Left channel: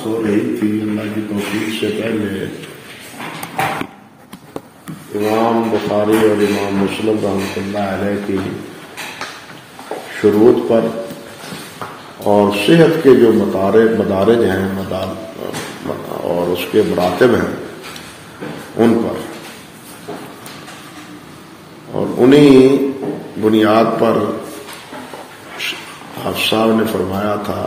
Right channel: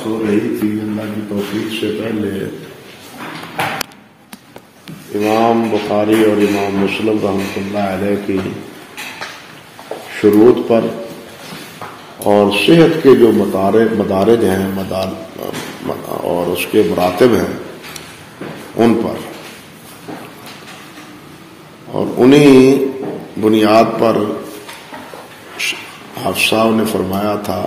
بحث ہو رہی تھی اللہ کی توفیق سے پہلے امام بخاری اور امام مسلم رحمۃ اللہ علیہ کی شروط پر اور صحت کے جو مدارج ہیں اور اس کے مراتب ہیں ان پر، اور انہی بنیاد پر آپ صاحب نے فرمایا تھا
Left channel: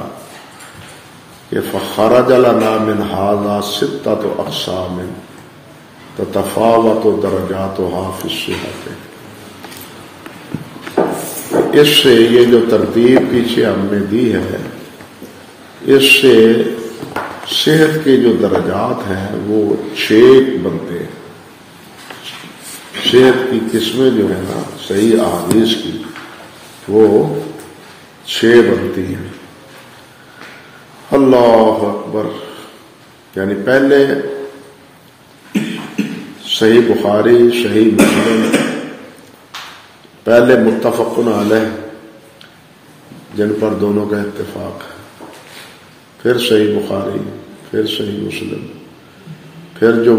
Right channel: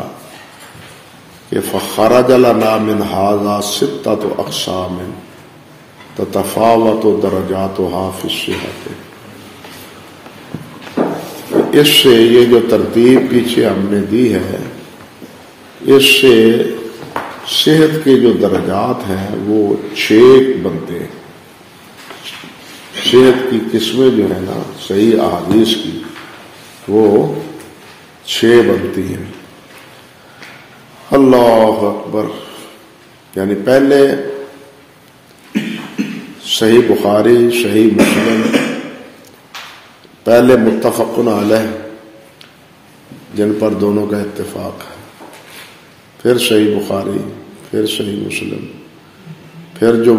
کہ فخرج لنا من هذا ستة اقسام تتفاوت درجاتها في الصحة۔ اس سے یہ جو ترتیب پیچھے ہم نے دی ہے، اس سے صحت کے جو درجات ہیں وہ 6 بنتے ہیں۔ صحت کی قسمیں جو ہے نا صحیح احادیث کی وہ 6 بنتی ہیں۔ اللہ اکبر، یعنی پہلے صحیح بخاری، صحیح مسلم، پہلے متفق علیہ جن پر دونوں کا اتفاق ہے، پھر صحیح بخاری، پھر صحیح مسلم، پھر جو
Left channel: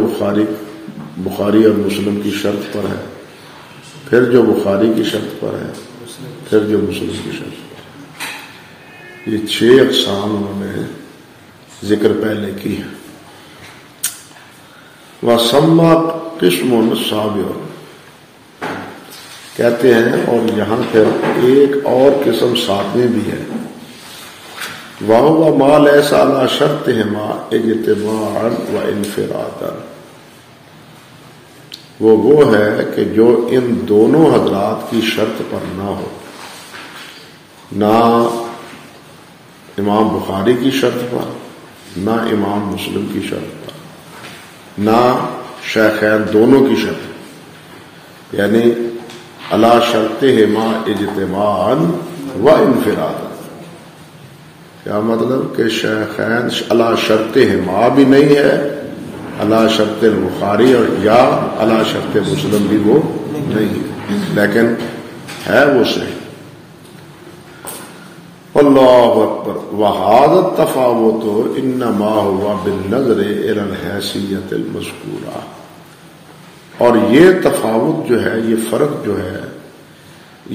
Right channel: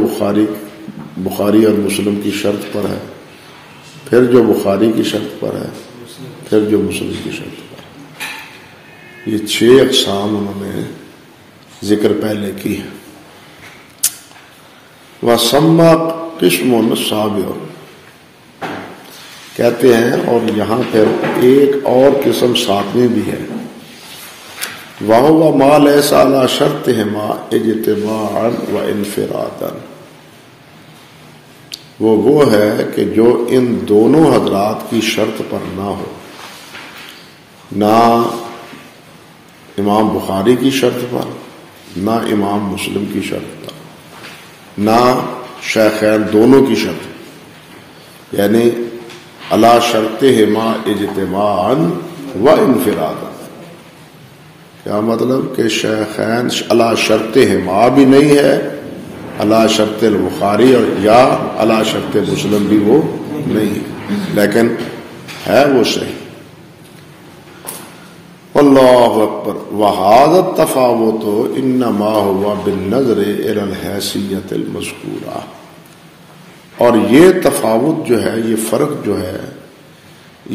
بخاری اور مسلم کی شرط پر ہے، پھر جو بخاری کی شرط پر ہے، پھر جو مسلم کی شرط پر ہے۔ یہ 6 اقسام انہوں نے ذکر پہلے کی ہے۔ وَسَمَّى قِسْمٌ سَابِعٌ، کہتے ہیں، اور یہاں پھر ایک اور قسم 7ویں بھی ہے، وَهُوَ مَا لَيْسَ عَلَى شَرْطِهِمَا اجْتِمَاعًا وَانْفِرَادًا، وہ ہے کہ جو ان دونوں حضرات کی شرط پر نہ ہو، نہ امام بخاری کی شرط پر، نہ امام مسلم کی شرط پر، نہ شیخین دونوں کی شرط پر، یعنی علی شرطہما اجتماعا و انفرادا۔ کیا مطلب کہ شیخین علی شرطہما بھی نہیں ہے، علی شرط البخاری اور یا علی شرط مسلم بھی وہ نہیں ہے، لیکن ہے وہ صحیح۔ اللہ اکبر۔ وَهَذَا التَّفَاوُتُ إِنَّمَا هُوَ بِالنَّظْرِ إِلَى الْحَیثِیَّةِ الْمَذْکُورَةِ، اور یہ تفاوت جو ہے، یہ فرق جو ہے،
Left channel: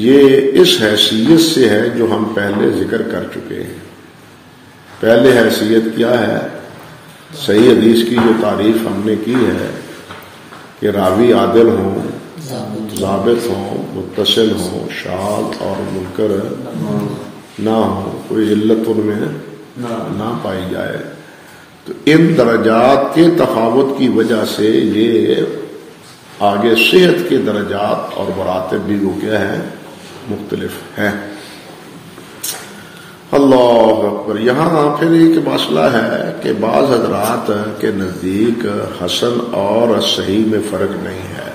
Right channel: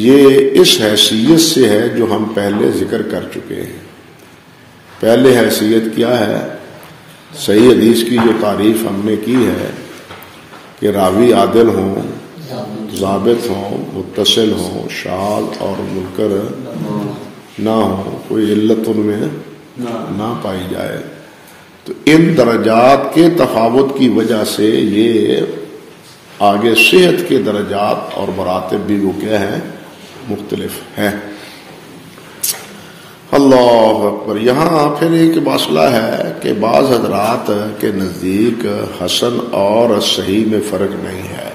یہ اس حیثیت سے ہے جو ہم پہلے ذکر کر چکے ہیں۔ پہلے حیثیت کیا ہے؟ صحیح حدیث کی جو تعریف ہم نے کی ہے کہ راوی عادل ہوں، ضابط ہوں، متصل ہوں، شاذ اور منکر نہ ہو، کوئی علت ان میں نہ پائی جائے، تو ان درجات کے تفاوت کی وجہ سے یہ آگے صحت کے درجات اور مراتب بھی وہ کیا ہیں؟ مختلف ہیں۔ اللہ اکبر۔ یہاں پھر ایک مسئلہ ہے کہ بعض حضرات کے نزدیک حسن اور صحیح میں فرق نہیں ہے،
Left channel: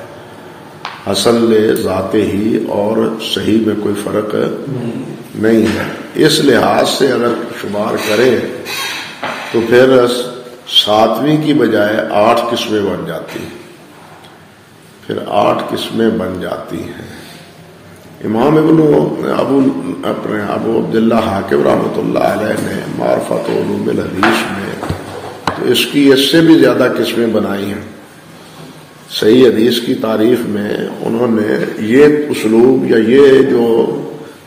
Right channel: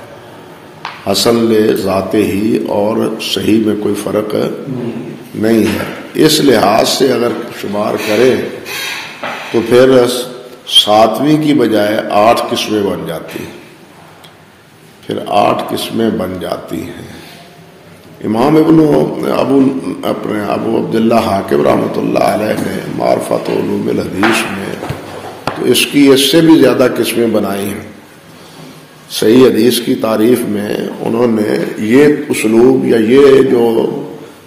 حسن ذات ہی اور صحیح میں کوئی فرق نہیں ہے۔ اس لحاظ سے اگر شمار کرے تو پھر 7ویں کی بجائے 8 قسمیں بن جاتی ہیں، پھر 8 قسمیں بن جاتی ہیں۔ امام ابو عبداللہ حاکم رحمۃ اللہ علیہ نے معرفت علوم الحدیث میں تو اس سے بھی زیادہ قسمیں بنائی ہیں۔ صحیح حدیث کی تعریف میں انہوں نے یہ اسلوب یا یہ جو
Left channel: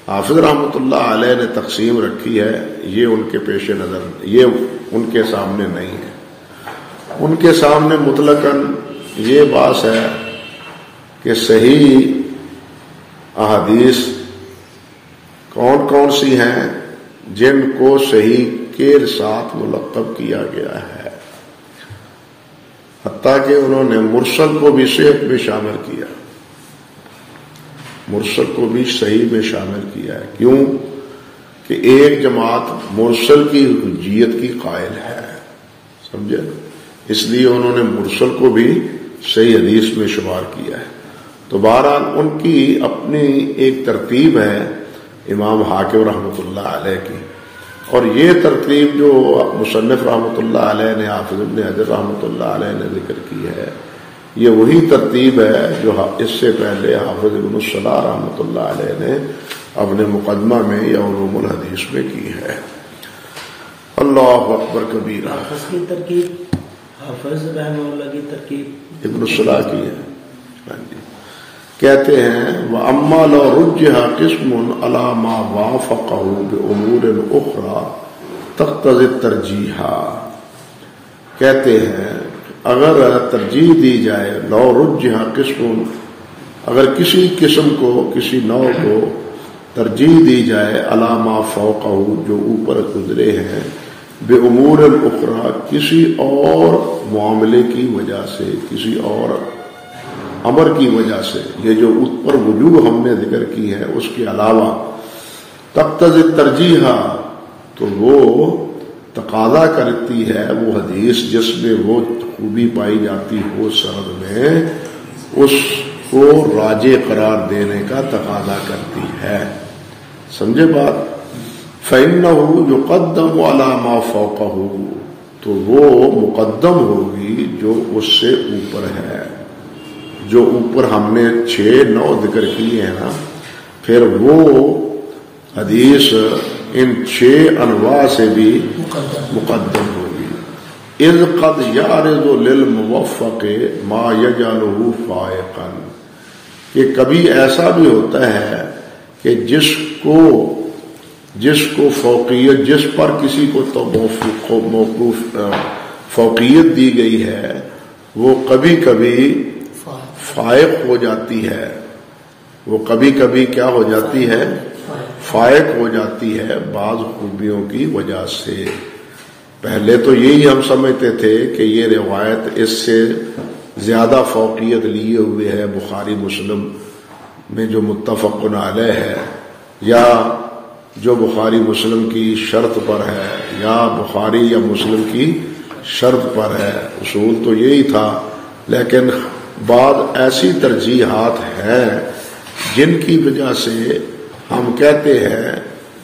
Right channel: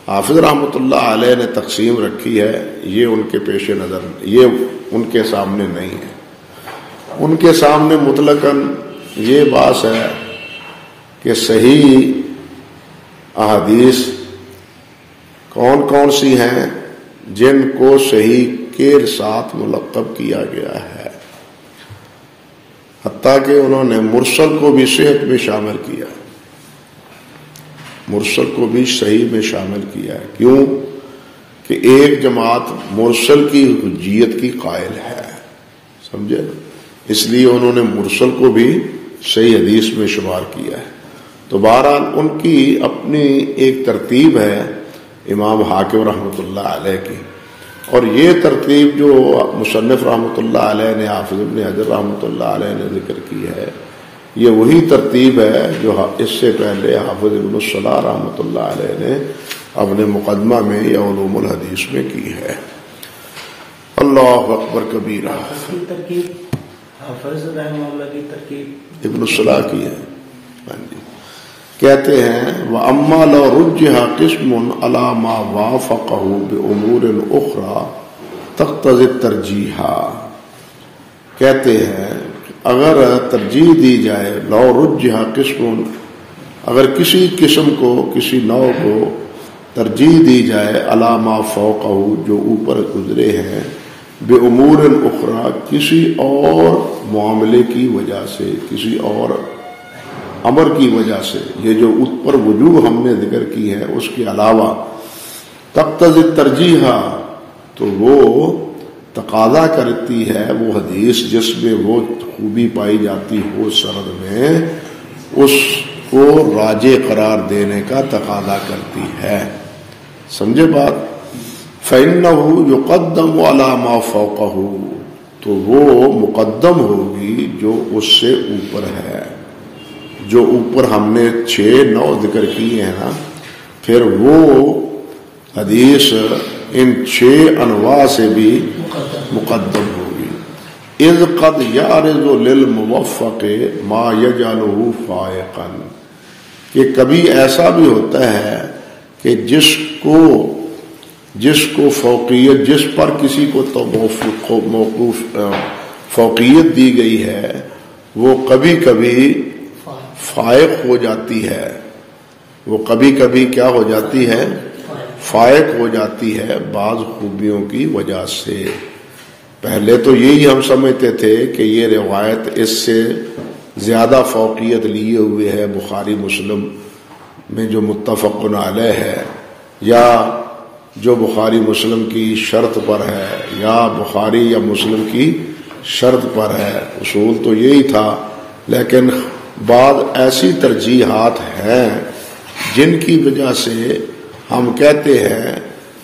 حافظ رحمۃ اللہ علیہ نے تقسیم رکھی ہے، یہ ان کے پیش نظر، یہ ان کے سامنے نہیں ہے۔ ان کے سامنے مطلقاً یہ بات ہے کہ صحیح احادیث کون کون سی ہیں جن کو صحیح کے ساتھ ملقب کیا گیا ہے، حتیٰ کہ انہوں نے مرسل کو بھی صحت میں شامل کیا، مرسل کو بھی صحیح میں شامل کیا ہے۔ کیوں کہ ایک جماعت مرسل کی حجیت کی قائل ہے، سمجھے، اس لیے انہوں نے مرسل کو بھی صحیح حدیث میں شمار کیا ہے۔ تو بہرحال ان کی اپنی ایک ترتیب ہے امام حاکم رحمۃ اللہ علیہ کی، اور یہ ترتیب جو مصنف رحمۃ اللہ علیہ نے، حافظ ابن حجر رحمۃ اللہ علیہ نے ذکر کی ہے، یہ وہی ترتیب ہے جو اس سے پہلے حافظ ابن الصلاح رحمۃ اللہ علیہ نے اپنے مقدمہ میں یا علوم الحدیث میں کی ہے۔ اللہ اکبر کبیرہ. کی ترکیب حافظ رحمہ اللہ کی ترکیب ابن الصلاح کی ہے. کہتے ہیں وَأَمَّا لَوْ رُجِّحَ قِسْمٌ عَلَى مَا وَافَقَهُ بِأُمُورٍ أُخْرَى تَقْتَضِي التَّرْجِيحَ. کہتے ہیں اگر ترجیح دی جائے لو رجح قسم، اگر کسی قسم کو کسی نوع کو ترجیح دی جائے علی ما فوقہ جو اوپر گزرے ہیں بامور اخرى کسی اور معاملے کی وجہ سے، کسی اور امر کی وجہ سے، یہ جو اوپر وجوہ ہم نے ذکر کی ہے اس کے علاوہ تقتضی الترجیح، تو وہ تقاضا کرتی ہے وہ حدیث جس میں وہ خوبی پائی جاتی ہو سند میں، اس کو راجح قرار دینے کا تقاضا کرتی ہے. سمجھے بات؟ فَإِنَّهُ يُقَدَّمُ عَلَى مَا فَوْقَهُ، تو وہ مقدم ہوگی جو اس سے اوپر ہے. جو اوپر ہم نے 6-9 ذکر کیے ہیں نا، پھر وہ حدیث ان 6 انواع سے بھی مقدم ہوگی. اذ قد یعرض للموفق ما یجعلہ فائقا، کہ کبھی ایسا بھی ہوتا ہے کہ جس کو فوقیت، جس پر کسی کو موقوف فوقیت دی گئی ہے، وہ کبھی کبھی فائق ہو جاتی ہے. وہ کبھی کبھی کیا ہو جاتی ہے؟ فائق ہو جاتی ہے بعض خوبیوں کی وجہ سے. پہلے تو یہی ہم سمجھتے تھے کہ یہ روایت اس سے زیادہ فوقیت لیے ہوئے ہے بخاری مسلم میں جو متفق علیہ ہے، یا جو بخاری مسلم کی شرط پر ہے، یا بخاری یا مسلم کی شرط پر ہے. اصول تو یہی تھا، لیکن بعض ایسی ترجیحات ہیں جن کی وجہ سے ہم کہتے ہیں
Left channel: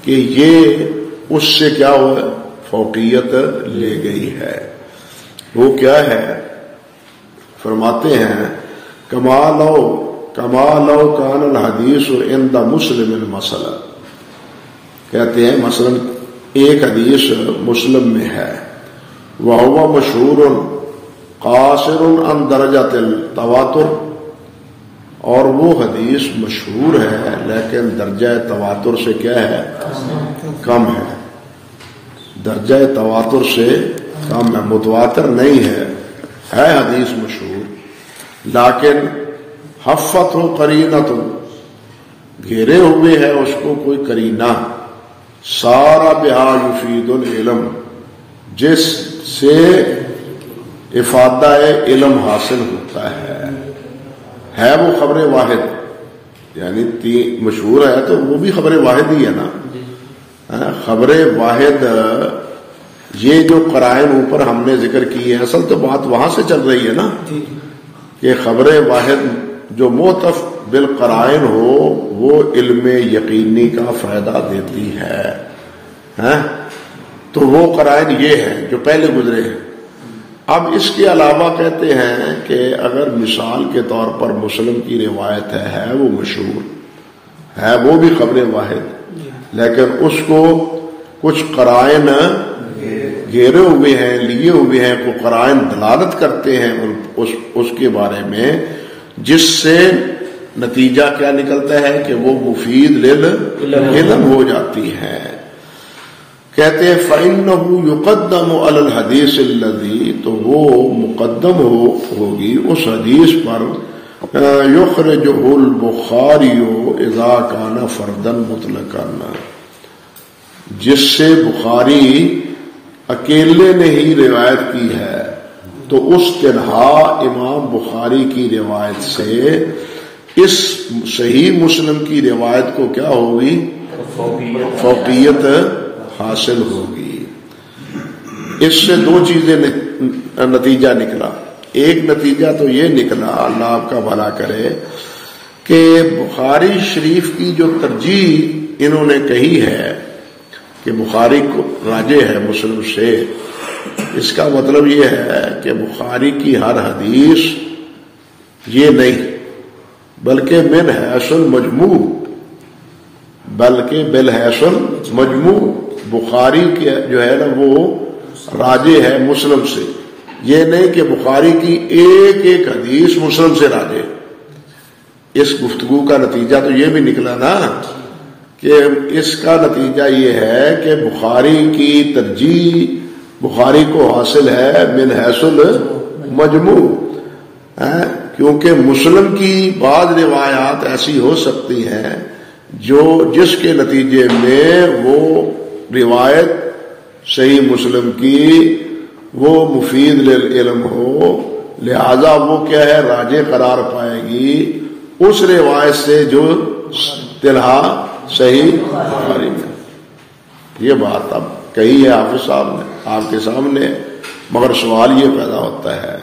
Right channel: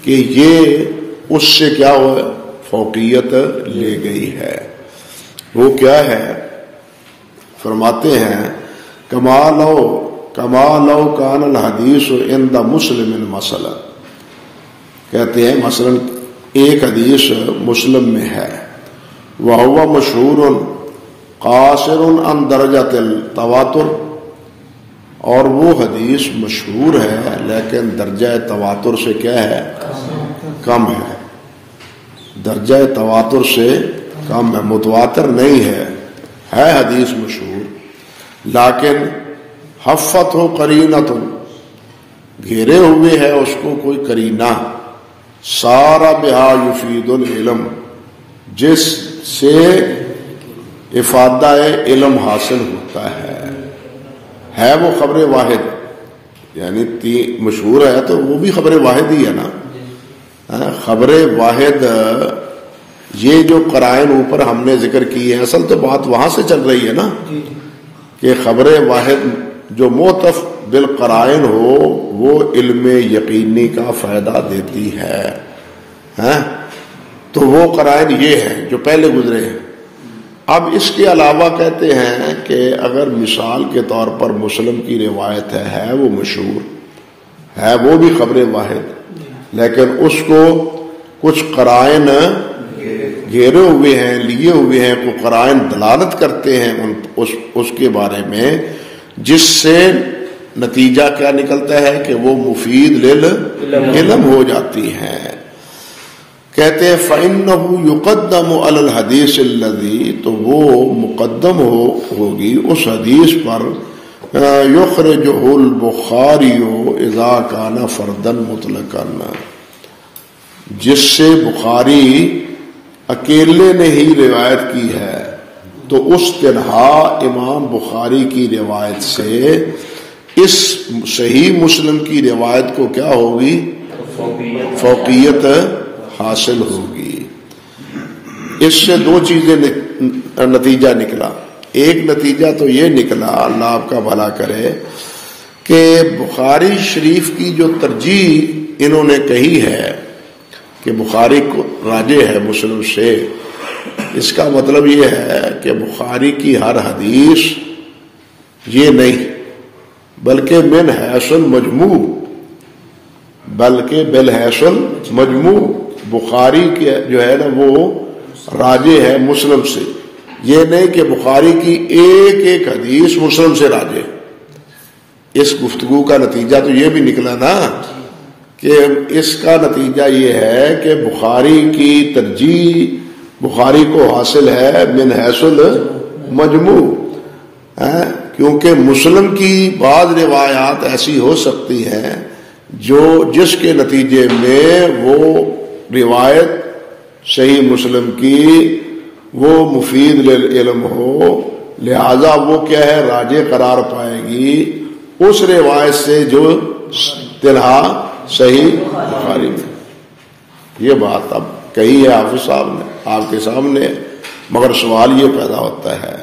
کہ یہ اس سے کیا ہوا، فوقیت لے گئی ہے. وہ کیا ہے؟ فرماتے ہیں کما لو کان الحدیث عند مسلم مثلا، کہتے ہیں مثلا ایک حدیث مسلم میں ہے، وہو مشہور قاصر عن درجۃ التواتر، اور وہ حدیث مشہور ہے لیکن درجہ تواتر سے کیا ہے؟ کم ہے. درجہ تواتر سے کم ہے، متواتر نہیں ہے حدیث مشہور، لیکن حفت ہو قرینت، گھیرے ہوئے ہے اس کو کوئی قرینہ، سارا بہا یفید العلم، جس سے افادہ علم حاصل ہوتا ہے وہ خبر واحد، یعنی مشہور ہے تو وہ بھی خبر واحد ہی ہے نا. خبر واحد، یہ جو قرائن اوپر ہم نے ذکر کی ہے، اصل تو بات وہاں سے چل رہی ہے نا کہ خبر واحد جو موتف بالقرائن ہو وہ علم یقینی کا فائدہ دیتی ہے. تو وہ قرائن یہ ہے جو پہلے گزرے ہیں. اب اس کے علاوہ کہتے ہیں کہ اگر مثال کے طور پر مسلم کی روایت ہے وہ مشہور ہے، وہ بھی خبر واحد، لیکن اس کو کچھ قرائن گھیرے ہوئے ہیں، لیے ہوئے ہیں، وہ قرائن دلالت کرتے ہیں اس کے بارے میں، جس سے نتیجہ کیا نکلتا ہے کہ وہ مفید علم ہو جاتی ہے. کہتے ہیں فَإِنَّهُ يُقَدَّمُ عَلَى الْحَدِيثِ الَّذِي، تو وہ مقدم ہوگی اس حدیث پر يُخْرِجُهُ الْبُخَارِيُّ إِذَا كَانَ فَرْدًا مُطْلَقًا، جس سے بخاری اکیلے نے ہی روایت کی ہے، تو اس تنہا امام بخاری کی روایت سے اس صحیح مسلم کی روایت کو کیا ہوگی؟ فوقیت حاصل ہوگی. اس سے 2 چیزیں نتیجہ نکلا. ایک نتیجہ تو یہ نکلا، اللہ آپ کا بھلا کرے، کہ بخاری شریف کی جو ترجیح انہوں نے کہی ہے کہ بخاری کو راجح ہے مسلم سے، اس کا مطلب یہ ہے کہ بخاری کی ہر حدیث یہ نہیں، بلکہ من حیث المجموع، بلکہ بالحیث المجموع، بخاری کے جو ہے نا وہ راجے ہے مسلم سے، یہ نہیں کہ بخاری کی ایک ایک حدیث مسلم سے راجے۔ اس گفتگو کا نتیجہ تو یہ بھی نکلا نا کہ اس کا نتیجہ یہ ہے کہ بخاری کی ترجیح بخاری کو حاصل ہے من حیث المجموع، کیونکہ مسلم کی بعض روایات ایسی ہو سکتی ہیں جس کے نتیجے میں وہ روایت صحیح مسلم کی وہ مفید للعلم ہو، لہذا وہ کیا ہے راجے قرار پائے گی اس روایت سے جو تنہا صحیح بخاری میں۔ یہ بات اب کہی ہے حافظ صاحب نے آپ کے سامنے، مگر سوال یہ پیدا ہوتا ہے،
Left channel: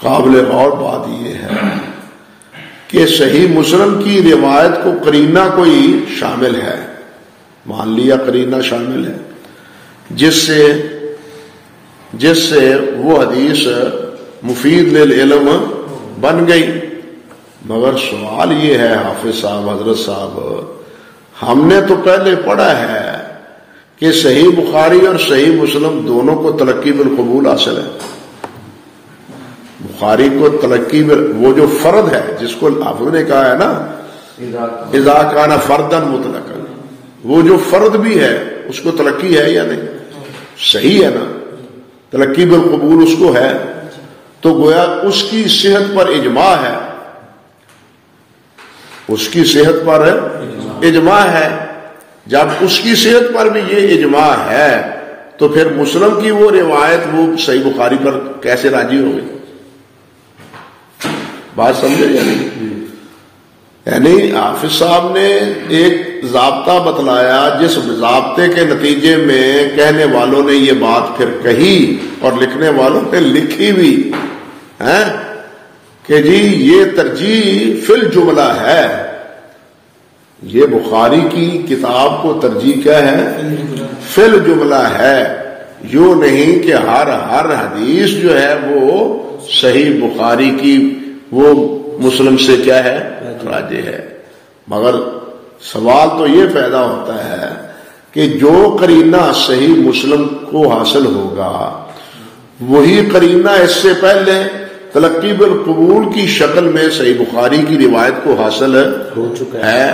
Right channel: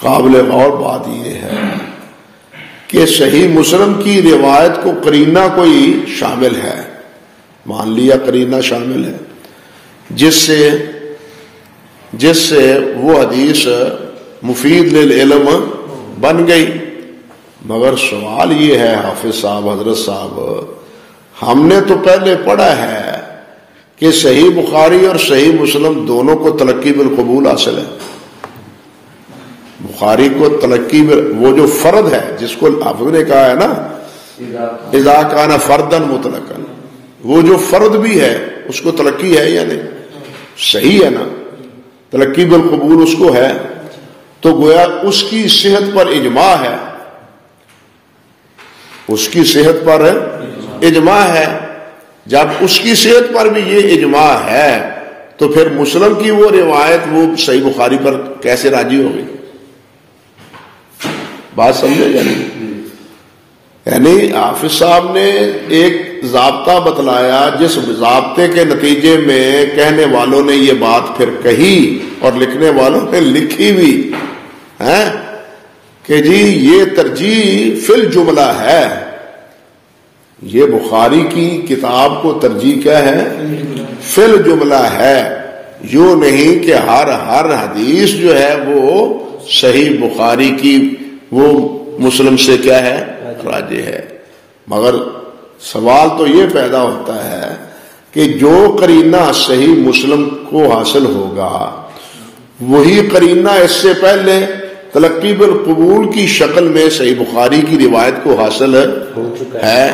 قابل غور بات یہ ہے کہ صحیح مسلم کی روایت کو قرینہ کوئی شامل ہے، مان لیا قرینہ شامل ہے جس سے وہ حدیث مفید للعلم بن گئی، مگر سوال یہ ہے حافظ صاحب حضرت صاحب، ہم نے تو پہلے پڑھا ہے کہ صحیح بخاری اور صحیح مسلم دونوں کو تلقی بالقبول حاصل ہے۔ بخاری کو تلقی وہ جو فرد ہے جس کو حافظ نے کہا ہے نا اذا کان فردا مطلقا، وہ جو فرد بھی ہے اس کو تلقی ہے یا نہیں؟ صحیح ہے نا، تلقی بالقبول اس کو ہے، تو گویا اس کی صحت پر اجماع ہے، اس کی صحت پر اجماع ہے۔ جب اس کی صحت پر بھی یہ اجماع ہے تو پھر مسلم کی وہ روایت وہ صحیح بخاری پر کیسے راضی ہوگی؟ بات سمجھے یعنی حافظ صاحب نے ایک ضابطہ بتلایا جس ضابطے کے نتیجے میں کہنے والوں نے یہ بات پھر کہی اور لکھنے والوں نے لکھی بھی ہے کہ جی یہ ترجیح فی الجملہ ہے، یہ بخاری کی کتاب کو ترجیح کیا ہے؟ فی الجملہ ہے، یوں نہیں کہ ہر حدیث جو ہے وہ صحیح بخاری کی وہ مسلم سے کیا ہے راجے ہے، مگر سوال تو یہ پیدا ہوتا ہے کہ جو قرینہ صحیح مسلم کو حاصل ہوگا وہی قرینہ اس سے پہلے تلقی بالقبول کی شکل میں صحیح بخاری کی روایت کو حاصل ہو چکا ہے،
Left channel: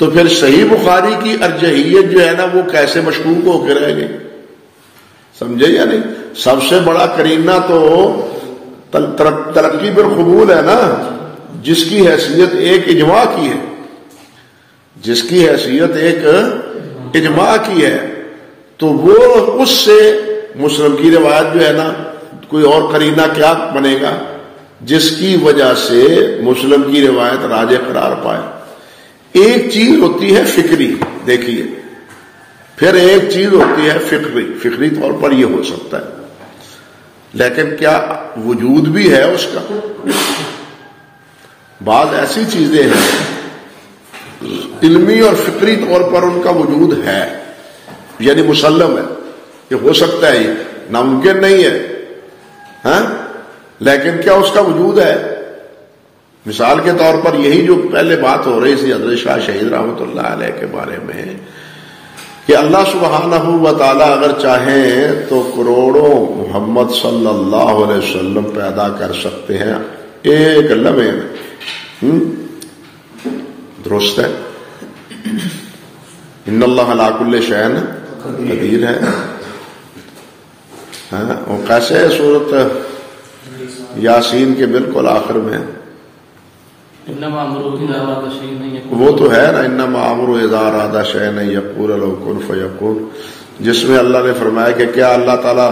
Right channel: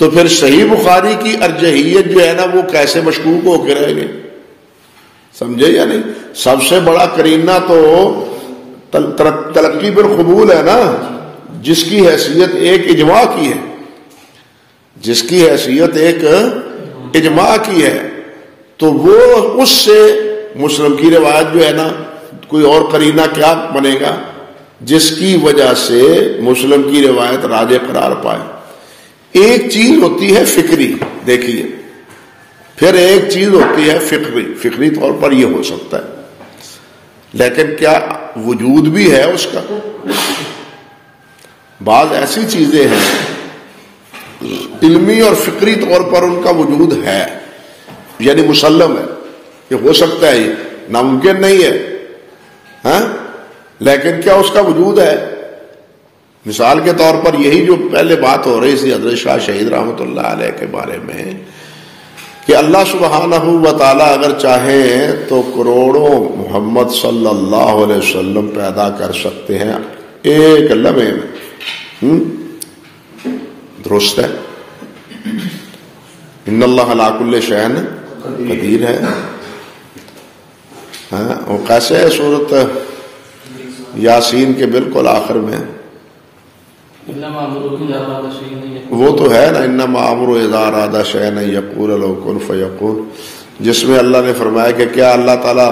تو پھر صحیح بخاری کی ارجحیت جو ہے نا وہ کیسے مشکوک ہو کے رہے گی؟ سمجھے یا نہیں؟ سب سے بڑا قرینہ تو تلقی بالقبول ہے نا، جس کی حیثیت ایک اجماع کی ہے، جس کی حیثیت ایک اجماع کی ہے، تو وہ اس سے مسلم کی روایت جو ہے نا کوئی اور قرینہ کیا بنے گا جس کی وجہ سے مسلم کی روایت راجے قرار پائے۔ ایک چیز ہوتی ہے فکری، دیکھیے، پھر ایک چیز ہوتی ہے فکری طور پر یہ ہو سکتا ہے، لیکن کیا وجود بھی ہے اس کا؟ بعض ایسی چیزیں ہیں علمی اور فکری طور پر ان کا وجود ہے، یعنی مسلم ہے، یہ ہو سکتا ہے، یہ ناممکن نہیں ہے، ہاں، لیکن کیا اس کا وجود ہے؟ مثال کے طور پر یہی جو پہلے بات ہو رہی تھی حضرت شاہ شہید رحمۃ اللہ علیہ کے بارے میں کہ اللہ سبحانہ و تعالیٰ اگر چاہیں تو کروڑوں محمد صلی اللہ علیہ وسلم پیدا کر سکتے ہیں ایک لمحے میں، درست ہے، ان اللہ علی کل شیء قدیر ہے، وہ کیسے ہے؟ سورۃ یاسین کے بالکل آخر میں وہ تو ہے نا، انما امرہ اذا اراد شیئا ان یقول له کن فیکون، جس میں اللہ نے فرمایا کہ کیا اللہ تعالیٰ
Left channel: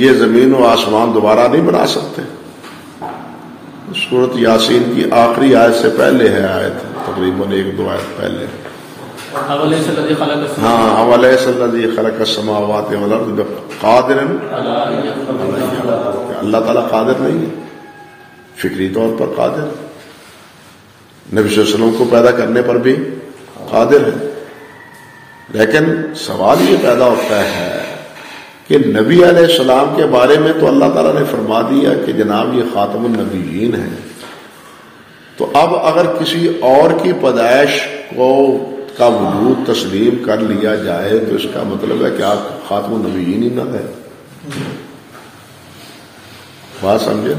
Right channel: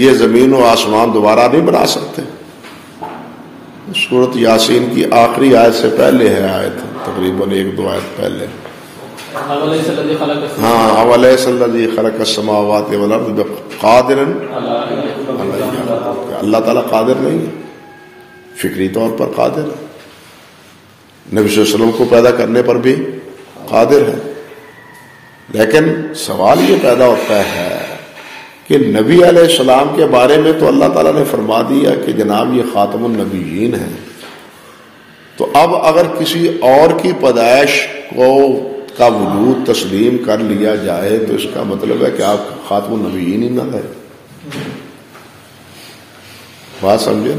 یہ زمین و آسمان دوبارہ نہیں بنا سکتے؟ سورۃ یاسین کی آخری آیت سے پہلے ہے آیت، تقریباً ایک دو آیت پہلے، ہاں، اولیس الذی خلق السماوات والارض بقادر، اللہ تعالیٰ قادر نہیں ہے، فکری طور پر قادر، نبی صلی اللہ علیہ وسلم کو پیدا کرنے پر بھی قادر ہے، لیکن سوال یہ پیدا ہوتا ہے کہ نبی علیہ السلام کے بارے میں تو اللہ تعالیٰ نے فرما دیا کہ جناب یہ خاتم النبیین ہیں، تو اب اگر کسی اور کی پیدائش کو کا وجود تسلیم کر لیا جائے تو اس کا مطلب ہے کہ آپ خاتم النبیین ہی نہ رہے. بات سمجھے؟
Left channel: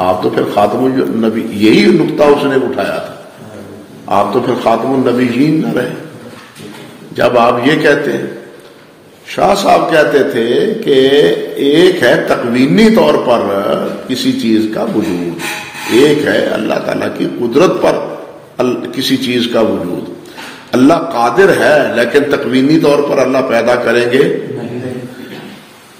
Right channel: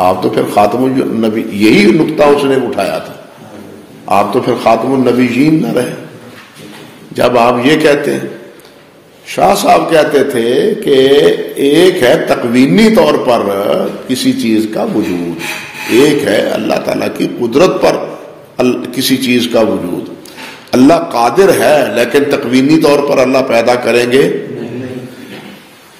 آپ تو پھر خاتم النبی، یہی نقطہ اس نے اٹھایا تھا، آپ تو پھر خاتم النبیین نہ رہے. جب آپ یہ کہتے ہیں، شاہ صاحب کہتے تھے کہ ایک ہے تکوینی طور پر کسی چیز کا وجود، ایک ہے اللہ تعالیٰ کی قدرت پر کسی چیز کا وجود. اللہ قادر ہے لیکن تکوینی طور پر اللہ پیدا کریں گے.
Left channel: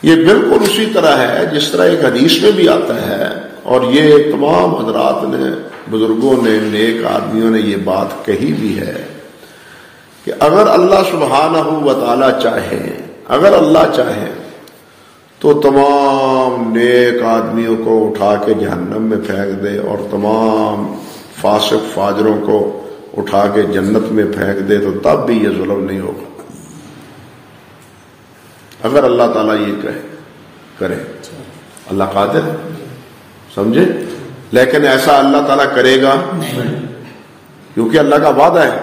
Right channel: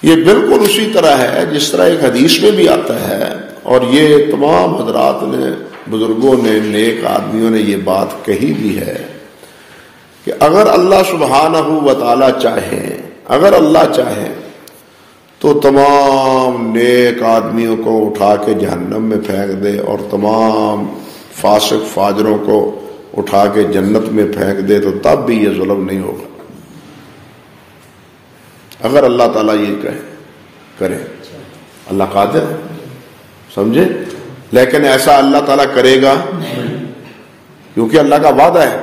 یہ بالکل اسی طرح ہے جس طرح ایک حدیث میں بھی آتا ہے، اور یہ تمام حضرات نے، بزرگوں نے، نیک آدمیوں نے یہ بات کہی بھی ہے کہ اگر اللہ سبحانہ و تعالی چاہے، اگر اللہ چاہے تو تمام نیک آدمیوں کو اٹھا کے جہنم میں پھینک دے اور تمام فاسق فاجروں کو اٹھا کے جنت میں پھینک دے تو تب بھی یہ ظلم نہیں ہوگا، اگر اللہ تعالیٰ یہ کرے. اللہ قادر ہے، سمجھے؟ لیکن ایسا اللہ تعالیٰ کرے گا کیونکہ اللہ کا وعدہ ہے.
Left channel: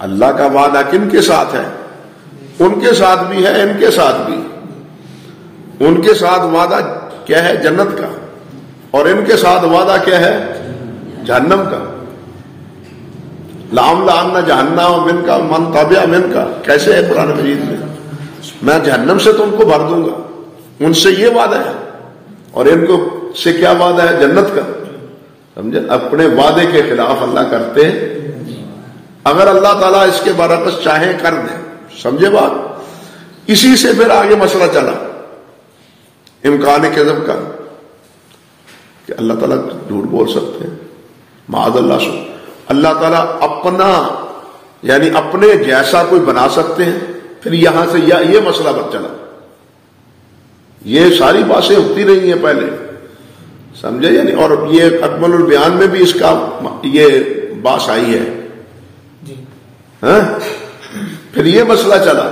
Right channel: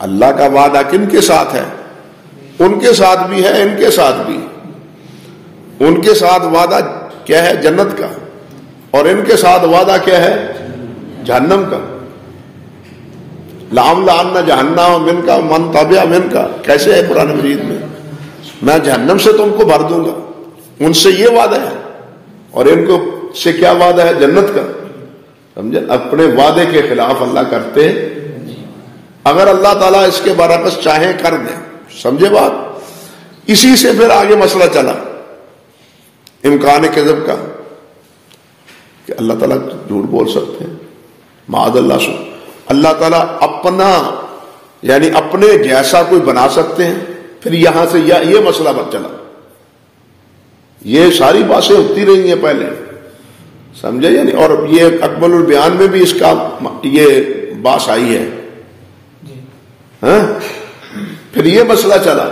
اللہ کا وعدہ کن کے ساتھ ہے؟ ان کے ساتھ بھی ہے، ان کے ساتھ بھی. ان کے ساتھ وعدہ کیا ہے؟ جنت کا. اور ان کے ساتھ وعدہ کیا ہے؟ جہنم کا. لَأَمْلَأَنَّ جَهَنَّمَ مِنْكَ وَمَنْ تَبِعَكَ مِنْكَ. کیسے ہے قرآن مجید میں جہنم سے تم کو بھر دوں گا. ان سے یہ وعدہ ہے، اور ان کو سے کیا وعدہ ہے؟ جنت کا. سمجھے؟ اپنے وعدے کے خلاف اللہ کرتے. اگر اللہ تعالیٰ اس کے برعکس چاہے کر دیں. سمجھے بات؟ اسی سے پھر آگے مسئلہ چلا امکان کذب کا کہ اللہ تعالیٰ جھوٹ بول سکتے ہیں. معاذ اللہ سے اللہ تعالیٰ اپنا یعنی اپنے جیسا کوئی بنا سکتے ہیں. پھر یہاں سے یہ مسئلہ بت چلا. یہ ساری باتیں ہوتی رہی ہیں پہلے، سمجھے؟ یعنی اور یہ اکمل البیان میں بھی اس کا یہ بات آئی ہے. پھر یہ مسئلہ چلا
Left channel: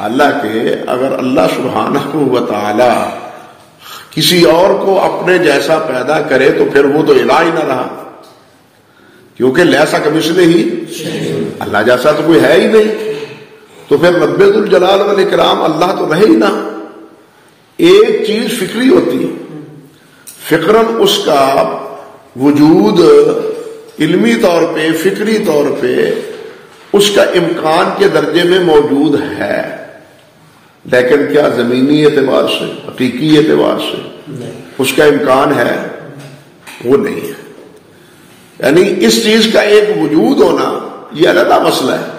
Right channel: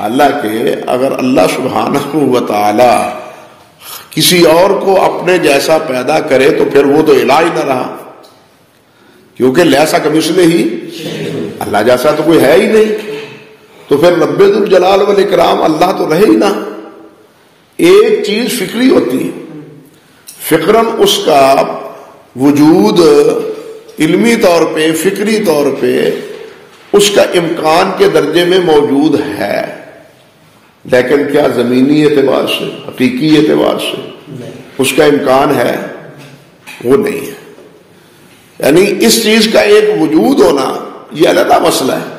اللہ کے اگر اللہ سبحانہ و تعالی کسی اور کو اپنے جیسا پیدا کرے تو پھر وہ تو الہ ہی نہ رہا، کیونکہ لیسا کمثلہ ہی، اللہ جیسا تو کوئی ہے ہی نہیں. تو پھر رب ذوالجلال والاکرام اللہ تو رہے ہی نہ. ایک چیز فکری ہوتی ہے، فکراً اس کا وجود علمی طور پہ، فکری طور پہ اس کا امکان کے درجے میں موجود ہے، لیکن کیا زمینی اعتبار سے، حقیقی اعتبار سے اس کا امکان ہے؟ وہ نہیں ہے. یعنی اس چیز کا ایک وجود ہونا یہ علیحدہ مسئلہ ہے.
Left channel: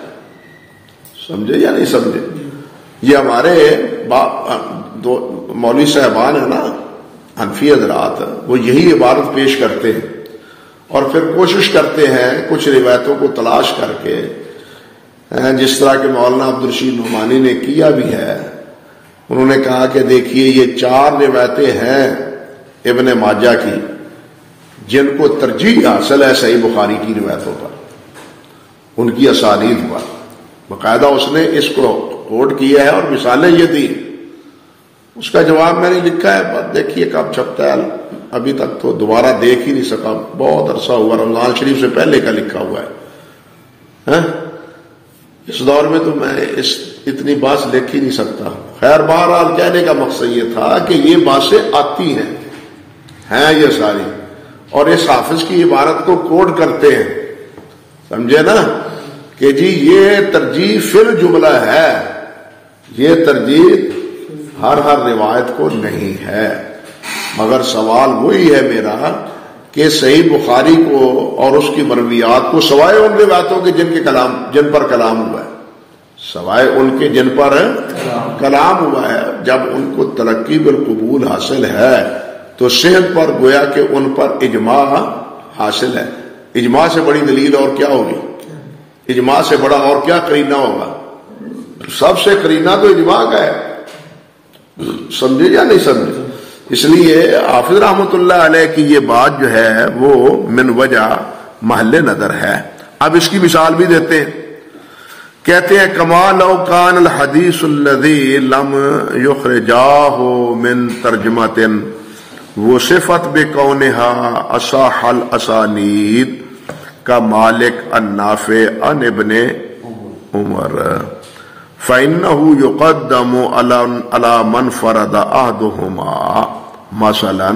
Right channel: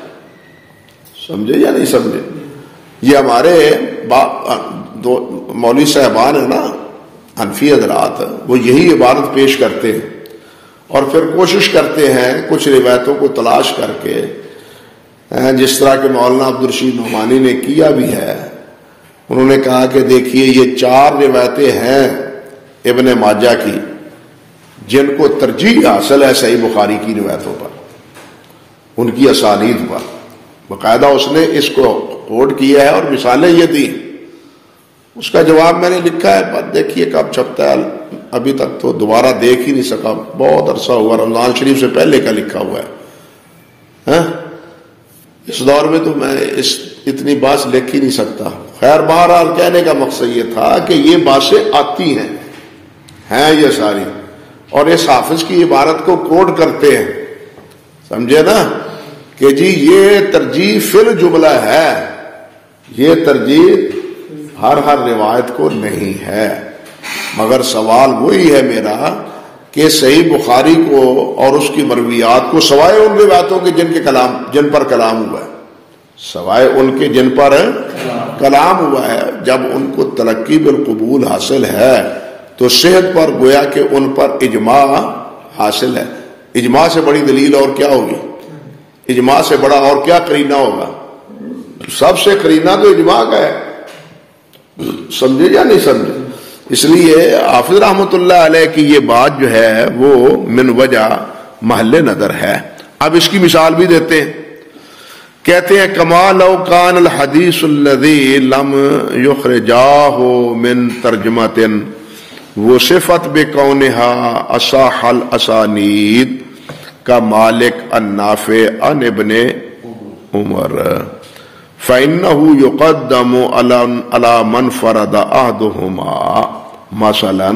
سمجھے یا نہیں سمجھے؟ یہ ہمارے دو مولوی صاحبان ہیں نا، حنفی حضرات، وہ یہی عبارت پیش کرتے ہیں اور پھر کوشش کرتے ہیں کچھ روایتوں کو تلاش کر کے، جس طرح کہ مولانا عبدالرشید نعمانی نے کیا بھی ہے. انہوں نے کہا کہ دیکھیے یہ 4 روایتیں ہیں ابن ماجہ کی جن کو ترجیح حاصل ہے صحیح بخاری کی روایتوں پر، ان کی اسانید پر. باقاعدہ اس نے اس کو کوٹ کیا ہے اور مثالیں یہ دی. اس کا جواب میں نے لکھا ہے، پر دیکھیے کب چھپتا ہے، ابھی تک تو دوبارہ دیکھ ہی نہیں سکا، بہت عرصہ ہوا، رمضان شریف سے پہلے کا لکھا ہوا ہے. اس دور میں تو میں اتنی بات لکھ ہی نہیں سکتا. خیر بہرحال کہنے کا مقصد یہ تھا کہ یہ باتیں آتی ہیں یہ ساری، اور اس حافظ کی عبارت کو کوٹ کرتے ہیں. سمجھے نا کہ جی یہ ترجیح فل جملہ ہے، یہ ترجیح ہر روایت کو نہیں ہے. مگر سوال وہی ہے میرا کہ صحیح بخاری کو اور اس کی مرویات کو سوائے ان روایتوں کے جن پر کلام ہوا ہے، سوائے ان کے جن پر کلام ہوا ہے، جب ان کو تلقی بالقبول حاصل ہے تو صحت پر گویا کہ ان پر اجماع حاصل ہے. اجماع سے بڑی دلیل اور کیا ہوگی؟ اجماع سے بڑا اور کیا قرینہ ہوگا؟ سب سے قرینہ تو اجماع کا ہے. سمجھے یا نہیں سمجھے؟ اس لیے حافظ رحمت اللہ علیہ کی یہ بات جو ہے وہ من وجہ محل نظر ہے. اب اس کی مثال بھی دیتے ہیں. کہتے ہیں کما لو کان الحدیث الذی لم یخرجاہ من ترجمۃ وصفت بکونہا اصح الاسانید کا مالک النافع عن ابن عمر فإنه يقدم على من فرد أحدهما مثلا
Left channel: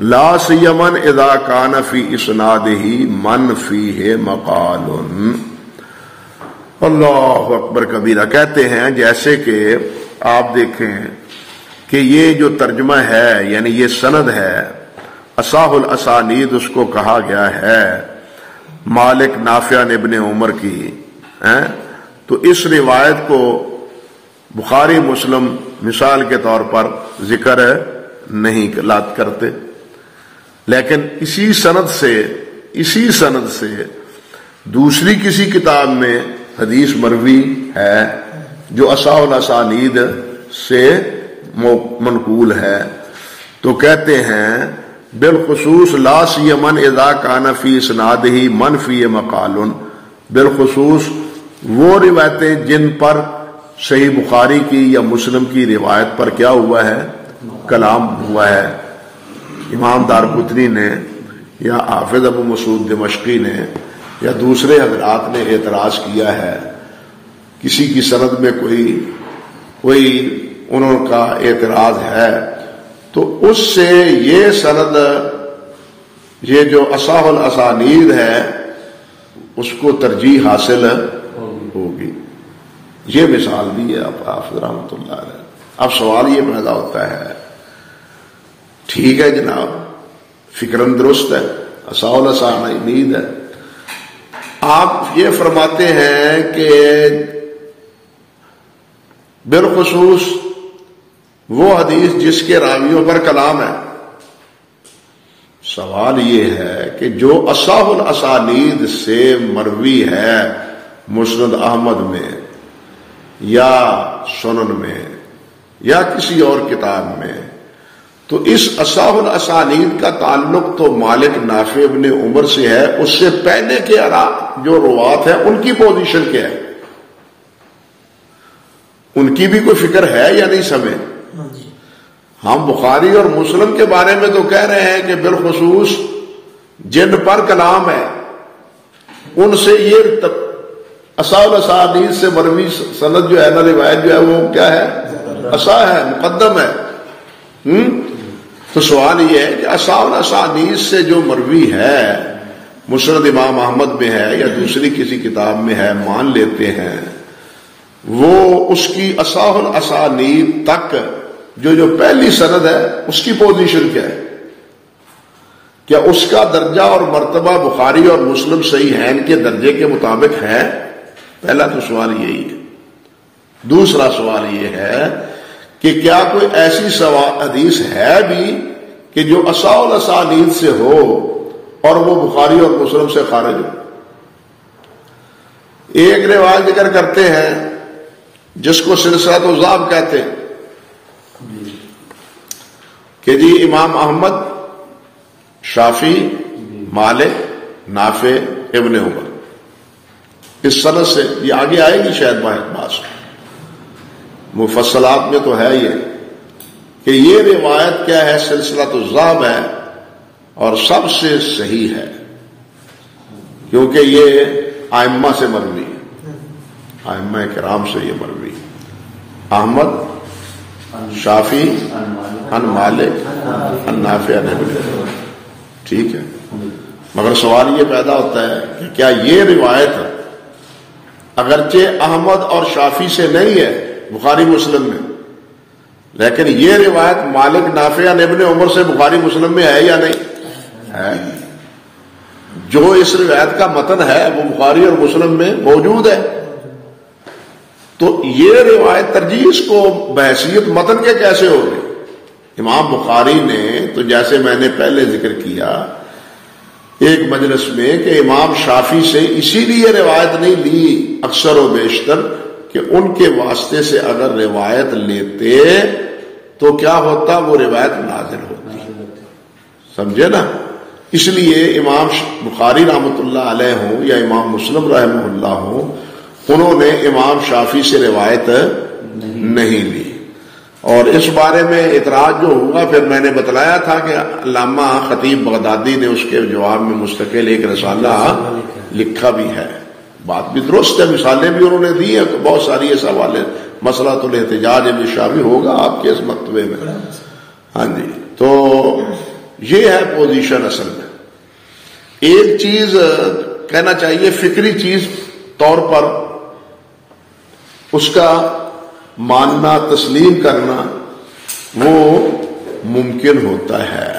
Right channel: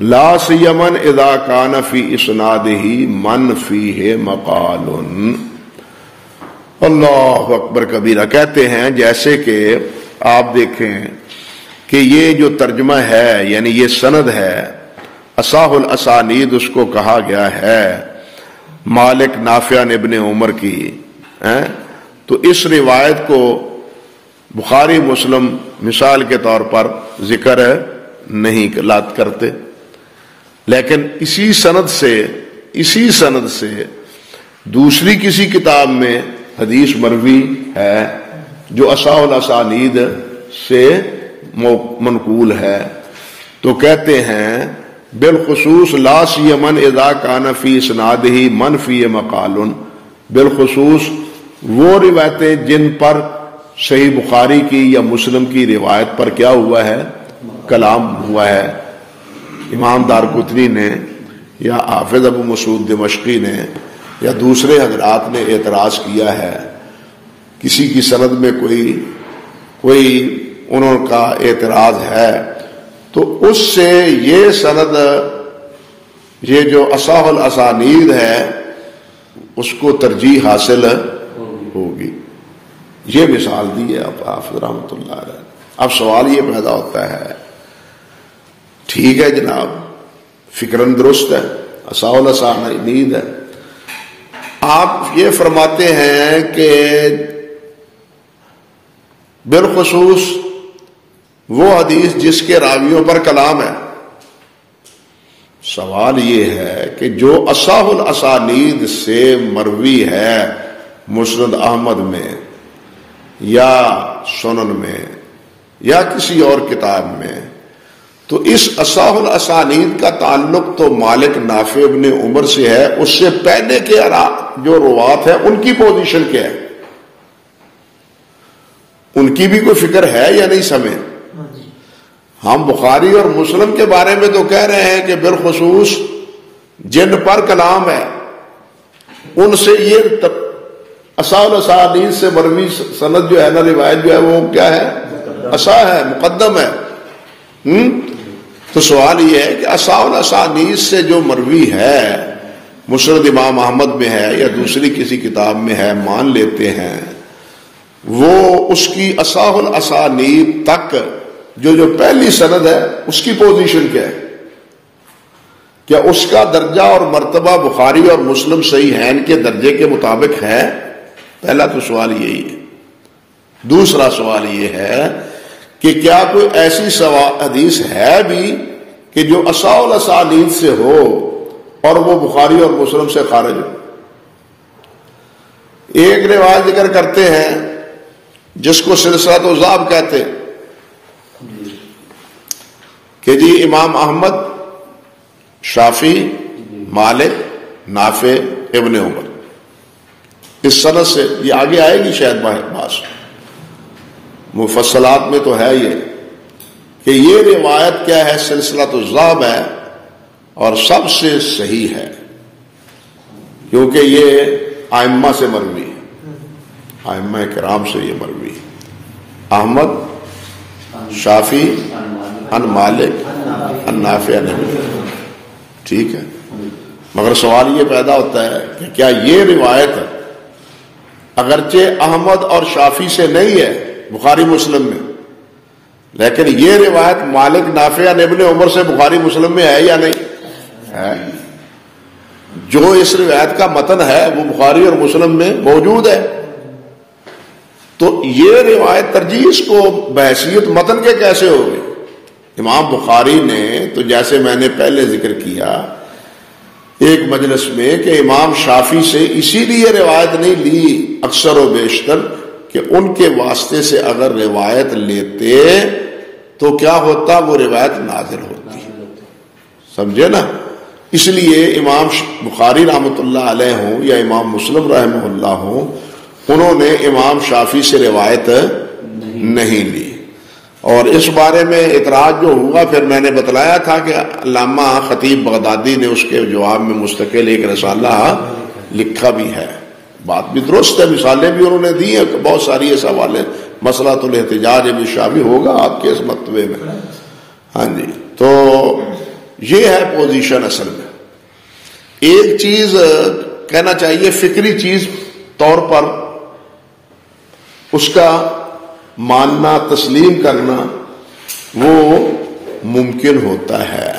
لا سيما إذا كان في إسناده من فيه مقال. اللہ اکبر کبیرہ. کہتے ہیں جیسے کہ آپ دیکھیں کہ یہ جو ترجمہ ہے یعنی یہ سند ہے اصح الاسانید اس کو کہا گیا ہے مالک نافع ابن عمر کی، تو اس روایت کو بخاری مسلم مثال کے طور پر ذکر نہیں کرتے، لیکن اسی سند سے دوسری کسی کتاب میں حدیث مروی ہے جو اصح الاسانید سے منقول ہے، تو کہتے ہیں بالخصوص لا سیما اذا کان فی اسنادہ من فی مقال، بالخصوص وہ روایتیں جن پر صحیح بخاری کی یا مسلم کی روایت پر کیا ہوا ہے، کلام ہوا ہے. امام دارقطنی نے یا حافظ ابو مسعود دمشقی نے یا دوسرے حضرات نے اعتراض کیا ہے کسی کی سند میں کوئی انہوں کا اعتراض ہے، تو اس سے یہ سند یہ جو اصح الاسانید ہے اس کو ترجیح حاصل ہوگی. یہ مثال دی ہے حافظ رحمۃ اللہ علیہ. اب سوال یہ پیدا ہوتا ہے، ٹھیک ہے جناب فکرن درست ہے اصح الاسانید ہے، آپ یہ فرماتے ہیں کہ بالخصوص وہ حدیث جس کے راویوں پر کلام ہے. سوال یہ ہے کہ جو اصح الاسانید سے مروی ہے مسند احمد میں یا سنن میں یا کسی اور کتاب میں، تو اس اصح الاسانید کا تعلق تو مالک نافع ابن عمر سے ہے، اس سے پہلے کے جو روات ہیں ان کی پوزیشن کیا ہے، ان کی بھی کوئی فکر ہے یا نہیں سمجھ. ہم بخاری اور مسلم کے بارے میں تو کہہ رہے ہیں کہ بالخصوص جن پر کلام ہے ان سے یہ اصح الاسانید سے مروی سند جو ہے نا روایت جو ہے وہ کیا ہے، اصح ہے، مقدم ہے. تو سوال یہ ہے کہ اصح الاسانید سے جو مروی ہے مسند امام احمد میں ہے یا دوسری کسی کتاب میں ہے مان لیتے ہیں، وہ اس کی اصح الاسانید تک جو پہلی سند ہے اس کی پوزیشن کیا ہے، کیا اس کا درجہ اور مرتبہ بخاری اور مسلم صحیحین کے درجے کے مطابق ہے؟ پہلا تو سوال یہی ہے. دوسرا سوال یہ ہے کہ کیا کوئی ایسی حدیث ہے بھی کہ جو اصح الاسانید سے ہو اور وہ بخاری اور مسلم سے خارج ہو؟ ایک روایت ذکر کرتے ہیں جس کو سلسلۃ الضعف کہتے ہیں کہ جی امام احمد، شافعی، مالک، نافع ابن عمر، اس سند سے یہ آگے آئے گی شاید باس مفصلات میں تو ہے یہ کہ یہ روایت کیا ہے، سلسلۃ الضعف ہے اور سب سے صحیح ہے کیونکہ یہ ائمہ سے مروی ہے، ائمہ کرام سے یہ مروی ہے. احمد، شافعی، ان مالک، ان نافع ابن عمر. ٹھیک ہے، مگر سوال یہ پیدا ہوتا ہے کہ کیا یہ روایت اگرچہ احمد اور شافعی سے نہیں ہے بخاری مسلم میں، لیکن یہ روایت مالک، نافع ابن عمر سے بخاری مسلم میں ہے یا نہیں ہے؟ جو اس روایت کا متن ہے وہ بخاری اور مسلم میں موجود ہے. تو یہ روایت ترجیح اس کو بحیثیت متن کے کیسے ہو گئی؟ امام بخاری نے تو جیسے میں نے پہلے ذکر کیا ایک مجلس میں کہ امام شافعی سے اسی لیے روایت نہیں لی اکثر و بیشتر کہ ان کے واسطے سے اگر روایت لیتے تو کیا ہوتا، وہ روایت نازل ہوتی. سمجھے نا؟ اس لیے امام بخاری رحمۃ اللہ علیہ ہوں یا امام مسلم رحمہ اللہ ہوں، انہوں نے امام شافعی سے روایت نہیں لی. اور اس بارے میں اعتراض جو ہوگا پھر میں نے بتلایا تھا کہ علامہ خطیب بغدادی نے اس کے جواب میں مستقل ایک رسالہ لکھا بھی ہے. بات بھی درست ہے، مثالیں بھی انہوں نے دی ہیں بہت ساری، ایسا حوالے مسئلۃ الاحتجاج بھی شامل ہوگا آپ کے اس مکتبے میں. ہاں جی، تو یہ ہے پوزیشن. اصل میں ایک چیز کہنا چاہیے، فکری چیز طور پر اس کا ماننا تسلیم کرنا وہ ممکن ہوتا ہے،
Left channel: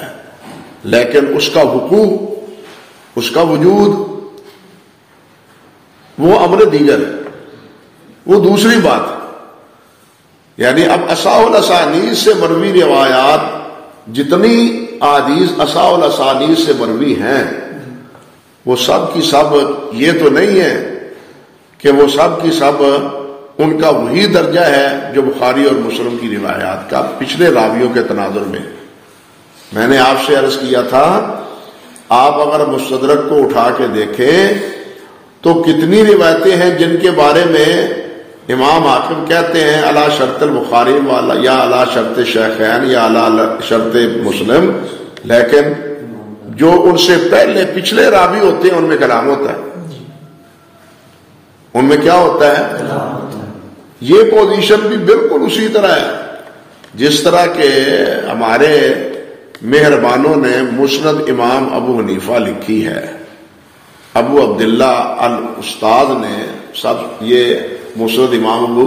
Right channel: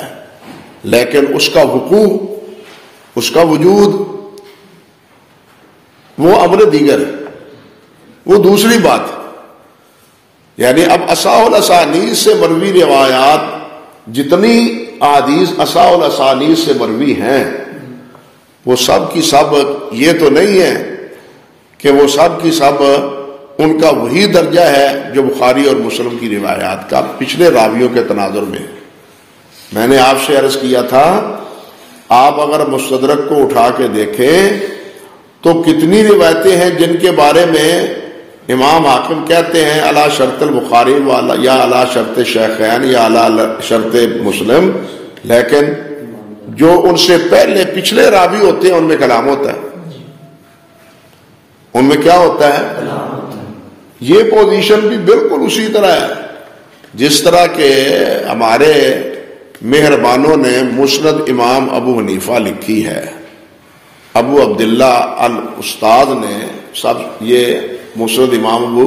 لیکن اس کا وقوع، اس کا وجود وہ امر دیگر ہے، وہ دوسری بات ہے. یعنی اب اصح الاسانید سے مروی روایات، جتنی احادیث اصح الاسانید سے مروی ہیں وہ سب کی سب یہ تو نہیں ہے کہ وہ سب کی سب ان کا وہی درجہ ہے جو بخاری اور مسلم کی روایات کا پچھلے راویوں کے تناظر میں. میں نے آپ سے عرض کیا تھا، آپ اگر مستدرک کو اٹھا کے دیکھیں تو کتنی روایتیں ہیں جن کے بارے میں امام حاکم کہتے ہیں علی شرط البخاری والا یا علی شرط شیخین یا علی شرط مسلم، لیکن جو ان سے پہلے پچھلے راوی ہوتے ہیں ان میں کلام ہوتا ہے. ان میں کیا ہوتا ہے؟ یہ پوزیشن بھی بالکل اسی طرح ہے جس طرح کہ ہمارے مہربانوں نے مسند امام ابو حنیفہ لکھی ہے. ابو عبداللہ الاستاذ نے سب یہ مسند امام ابو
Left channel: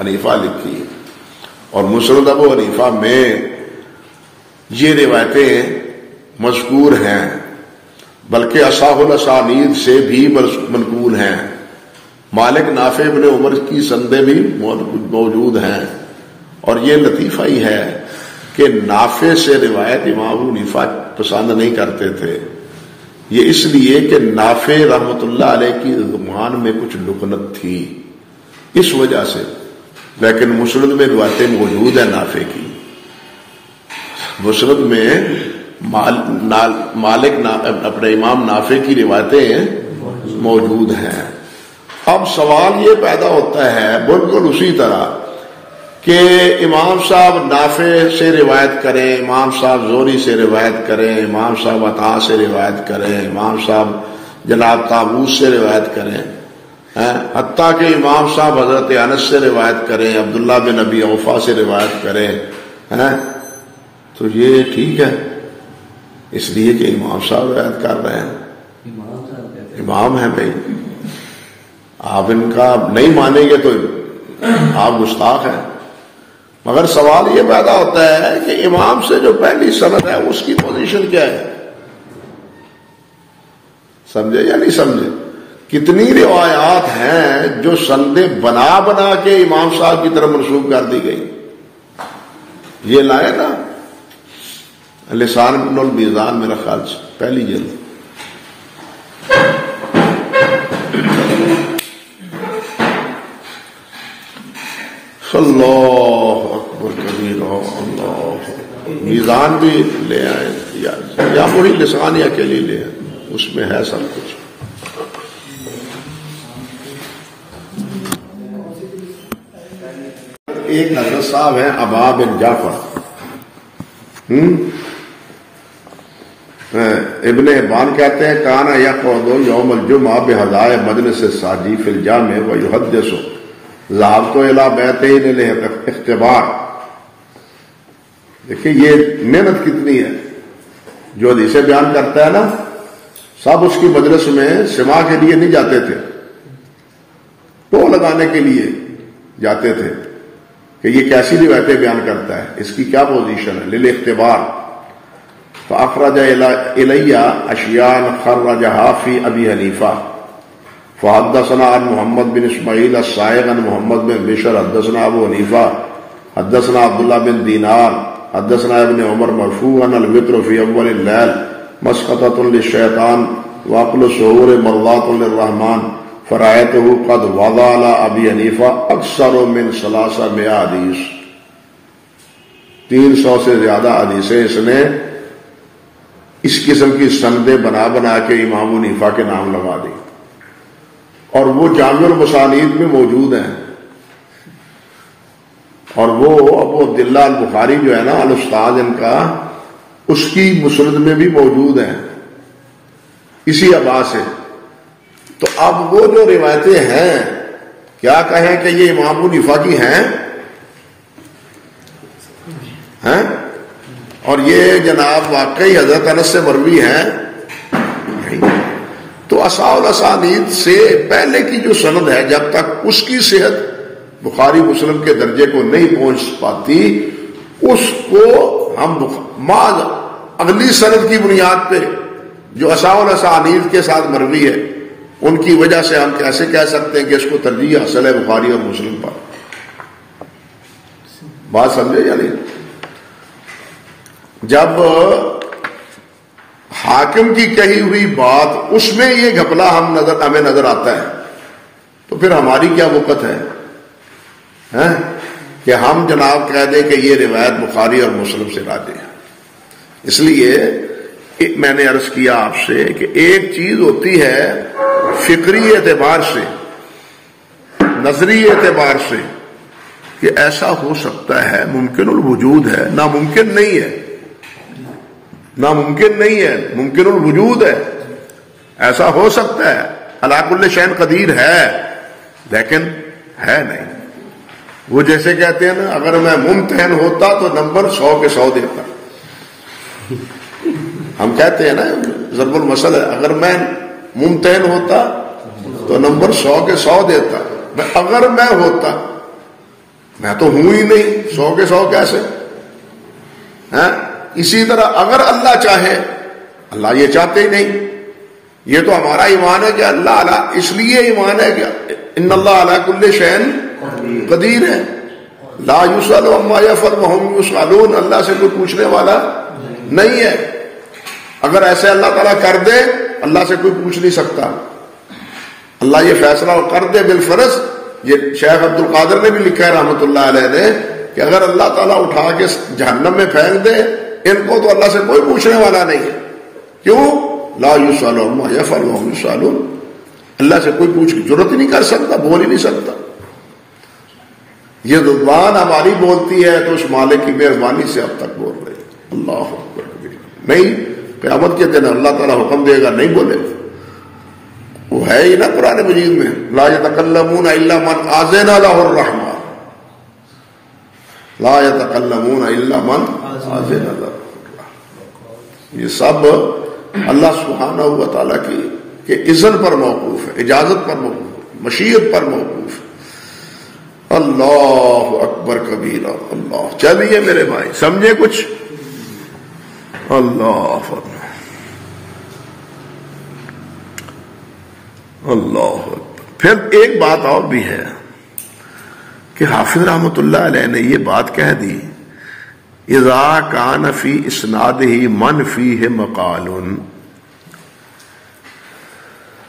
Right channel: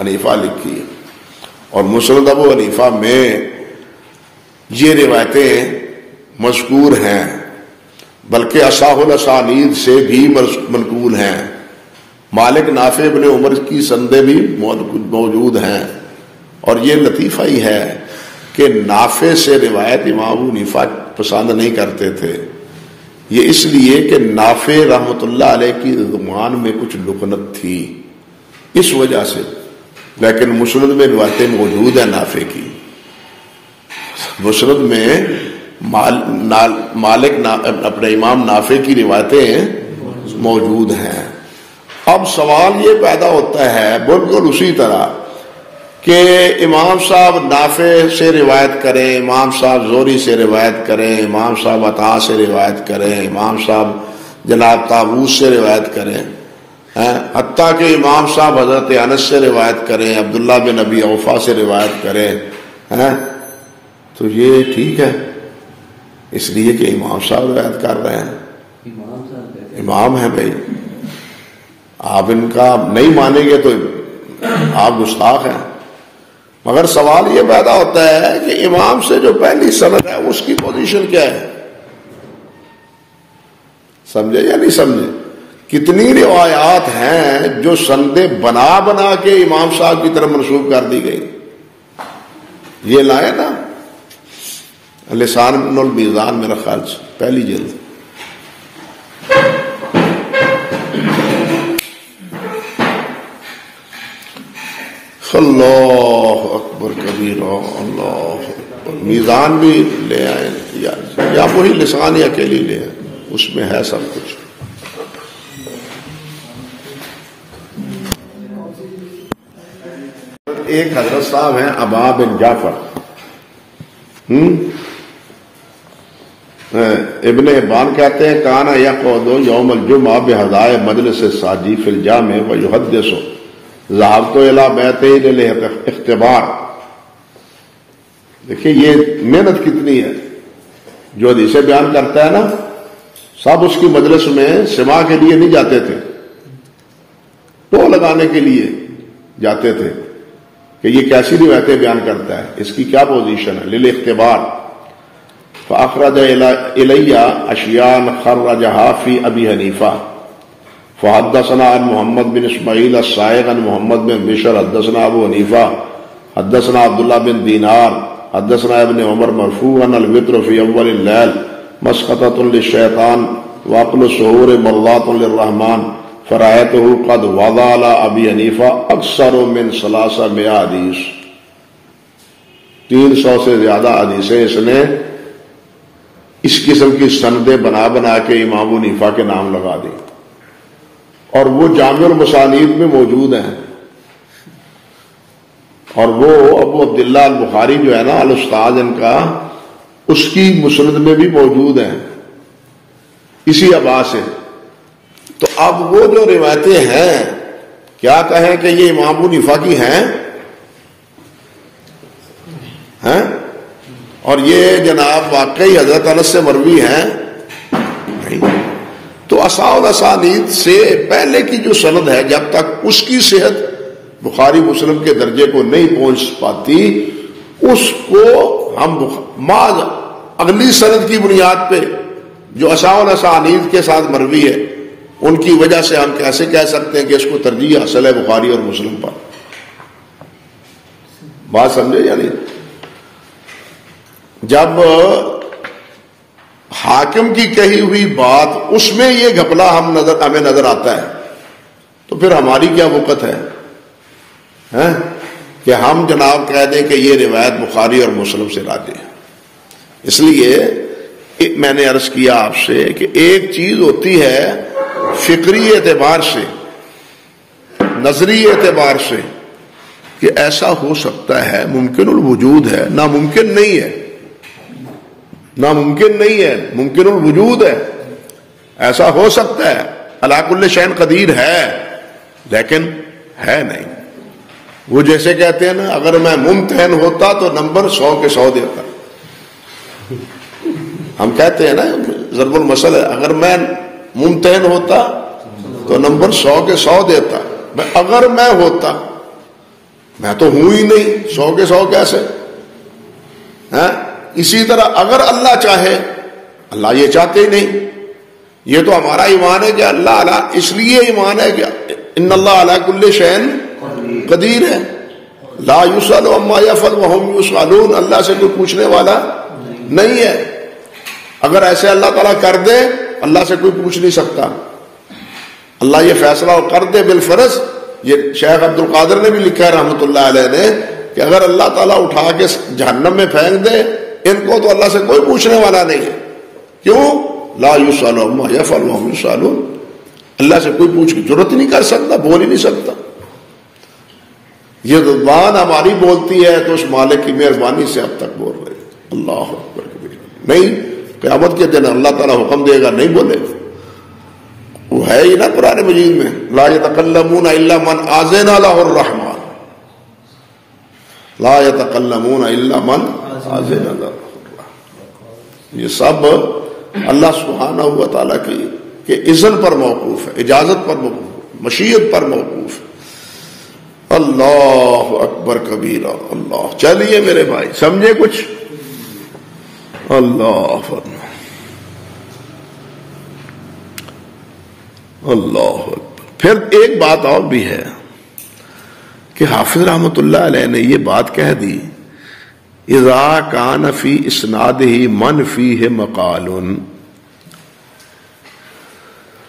حنیفہ لکھی ہے، اور مسند ابو حنیفہ میں یہ روایتیں مذکور ہیں، بلکہ اصح الاسانید سے بھی منقول ہیں. مالک نافع ابن عمر کی سندیں بھی موجود ہیں. اور یہ لطیفہ ہی ہے کہ نافع سے روایت امام ابو حنیفہ پسند نہیں کرتے تھے، یہ اس لیے کہ نافع رحمت اللہ علیہ کی زبان میں کچھ لکنت تھی اس وجہ سے. لیکن مسند میں روایتیں موجود ہیں نافع کی، مسند میں مالک اپنے امام نافع کی روایتیں موجود ہیں. اب سوال یہ پیدا ہوتا ہے بالکل اسی طرح کہ امام صاحب نافع سے روایت کریں، امام صاحب زہری سے روایت کریں، امام صاحب عطا سے روایت کریں، امام صاحب جناب طاووس سے روایت کریں، حتیٰ کہ امام صاحب حضرت انس سے روایت کریں، عبداللہ بن ابی اوفا سے روایت کریں، تو یہ ٹھیک ہے اس لیے کہ امام صاحب روایت کر رہے ہیں، امام ہیں بھائی. آپ ان کا نہیں مانیں گے تو آپ گستاخ ہیں. مگر سوال یہ پیدا ہوتا ہے کہ امام سے جو پہلی سند ہے اس کی پوزیشن کیا ہے؟ سمجھے یا نہیں سمجھے؟ کتنی روایات ہیں جو سندیں بنا بنا کے امام صاحب کی طرف منسوب کر دی گئی. یہ لائے نا لسان ابن المیزان میرا خیال سے پہلی جلد. اللہ اکبر کبیر، اللہ میزان بھی لے آئے یا وہی لسان یا اکیلی لے آئے، اس میں ہے سب کچھ. ایک حضرت صاحب ہیں ابا بن جعفر، ابن ابان کہتے ہیں کانا یقعد یوم الجمعہ بحضائے مجلس الساجی فی الجامع ویحدث ذهبت الى بیتین الاختبار. دیکھیے یہ محنت کتنی ہے، جو حدیثیں بیان کرتا ہے نا سب اس کی مجلس میں سماع کے لیے نہیں جاتے تھے، تو لگانے کے لیے جاتے تھے کہ یہ کیسی روایتیں بیان کرتا ہے، اس کی کیا پوزیشن ہے. للاختبار فاخرج الی اشیاء خرجها فی ابی حنیفہ فحدثنا عن محمد بن اسماعیل الصائغ عن محمد بن بشر حدثنا ابو حنیفہ حدثنا عبداللہ بن دینار حدثنا ابن عمر مرفوعا الوتر فی اول اللیل مسقطۃ للشیطان وعقل السحور مرضات للرحمن فرأیتہ قد وضع علی ابی حنیفہ اکثر من 300 حدیث. 300 سے زیادہ حدیثیں اس نے اس قسم کی سندیں بنا بنا کے امام حنیفہ کے نام لگا دی، اور وہ جامع المسانید میں موجود ہیں. اور وہ ابو عبداللہ البخاری جو ہے نا الاستاذ ان کا، اس کی مسند میں بھی موجود ہیں اسی ابا سے. تو اب وہ جو روایتیں ہیں کیا کہیں کہ یہ امام ابو حنیفہ کی ہیں اور یہ جناب واقعی حضرت انس سے مروی ہیں؟ تو اصحاب الاسانید سے پہلے کی جو سند ہے جب تک اس کی صحت بخاری مسلم کے درجے کو نہیں پہنچ پاتی اس کو ہم بعض اگلی سند کی بنیاد پہ جو اصحاب الاسانید کے ساتھ مروی ہے ان کی وجہ سے ہم کیسے کہہ سکتے ہیں کہ اس کو ترجیح حاصل ہے بخاری اور مسلم پر؟ بات سمجھے یا نہیں؟ جب حاکم کی کہی ہوئی بات اس میں یہ گھپلا ہمیں نظر آتا ہے تو پھر ہماری کیا وقت ہے کہ ہم جناب کہہ دیں کہ یہ روایت بخاری اور مسلم سے راجح ہے؟ اس لیے میں نے عرض کیا آپ سے کہ ایک چیز ہوتی ہے فکری اعتبار سے نظری اعتبار سے کہ ایسا ہو سکتا ہے ممکن الوجود ہے، ناممکن نہیں ہے، ناممکن نہیں ہے، ممکن الوجود ہے، ایسا ہو سکتا ہے، علی کل شیء قدیر ہے لیکن ہے نہیں۔ وہ جیسے کہتے ہیں نا اگر میں ممتحن ہوتا تو نمبر 100 کے 100 دیتا۔ ہم کہتے ہیں نا ضرب المثل ہے، اگر میں ممتحن ہوتا تو نمبر 100 کے 100 دیتا، اگر میں ہوتا، میں تو ہوں ہی نہیں، 100 کے 100 کیسے؟ اسی طرح اگر اللہ چاہے، اللہ یہ چاہتے ہی نہیں، یہ تو ہمارا ایمان ہے کہ اللہ علی، اس لیے ایمان ہے کہ ان اللہ علی کل شیء قدیر ہے، لا یسأل عما یفعل وهم یسألون، اللہ سے کوئی پوچھنے والا نہیں ہے۔ اگر ایسے اللہ تعالیٰ کر دے، اللہ سے کوئی پوچھ نہیں سکتا، اللہ یہ فیصلہ کر دے بالفرض۔ یہ شیخ عبد القادر نے بھی لکھا ہے رحمۃ اللہ علیہ نے کہ اگر اللہ تعالیٰ اٹھا کے جہنم میں پھینک دے ان کو تو اللہ سے کوئی پوچھنے والا نہیں ہے۔ کیوں؟ لا یسأل عما یفعل وهم یسألون، اللہ سے کوئی پوچھ کی ضرورت ہی نہیں کر سکتا، بول ہی نہیں سکتا۔ یہ زبان ہماری بولتی ہے تو اس مالک کی مہربانی سے اب تک بول رہی ہے۔ اللہ اکبر، نہیں قیامت کے دن اللہ تعالیٰ حکم دے گا نہیں بولے گا، وہ ہے ہی نا قرآن مجید میں، لا یتکلمون الا من اذن له الرحمن، لا یتکلمون الا من اذن له الرحمن۔ یہ سب اللہ سبحانہ و تعالیٰ کی کہ اذن پر موقوف ہے، اجازت پر موقوف ہے، مشیت پر موقوف ہے۔ اللہ اکبر کبیرہ، اللہ۔ چلیے میرے بھائی سمجھے کچھ؟ اللہ اللہ۔ پھر ایک بات اور بھی ہے کہ حافظ رحمۃ اللہ علیہ نے یہ بات کہہ دی، اذا کان فی اسنادہ من فیہ مقال،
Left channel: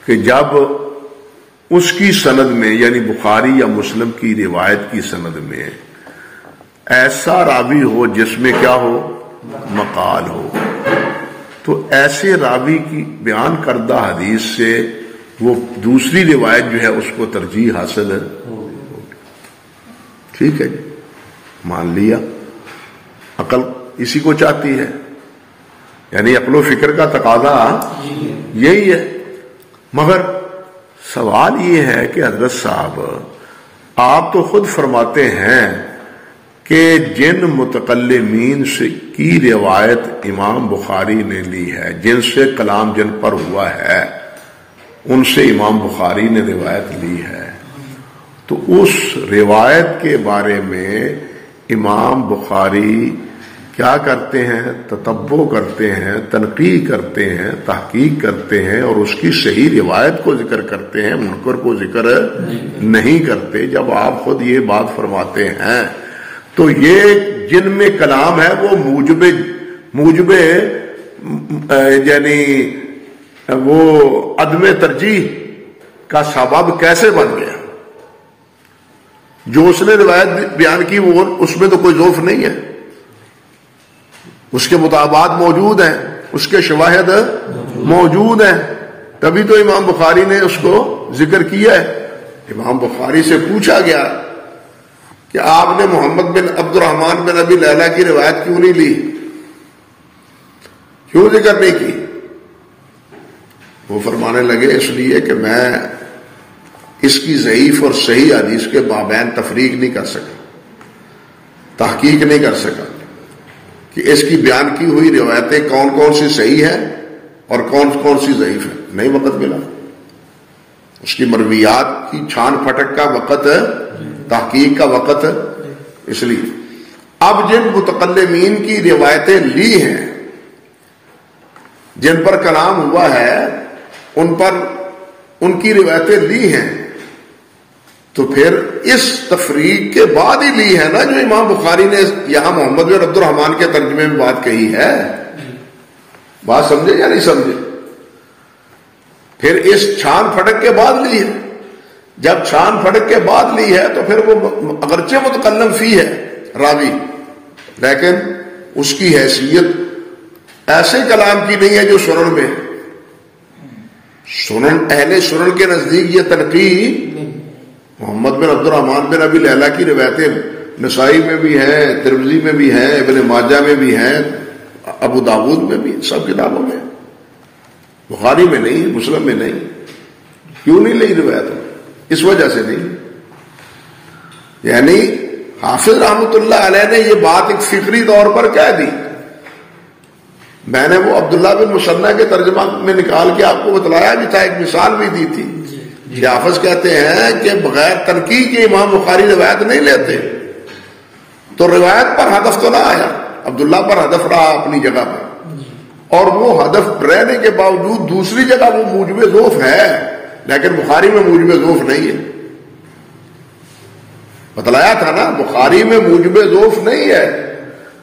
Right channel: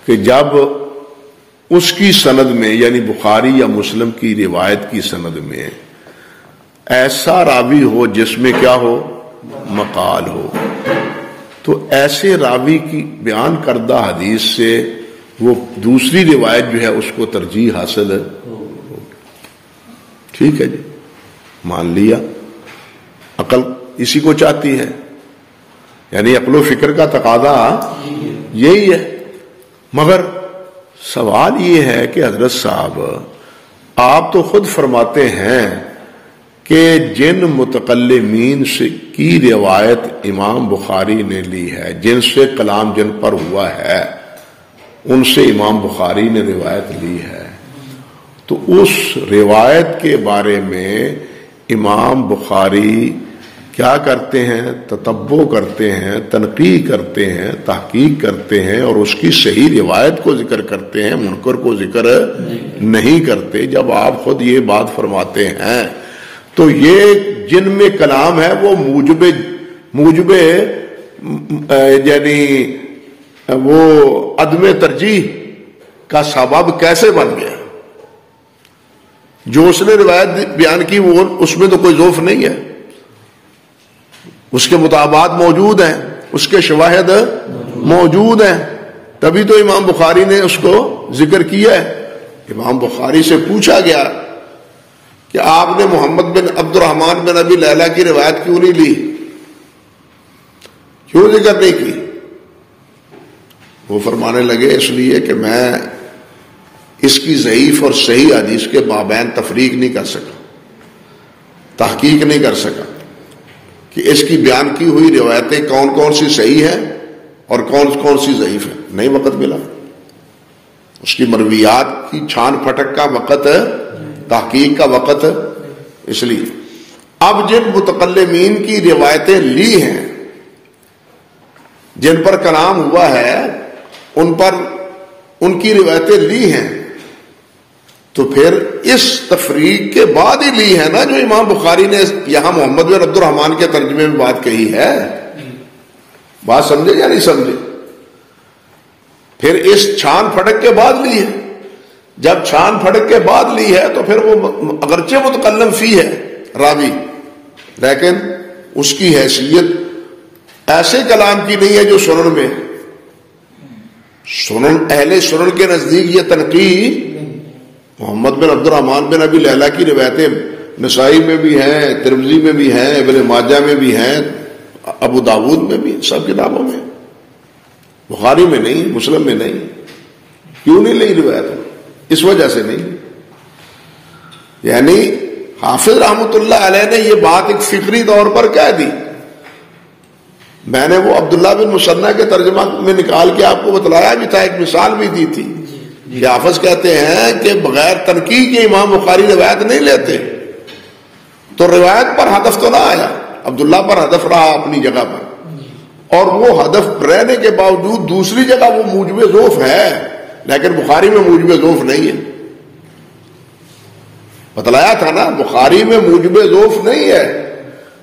کہ جب اس کی سند میں یعنی بخاری یا مسلم کی روایت کی سند میں ایسا راوی ہو جس میں کیا ہو؟ مقال ہو، تو ایسے راوی کی بیان کردہ حدیث سے وہ دوسری روایت جو ہے اس کو ترجیح حاصل ہے۔ ٹھیک ہے جی، مان لیا، عقل اسی کو چاہتی ہے، یعنی عقل و فکر کا تقاضا یہی ہے۔ مگر سوال یہ ہے کہ حضرت صاحب آپ تو خود فرماتے ہیں کہ جن متکلمین سے کی روایت امام بخاری نے لی ہے، جن سے کلام جن پر ہوا ہے ان سے امام بخاری نے روایت لی ہے، تو اس روایت کے بارے میں امام بخاری کیا کرتے ہیں؟ تتبع کرتے ہیں، تنقیح کرتے ہیں، تحقیق کرتے ہیں اور اس کی صحیح روایت کو ذکر کرتے ہیں، منکر کو ذکر نہیں کرتے۔ جب آپ خود یہ بات فرماتے ہیں تو یہ جن میں کلام ہے وہ موجب یعنی وہ عدم ترجیح کا سبب کیسے بن گیا؟ جو اس نے روایت بیان کی وہ اس میں تو کوئی ضعف نہیں ہے، اس کے مطابقات موجود ہیں، اس کے شواہد موجود ہیں، تبھی تو امام بخاری نے اس کو ذکر کیا ہے۔ امام بخاری سے پوچھا گیا کہ آپ نے محمد بن عبد الرحمن بن ابی لیلہ کی روایت کیوں نہیں لی، کیوں ذکر نہیں کی؟ وہ فرمانے لگے اس لیے کہ میں اس کی ضعیف اور صحیح حدیث کے مابین تفریق نہیں کر سکا، تحقیق نہیں کر سکا کہ اس کی بیان کی ہوئی روایتیں کون کون سی صحیح ہیں اور کون کون سی ضعیف ہیں، نہیں وقت ملا۔ اس کی مرویات کی چھان پھٹک کا وقت ہے، تحقیق کا وقت ہے۔ اس لیے اب جن متکلمین کی روایتیں لی ہیں، جن پر کلام ہوا ہے، ان پر ان کی روایتیں لی ہیں، تو پھر اس تفریق کے بعد ہی لی ہے نا جو امام بخاری نے یہاں محمد بن عبد الرحمن کے ترجمے میں بات کہی ہے۔ بات سمجھے یا نہیں سمجھے؟ پھر اس چھان پھٹک کے بعد لی ہے۔ جب چھان پھٹک کے بعد لی ہے تو پھر وہ اگرچہ متکلم فی ہے راوی، لیکن اس کی حیثیت ایسے کلام کی نہیں ہے جو سنن میں۔ سنن اہل سنن کے نزدیک یہ تنقید محمد بن عبد الرحمن بن ابی لیلہ کی روایتیں نسائی میں بھی ہیں، ترمذی میں بھی ہیں، ابن ماجہ میں بھی ہیں، ابو داود میں بھی، سب کتابوں میں، بخاری میں نہیں، مسلم میں نہیں۔ کیوں نہیں لئی روایت؟ اس وجہ سے نہیں، یعنی حافظ رحمۃ اللہ علیہ نے یہ بات ایک فکری طور پر کہہ دی۔ میں نے وہ عبداللہ بن مسنہ کے ترجمہ میں نکال کے آپ کو بتلایا بھی تھا، ایک مثال بھی دی تھی۔ حافظ کہتے ہیں کہ بغیر تنقید کے امام بخاری روایت نہیں لیتے، تو روایت پر ہدف تو نہ آیا، عبداللہ پر ہدف رہا اپنی جگہ پر، اور وہ ہدف رہنے کے باوجود دوسری جگہ وہ موجب ضعف ہے، لیکن بخاری میں موجب ضعف نہیں ہے۔ بتلایا تھا نا، بخاری میں موجب ضعف نہیں ہے،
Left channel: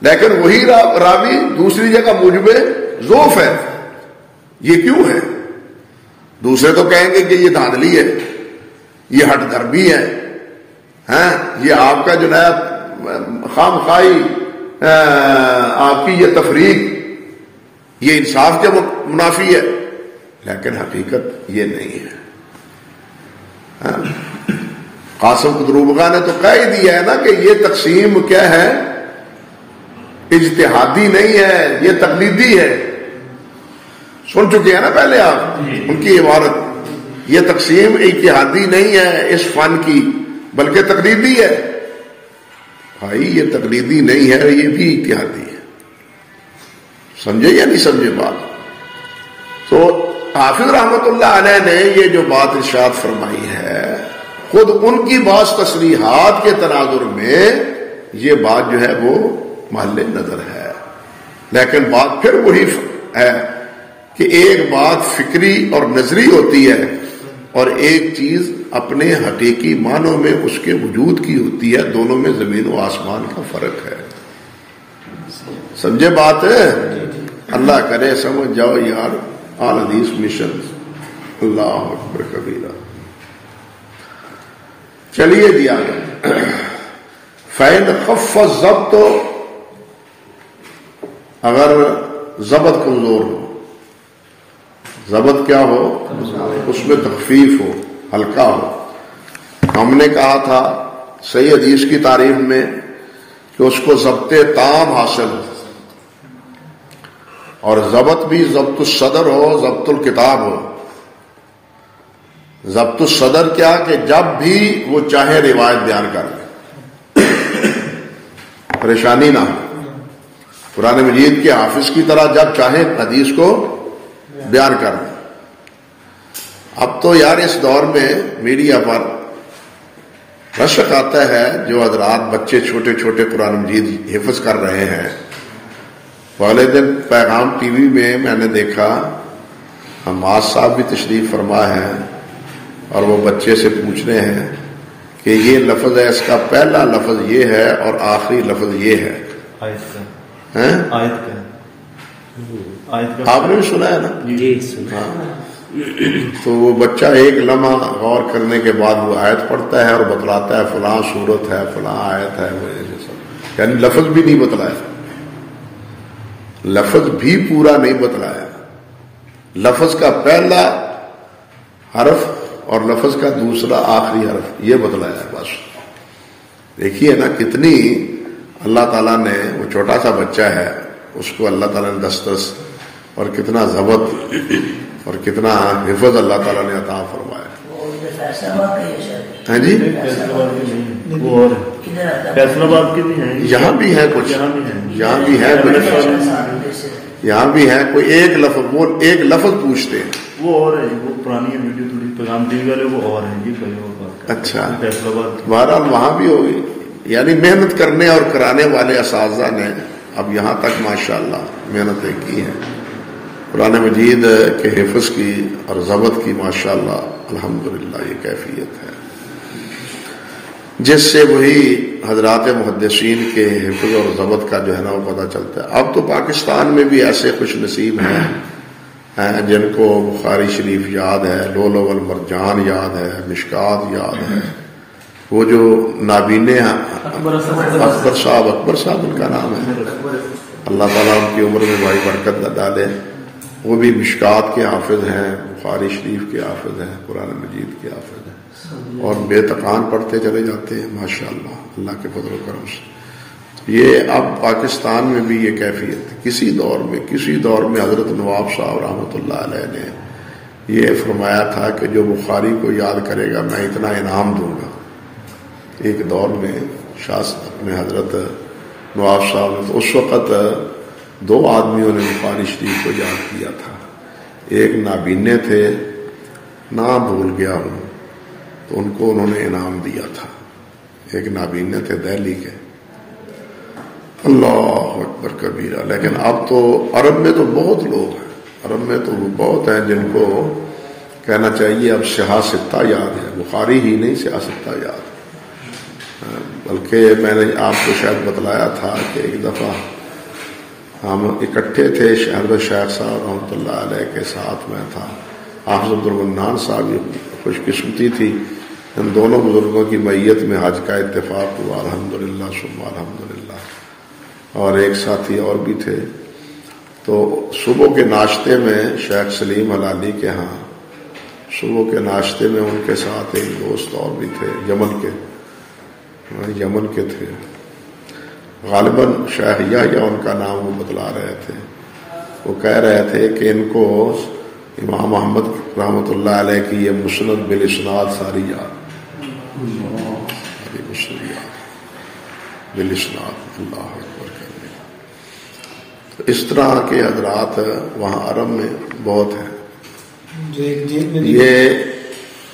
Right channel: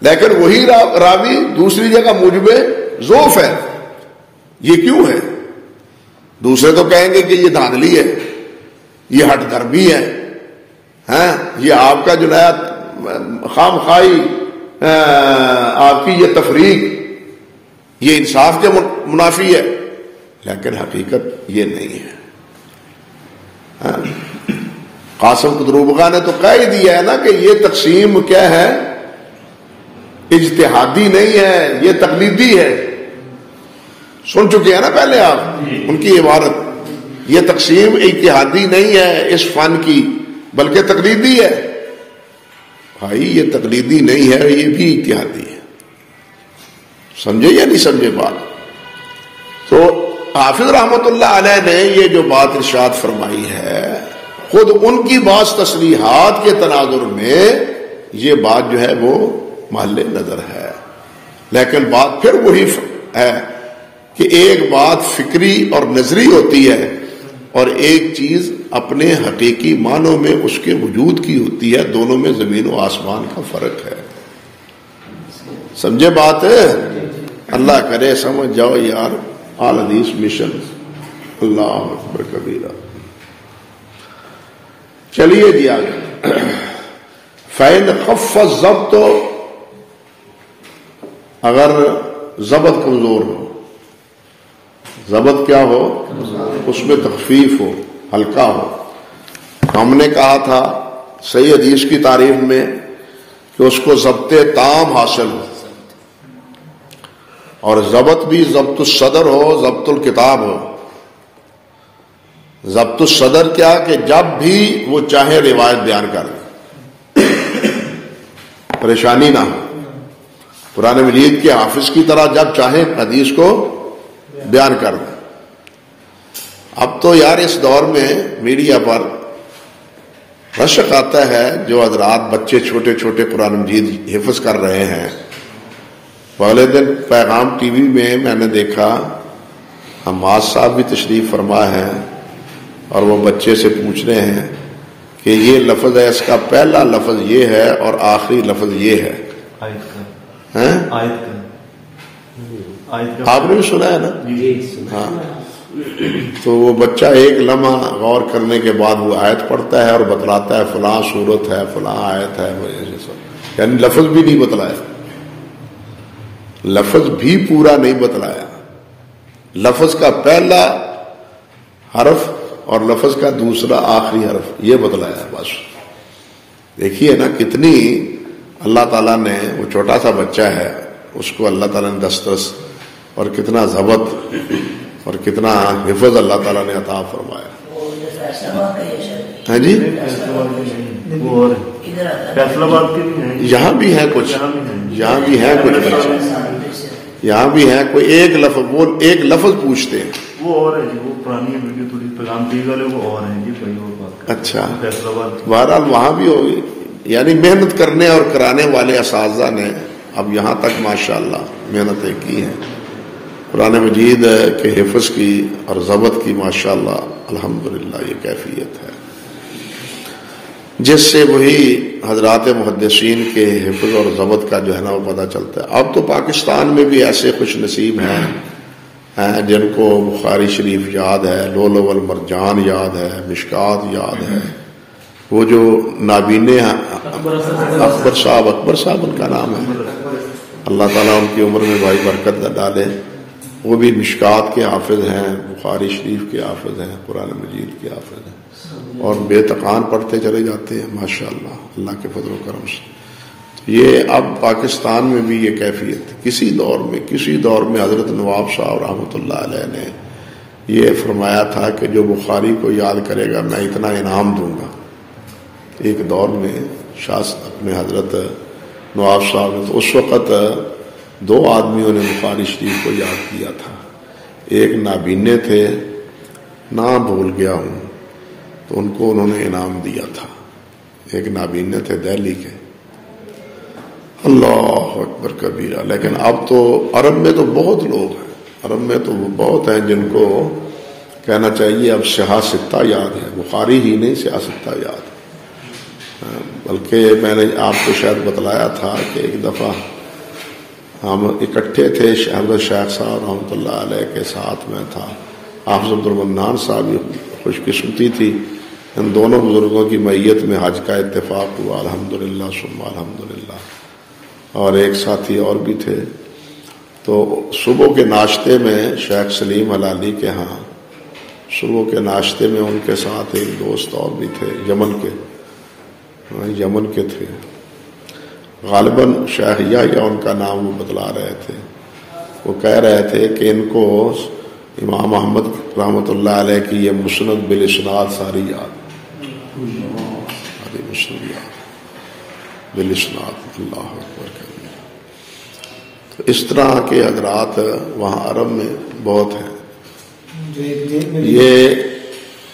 لیکن وہی راوی دوسری جگہ موجب ضعف ہے۔ یہ کیوں ہے؟ دوسرے تو کہیں گے کہ یہ دھاندلی ہے، یہ ہٹ دربی ہے، یہ آپ کا جو ہے خام خواہی، آپ کی یہ تفریق، یہ انصاف کے منافی ہے، لیکن حقیقت یہ نہیں ہے۔ قاسم قدروبگا نے تو کہہ ہی دیا ہے نا کہ یہ تقسیم کیا ہے، اجتہادی نہیں ہے، یہ تقلیدی ہے۔ سن چکے ہیں نا پہلے آپ ان کی عبارت، یہ تقسیم اجتہادی نہیں ہے اس فن کی، بلکہ تقلیدی ہے۔ بھائی یہ تقلیدی نہیں ہے، یہ بھی اجتہادی ہے۔ سمجھے یا نہیں سمجھے بات؟ تو حافظ رحمۃ اللہ علیہ نے یہ جو بات ارشاد فرمائی ہے، خود ان کی بعض تصریحات کے تناظر میں یہ بات جو ہے وہ محل نظر ہے، لیکن بات پھر وہی ہے کہ ایک بات فکری اور نظری ہوتی ہے، اور ایک چیز اپنے حقیقی معنوں میں اس کے وجود کی ہوتی ہے۔ دونوں میں زمین و آسمان کا فرق ہے۔ سمجھے بات ہے؟ اللہ کرے سمجھ جاؤ یار۔ آل حدیث مشن، اللہ اکبر کبیرہ۔ چلیے جی آگے۔ فَإِنْ خَفَّ الضَّبْطُ، اگر ضبط کمزور ہو، ضبط کیا ہو، اس میں تخفیف ہو، ہلکا ہو۔ ہم نے کہا تھا صحیح حدیث کی تعریف میں کہ اس کو ضبط تام حاصل ہو، اور ضبط بھی ضبط الصدر ہو، ضبط الکتاب ہو۔ ضبط الصدر کیا کہ جب بھی وہ چاہے روایت بیان کر لے، پریشانی نہ ہو، قرآن مجید کے حافظ کی طرح جب چاہے حدیث کو بیان کر دیں۔ اب تو یار اس دور میں میڈیا پر رشک آتا ہے، جو حضرات بچے چھوٹے چھوٹے قرآن مجید حفظ کر رہے ہیں۔ پہلے دن پیغام ٹی وی میں نے دیکھا، حماد صاحب بھی تشریف فرما ہے، اور وہ بچے سے پوچھ رہے ہیں کہ یہ لفظ ہے، اس کا پہلا لفظ یہ ہے اور آخری لفظ یہ ہے۔ آپ نے بھی سنا ہے نا؟ تو وہ بچہ ایک لمحہ غور کرنے کے بعد وہ آیت پڑھتا ہے اور بتلاتا ہے فلاں صورت ہے، فلاں آیت ہے، یعنی لفظ بھی نہیں بتلایا، لفظ بھی پورا نہیں بتلایا، لفظ کا پہلا حرف اور لفظ کا دوسرا آخری حرف یہ بتلایا بس۔ دیکھیے نا کتنی اللہ تعالیٰ نے، وہ چھوٹا سا بچہ ہے، اس کو اللہ تعالیٰ نے دسترس اور کتنا ضبط اور کتنا حفظ اللہ تعالیٰ نے عطا فرمایا۔ ہاں جی وہ اور فیصلہ آباد کی بھی ہیں، یہاں بھی ہے کچھ، یہاں بھی ہے کچھ، یہاں بھی ہے کوئی ایک لفظ، وہ ایک لفظ پوچھتے ہیں، وہ اور ہے، وہ پرانی ویڈیو تھوڑی پیغام دی والے وہ اور ہیں جی، کوئی اور بات۔ اچھا فیصلہ آباد بہرحال وہاں بھی ہوگی، یعنی محنت کرنے اور کرانے والے اساتذہ نے اب یہاں تک ماشاءاللہ محنتیں کی ہیں، قرآن مجید کے حفظ کی اور ضبط کی ماشاءاللہ الحمدللہ یہ کیفیت ہے، جس سے وہی حضرات محدثین کے حفظ اور ضبط کا جو ہے نا وہ پتہ چلتا ہے۔ اب تو پاکستان میں بھی ایسے خوش نصیب ہیں جن کو بخاری شریف یاد ہے، لؤلؤ والمرجان یاد ہے، مشکات یاد ہے، وہ جو نابینے اکبر صاحب ان کا نام ہے، اللہ تعالیٰ ان کی عمر میں بھائی برکت نہ ڈالے، وہ بھی مشکات کے حافظ ہیں، بخاری شریف کے حافظ ہیں، قرآن مجید کے حافظ ہیں، اور بے تکان پڑھتے چلے جاتے ہیں ماشاءاللہ اللہ کے فضل و کرم سے۔ یہ اب پاکستان میں بھی یہ کیفیت، کسی دور میں حضرت نواب صاحب رحمۃ اللہ علیہ نے یہ فرمایا تھا کہ جو بخاری کو یاد کرے گا میں اتنا انعام دوں گا۔ ایک دور میں میں حضرت نواب صاحب، اس وقت 2 آدمیوں نے بخاری شریف کو یاد کیا تھا، ایک نابینے تھے، نام بھول گیا ہوں، تو ان کو انہوں نے انعام دیا تھا، ایک نابینے تھے دہلی کے، اللہ اکبر کبیرہ۔ لیکن اب تو عرب میں تو بہت لوگ ہیں، عرب میں تو بہت ہیں جن کو کہنا چاہیے اب سیاہ ستہ یاد ہے، بخاری ہی نہیں سیاہ ستہ یاد، بلکہ میں نے آپ کو شاید بتلایا تھا کہ ایک دفعہ ہم اکٹھے تھے، حضرت شیخ صاحب رحمۃ اللہ علیہ کے ساتھ میں تھا، حافظ عبد المنان صاحب، خوش قسمتی تھی ان دونوں بزرگوں کی میت میں حج کا اتفاق ہوا، الحمدللہ ثم الحمدللہ، اور ایک ساتھی اور بھی تھے۔ تو صبح کے ناشتے میں شیخ سلیم ہلالی کے ہاں صبح کے ناشتے میں ان کے ساتھ ایک دوست اور بھی تھے، یمن کے تھے، غالباً شیخ یا ان کا نام وہ بتلا رہے تھے، وہ کہہ رہے تھے کہ ان کو امام احمد رحمۃ اللہ علیہ کی یہ مسند بالاسناد ساری یاد، بالاسناد، اللہ اکبر۔ تو اس طرح کے حضرات وہاں عرب میں بہت ہیں۔ یہ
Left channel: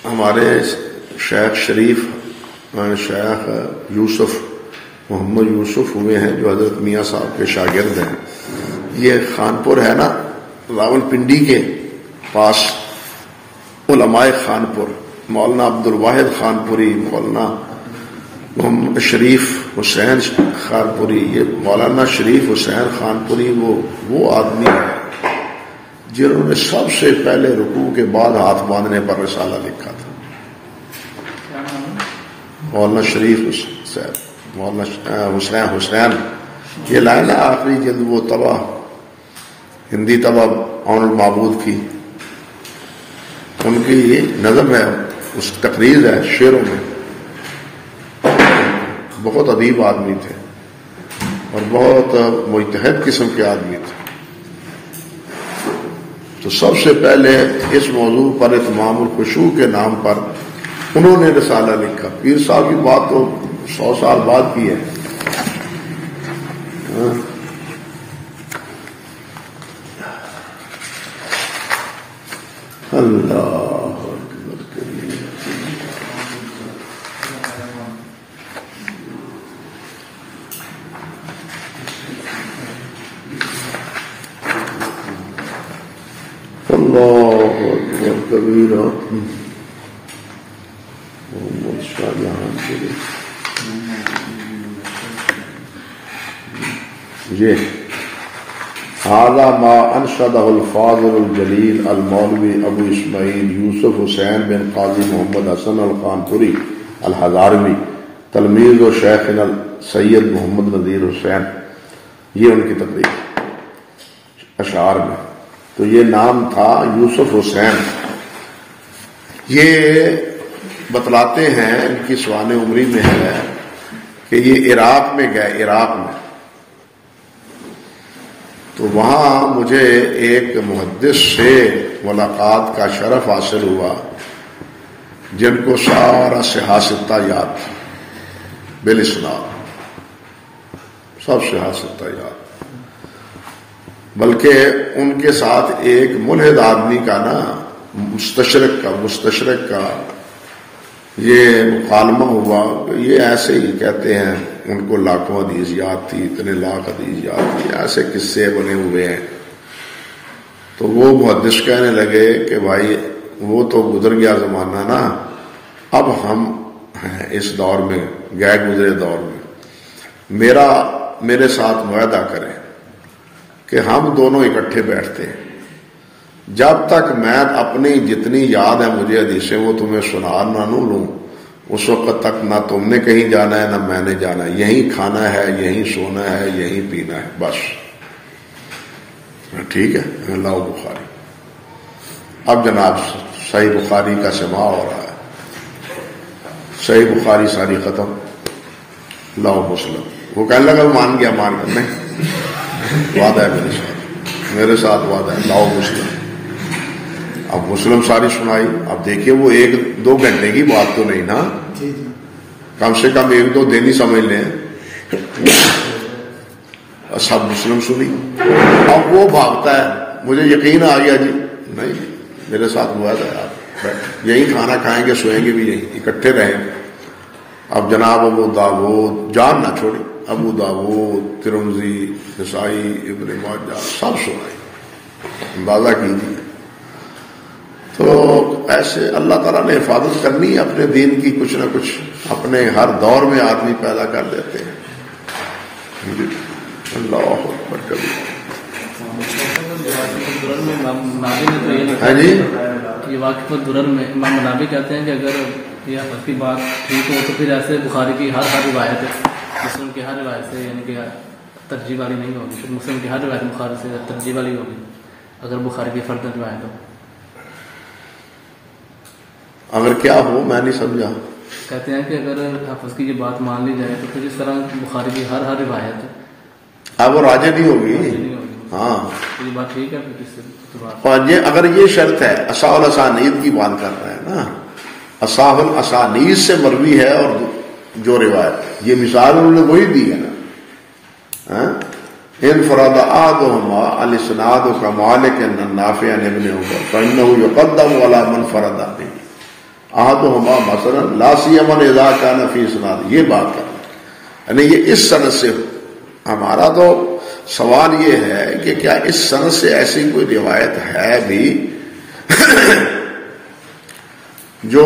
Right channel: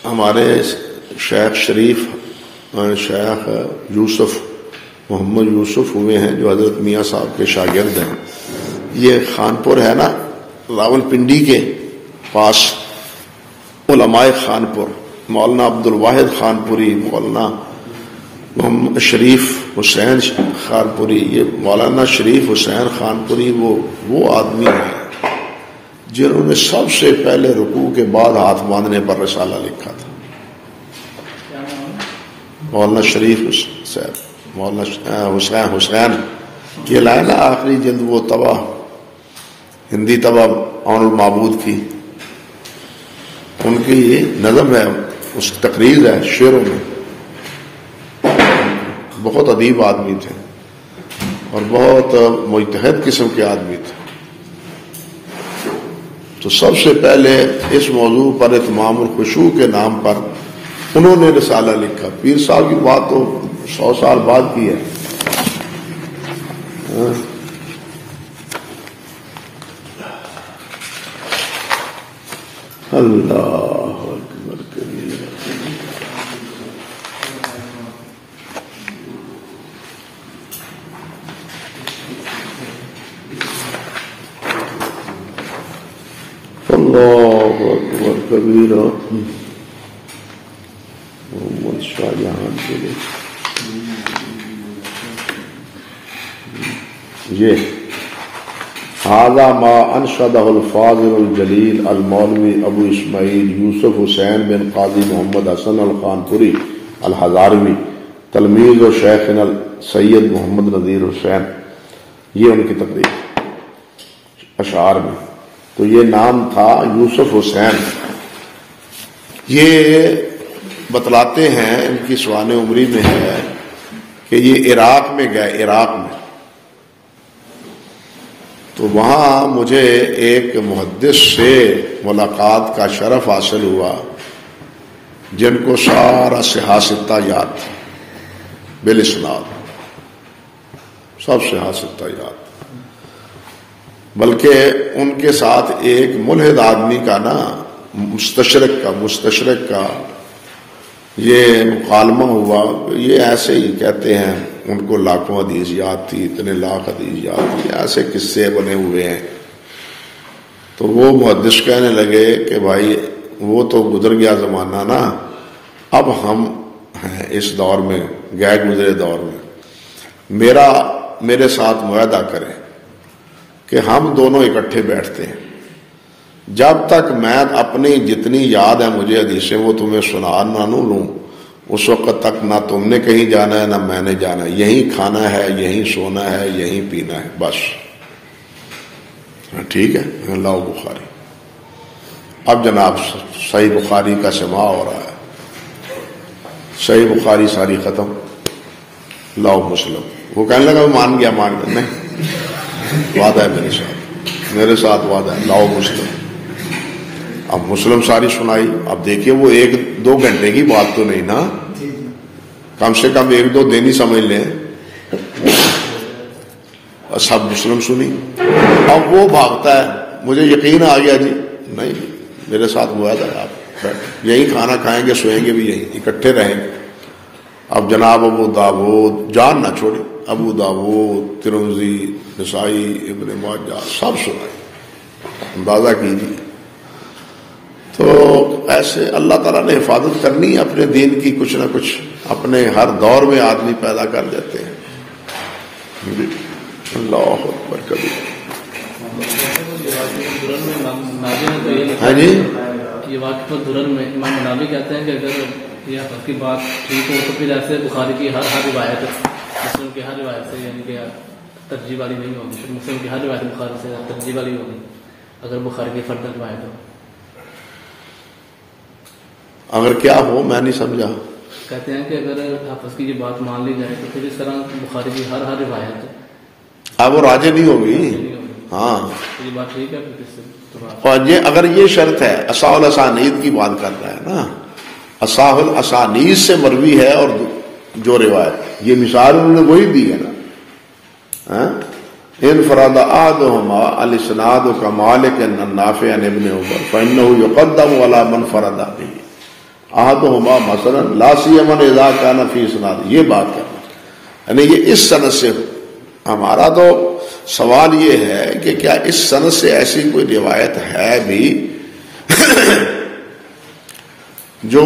ہمارے شیخ شریف، شیخ یوسف محمد یوسف ہوئے ہیں جو حضرت میاں صاحب کے شاگرد ہیں، یہ خانپور ہے نا راول پنڈی کے پاس، علماء خانپور، مولانا عبد الواحد خانپوری، مولانا محمد شریف حسین خانپوری، یہ مولانا شریف حسین خانپوری وہ آدمی ہیں جنہوں نے سب سے پہلے رکوع کے بعد ہاتھ باندھنے پر رسالہ لکھا تھا، مولانا شریف حسین، مولانا حسین یہ لائن آخری جلد وہ طبع ہندی طبع عون المعبود کی، ان کی نظم ہے، اس تقریر ہے شعروں میں، بہت ادیب آدمی تھے اور بہت مجتہد قسم کے آدمی تھے۔ تو سب سے پہلے اس موضوع پر اتمام الخشوع کے نام پر انہوں نے رسالہ لکھا۔ پیر صاحب کی بات تو 100 سال بعد کی ہے، اللہ اللہ اکبر کبیرہ۔ محمد شاہ جہاں کے لیے یہ هذا ما انشدہ الفاضل الجلیل المولوی ابو اسماعیل یوسف حسین بن قاضی محمد حسن الخانپوری الہزاروی تلمیذ و شیخنا سید محمد نذیر حسین، یہ ان کی تقریر اشعار میں۔ تو یہ نام تھا یوسف حسین، یہ بتلاتے ہیں ان کی سوانح عمری میں ہے کہ یہ عراق میں گئے، عراق میں، تو وہاں مجھے ایک محدث سے ملاقات کا شرف حاصل ہوا جن کو سارا سیاستہ یاد تھی بالاسناد، سب سیاستہ یاد، بلکہ ان کے ساتھ ایک ملحد آدمی کا نا مستشرق کا یہ مکالمہ ہوا. یہ ایسے ہی کہتے ہیں ان کو لاکھوں حدیث یاد تھی، اتنے لاکھ حدیث یاد تھی، ایسے قصے بنے ہوئے ہیں. تو وہ محدث کہنے لگے کہ بھائی وہ تو گزر گیا زمانہ نا، اب ہم ہیں اس دور میں، غیر گزرے دور میں. میرے ساتھ معاہدہ کریں کہ ہم دونوں اکٹھے بیٹھتے ہیں، جب تک میں اپنی جتنی یاد ہے مجھے حدیثیں وہ تمہیں سنا نہ لوں، اس وقت تک نہ تم نے کہیں جانا ہے نہ میں نے جانا ہے، یہیں کھانا ہے، یہیں سونا ہے، یہیں پینا ہے، بس. ٹھیک ہے. اللہ بخاری. اب جناب صحیح بخاری کا سماع ہو رہا ہے. صحیح بخاری ساری ختم. لاؤ مسلم. وہ کہنے لگا مان گیا نہیں، وعدہ ہے میرے ساتھ وعدہ ہے، لاؤ مسلم. اب مسلم ساری سنائی. اب دیکھیے وہ 1-2 گھنٹے کی بات تو نہیں نا، کم سے کم 1-2 دن ہی سمجھ لیں. اور سب مسلم سنی. اب وہ بھاگتا ہے، مجھے یقین آ گیا جی نہیں میرے ساتھ ہوا تھا، آپ یہی کھانا کھائیں گے، سوئیں گے بھی یہی، اکٹھے رہیں گے. اب جناب ابو داؤد جان نہ چھوڑے، ابو داؤد، ترمذی، نسائی، ابن ماجہ سب سنائے. اندازہ کیجیے. تو ایسے اللہ تعالیٰ نے حفاظت کرنی ہے اپنے دین کی، کچھ نہ کچھ اپنے ہر دور میں آدمی پیدا کر دیتے ہیں. اللہ اکبر. کبھی ہاں جی یہ واقف الدرر میں امام منابی کہتے ہیں کہ اگر یہ آپ کی بات ٹھیک ہو تو پھر ایسے بخاری کی ہر روایت مسلم کی ہر روایت سے یعنی کہ ترجیح والی نہیں ہوگی، پھر مسلم کی ہر روایت بخاری سے ترجیح والی ہوگی اگر بخاری کی فرد روایت ہو. اگر کیا ہو میں نہیں سمجھا. کہتے ہیں کہ اگر حافظ کی یہ بات مان لی جائے تو پھر اس طرح بخاری کی ہر روایت اب راجے بھی ہوگی. ہاں یہ بات ٹھیک ہے. اور یہ اگر یہ شرط ہے، اصح الاسانید کی بات کر رہا ہے نا، اصح الاسانید سے مروی ہے اور جو روایت، یہ مثال انہوں نے وہی دی ہے نا. انفراد احدهما الاسناد كمالك النافع عن ابن عمر فانه يقدم على من فرد به احدهما مثلا لا سيما اذا كان في اسناد. یہ بات کر یعنی یہ اس سند سے. ہمارا تو سوال یہ ہے کہ کیا اس سند سے ایسی کوئی روایت ہے بھی جو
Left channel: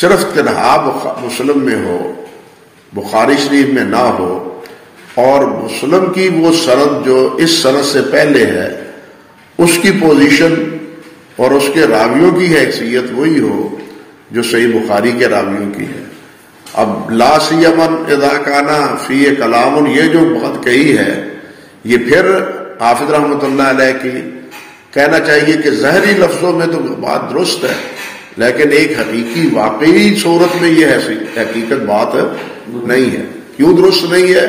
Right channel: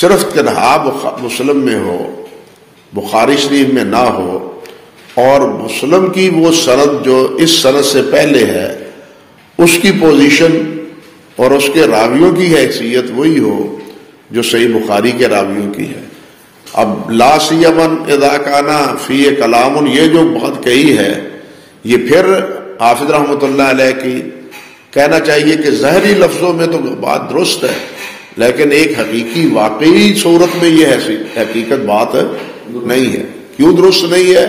صرف تنہا مسلم میں ہو، بخاری شریف میں نہ ہو، اور مسلم کی وہ سند جو اس سند سے پہلے ہے اس کی پوزیشن اور اس کے راویوں کی حیثیت وہی ہو جو صحیح بخاری کے راویوں کی ہے. اب لا سیمن اذا کان فی کلام، یہ جو بات کہی ہے یہ پھر حافظ رحمۃ اللہ علیہ کی کہنا چاہیے کہ ظاہری لفظوں میں تو بات درست ہے، لیکن ایک حقیقی واقعی صورت میں یہ حقیقت بات نہیں ہے. کیوں درست نہیں ہے؟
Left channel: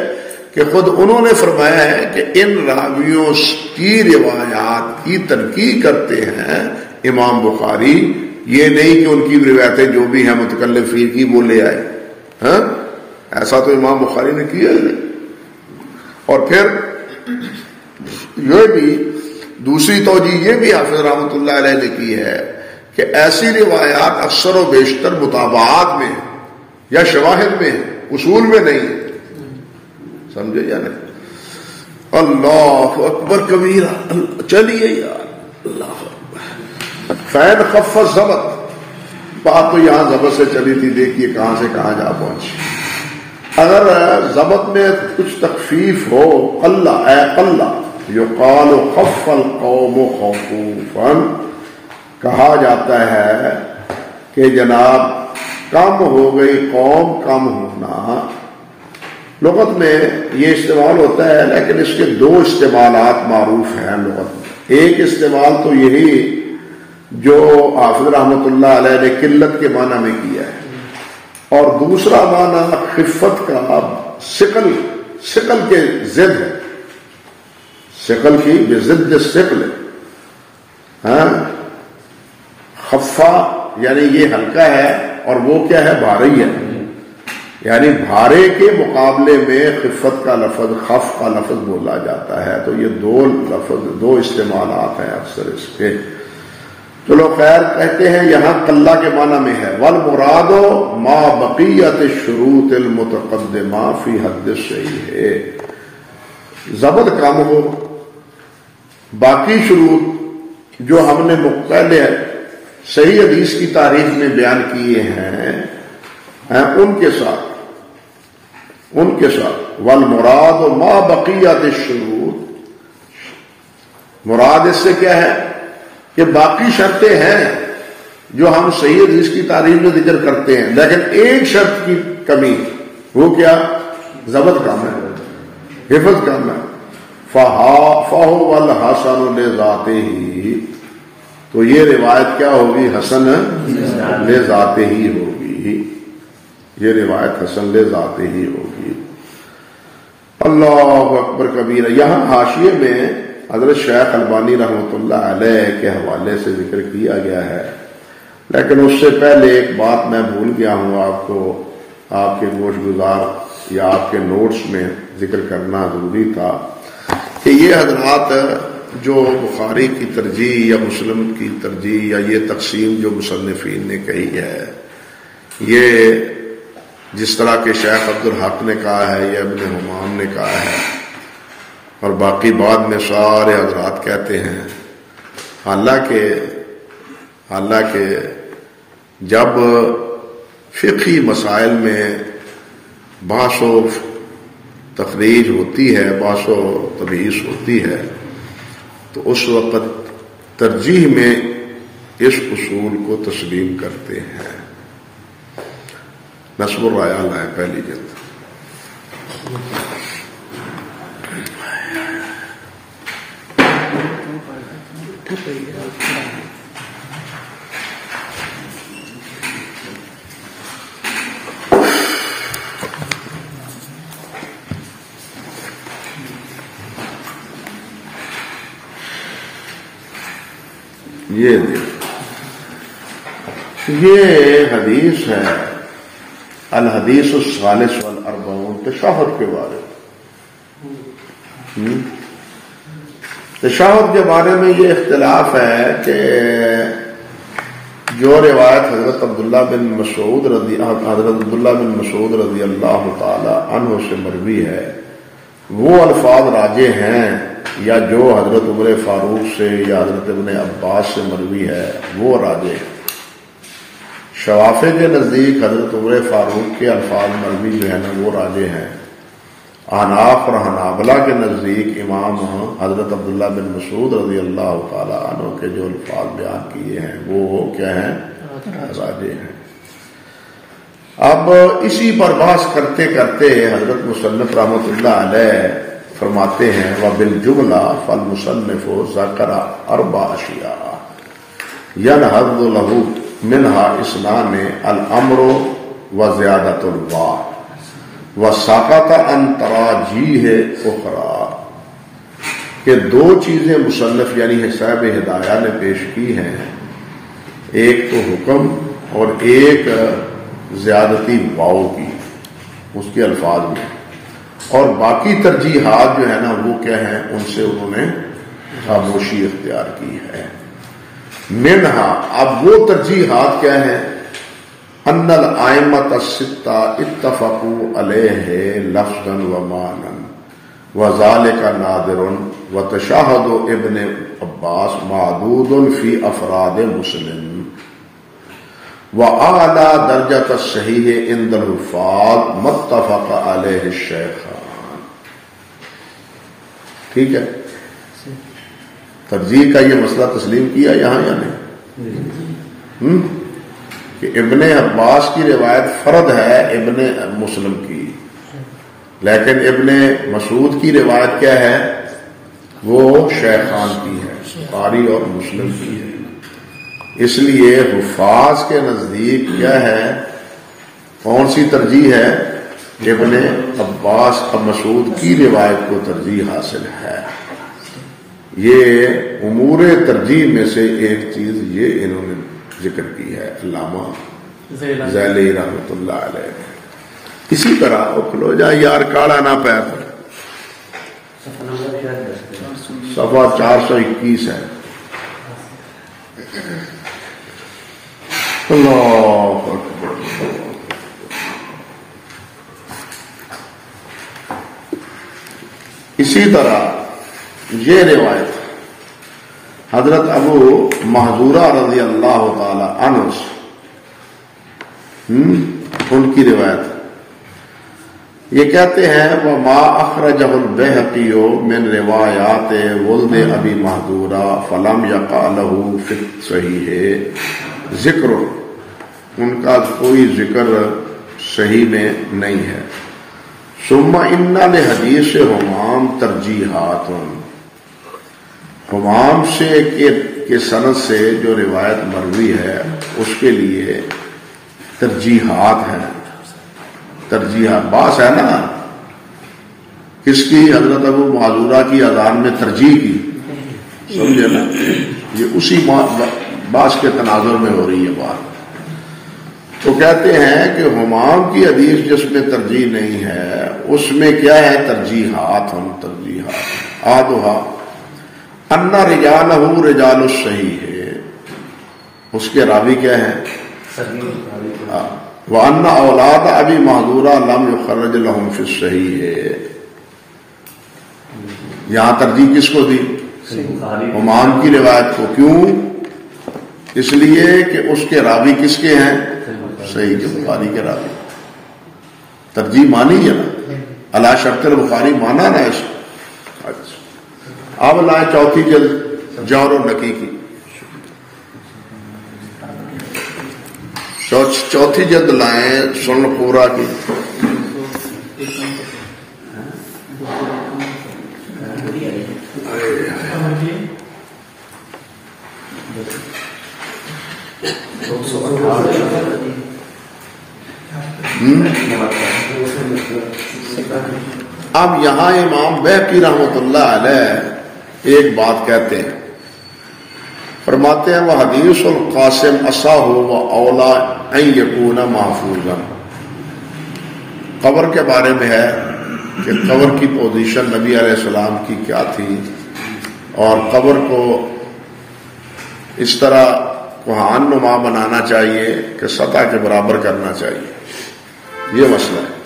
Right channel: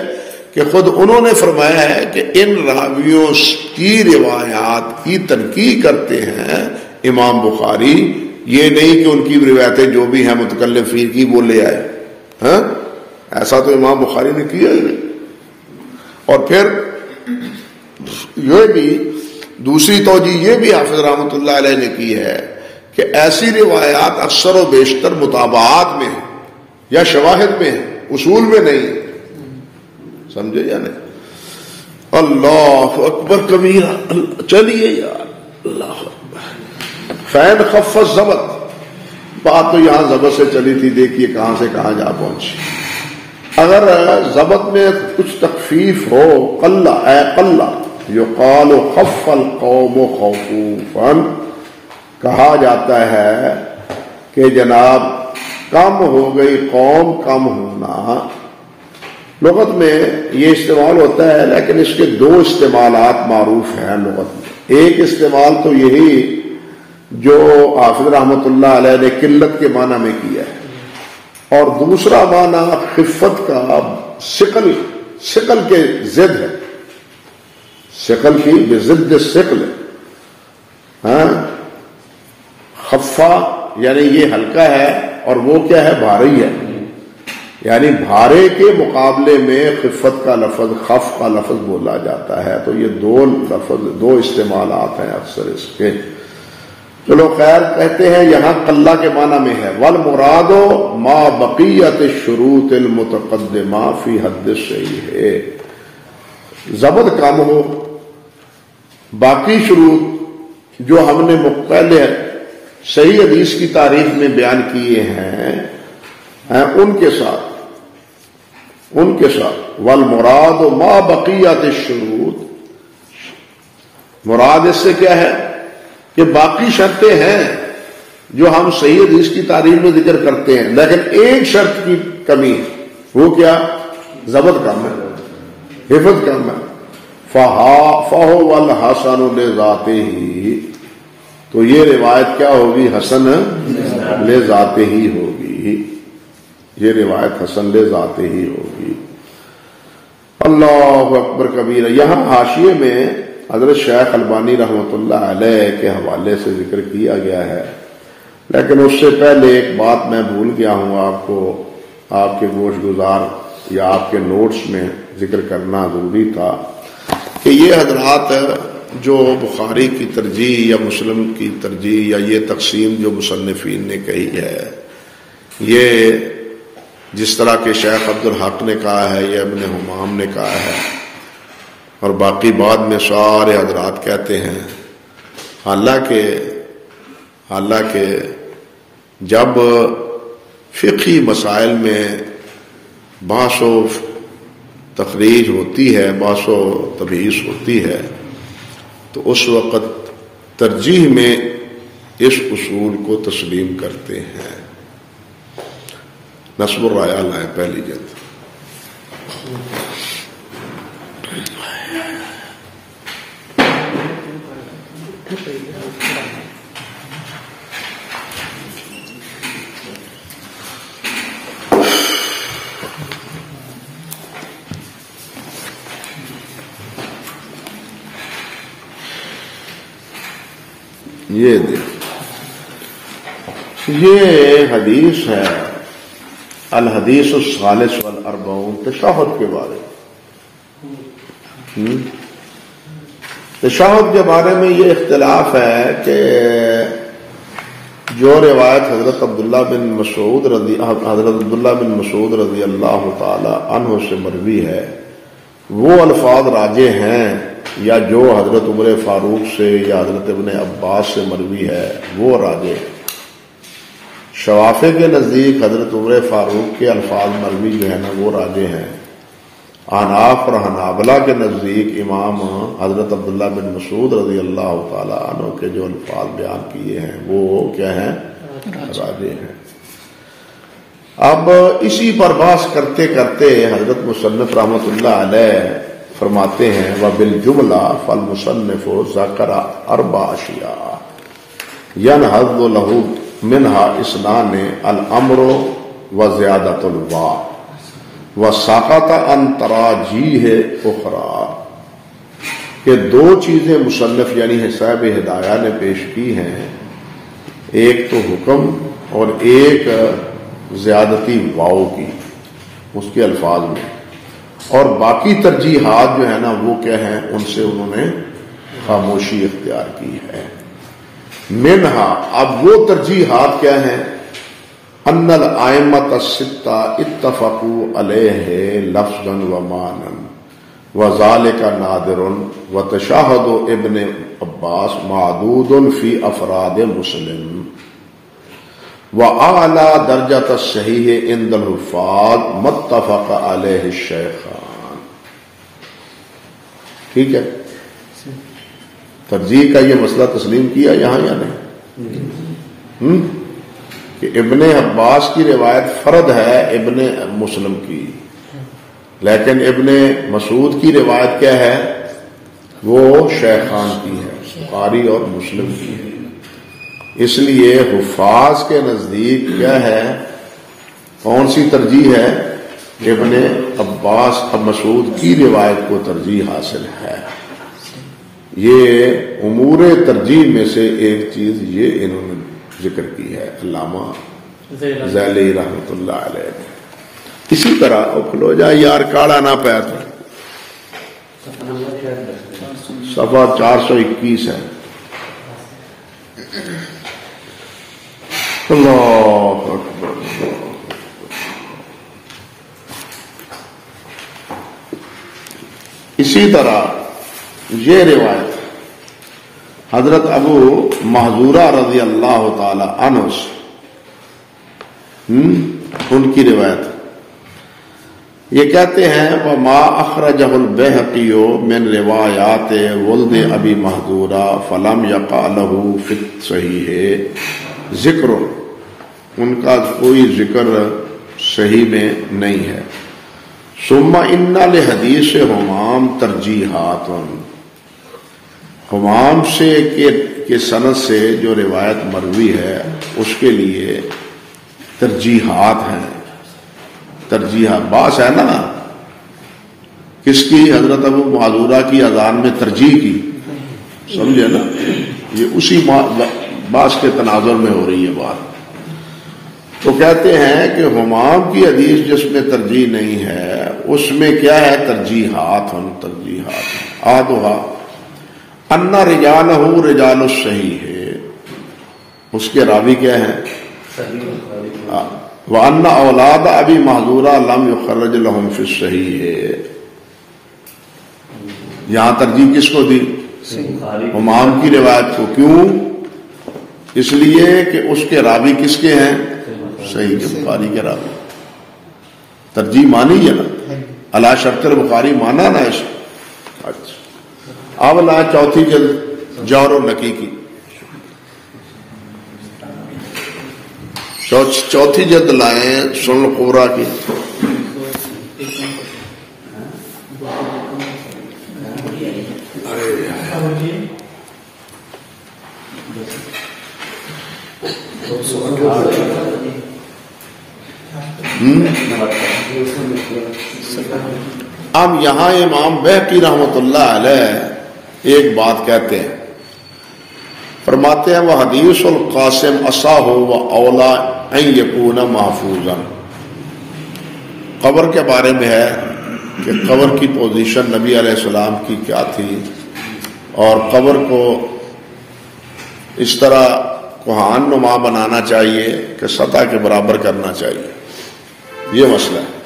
کہ خود انہوں نے فرمایا ہے کہ ان راویوں کی روایات کی تنقید کرتے ہیں امام بخاری، یہ نہیں کہ ان کی روایتیں جو بھی ہیں متکلم فی کی وہ لے آئے. ہاں ایسا تو امام بخاری نے کیا ہے. اور پھر یہ بھی دوسری توجہ یہ بھی حافظ رحمۃ اللہ علیہ نے کی ہے کہ ایسی روایات اکثر و بیشتر مطابعات میں یا شواہد میں اصول میں نہیں. سمجھے یا نہیں؟ اللہ اکبر کبیرہ. چلیے یار اللہ فین خف ضبط. بات تو یہاں ضبط سے چلی تھی، دیکھیے کہاں سے کہاں جا پہنچی. اگر ضبط میں کچھ تخفیف ہو، اللہ یقال خف القوم خوفا، کہا جاتا ہے کہ جناب کم ہو گئی قوم. کم ہونا لغت میں یہ استعمال ہوتا ہے، لیکن اس کے 2 استعمالات معروف ہیں لغت میں. ایک استعمال تو یہی جو حافظ رحمۃ اللہ علیہ نے قلت کے معنی میں کیا ہے، اور دوسرا معنی خفت کا ثقل کے ضد ہے، ثقل کی ضد ثقل. ہاں خفا یعنی یہ ہلکا ہے اور وہ کیا ہے بھاری ہے، یعنی بھارے کے مقابلے میں خفت کا لفظ خف کا لفظ بولا جاتا ہے، تو یہ دو استعمالات ہیں اکثر اس کے۔ چلو خیر، کہتے ہیں یہاں قلہ کے معنی میں ہے، والمراد ما بقیت الشروط المتقدمہ فی حد الصحیح، ضبط کم ہو، باقی شروط جو ہم نے پہلے صحیح حدیث کی تعریف میں بیان کیے ہیں ان کے ساتھ والمراد ما بقیت الشروط، مراد اس سے کیا ہے کہ باقی شرطیں ہیں جو ہم صحیح حدیث کی تعریف میں ذکر کرتے ہیں، لیکن ایک شرط کی کمی، وہ کیا؟ ضبط کم ہے، حفظ کم ہے۔ فَهُوَ الْحَسَنُ لِذَاتِهِ، تو یہ روایت کیا ہوگی؟ حسن لذاتہ ہی ہوگی، یہ روایت حسن لذاتہ ہی ہوگی۔ اللہ اکبر کبیرہ۔ یہاں حاشیے میں حضرت شیخ البانی رحمۃ اللہ علیہ کے حوالے سے ذکر کیا گیا ہے، لیکن اس سے پہلے ایک بات میں بھول گیا ہوں آپ کو، آپ کے گوش گزار یا آپ کے نوٹس میں ذکر کرنا ضروری تھا کہ یہ حضرات جو بخاری کی ترجیح یا مسلم کی ترجیح یا یہ تقسیم جو مصنفین نے کہی ہے، یہ جس طرح کے شیخ عبد الحق نے کہا ہے یا ابن حمام نے کہا ہے اور باقی بعد میں سارے حضرات کہتے ہیں، حالانکہ جب فقہی مسائل میں بحث و تفریج ہوتی ہے، بحث و تبحیث ہوتی ہے، تو اس وقت ترجیح میں اس اصول کو تسلیم کرتے ہیں۔ نصب الرایہ ہے پہلی جلد۔ یہ حدیث ہے الحدیث الثالث والاربعون، تشہد کے بارے میں۔ تشہد کے بارے میں یہ اختلاف ہے کہ جو روایت حضرت عبداللہ بن مسعود رضی اللہ تعالی عنہ سے مروی ہے وہ الفاظ راجح ہیں، یا جو حضرت عمر فاروق سے یا حضرت ابن عباس سے مروی ہے وہ راجح ہے۔ شوافع کے نزدیک حضرت عمر فاروق کے الفاظ مروی جو ہے نا وہ راجح ہیں۔ احناف اور حنابلہ کے نزدیک امام حضرت عبداللہ بن مسعود رضی اللہ تعالی عنہ کے جو الفاظ بیان کیے ہیں وہ کیا ہیں؟ راجح ہیں۔ اب اسی پر بحث کرتے کرتے حضرت مصنف رحمۃ اللہ علیہ فرماتے ہیں وبالجملہ فالمصنف ذکر اربع اشیاء ینہض لہ منہا اسنان الامر وزیادۃ الواو وساقط عن تراجیح اخرى، کہ دو چیزیں مصنف یعنی صاحب ہدایہ نے پیش کی ہیں، ایک تو حکم اور ایک زیادتی واو کی اس کے الفاظ میں، اور باقی ترجیحات جو ہے نا وہ کیا ہیں؟ ان سے انہوں نے خاموشی اختیار کی ہے۔ منہا، اب وہ ترجیحات کیا ہیں؟ ان الائمۃ الستہ اتفقوا علیہ لفظا و معنی وذالک نادر وتشہد ابن عباس معدود فی افراد مسلم وأعلی درجۃ الصحیح عند الحفاظ متفق علیہ الشیخان۔ ٹھیک ہے، ترجیح کا یہ مسئلہ تسلیم کیا یہاں یا نہیں؟ کہ ابن عباس کی روایت فرد ہے ابن مسلم کی، لیکن ابن مسعود کی روایت کیا ہے؟ وہ شیخان کی ہے، بخاری اور مسلم کی ہے۔ اس لیے حفاظ کے نزدیک کیا ہے؟ کون سی ترجیح ہے؟ ابن عباس اور مسعود کی روایت کو ترجیح حاصل ہے۔ یہ امور ترجیح میں سے ایک چیز یہ انہوں نے ذکر کی ہے علامہ ذیلی رحمۃ اللہ علیہ نے. اسی طرح کھلو جا یار کاڑا نہ پیر صفحہ 421 ہے. اللہ اکبر. اسی طرح یہ روایت حضرت ابو محذورہ رضی اللہ تعالی عنہ ان کی روایت یہ کہتے ہیں وَمَا أَخْرَجَهُ الْبَيْهَقِيُّ مِنْ رِوَایَاتِ وَلْدِ أَبِي مَحْذُورَةَ فَلَمْ يَقَعْ لَهُ فِي الصَّحِيحِ ذکر. ان کا کوئی ذکر صحیح میں نہیں ہے. ثم ان لحدیث حمام ترجیحات. حمام سے کے سند سے جو روایت مروی ہے اس کے لیے ترجیحات ہیں. ترجیحات باس ہے نا کس کی؟ حضرت ابو معذورہ کی اذان میں ترجیح کی. سمجھے نا؟ یہ اسی باس کے تناظر میں ہو رہی ہے بات. تو کہتے ہیں کہ حمام کی حدیث جس میں ترجیح نہیں ہے اس میں کیا ہے؟ ترجیحات. ہم ترجیحات آدھا ان رجالہ رجال الصحیح ہے. اس کے راوی کیا ہے؟ وَأَنَّ أَوْلَادَ أَبِي مَحْذُورَةَ لَمْ يُخَرَّجْ لَهُمْ فِي الصَّحِيحِ. یہاں ترجیح کس کو دی؟ حمام کی روایت کو. کیوں؟ اس لیے کہ اس کے راوی کس کے ہیں؟ صحیح کے بخاری کے راوی. ترجیح مانی ہے نا علی شرط بخاری مانا نا اس. اب لائیں چوتھی جلد جار و نقی کی. چوتھی جلد لائیں سن قورا کی. اب یہاں امام بیہقی رحمۃ اللہ علیہ ایک بات کہتے ہیں. فرماتے ہیں وہ حدیث القاسم اصح و اولا ان یکون محفوظا. قبر کے بارے میں ہے کہ قبر کی پوزیشن نبی علیہ السلام کی کیا تھی اور قبر کو اس طرح کوہان نما بنانا چاہیے کہ سطح کے برابر کرنا چاہیے. یہ مسئلہ ہے.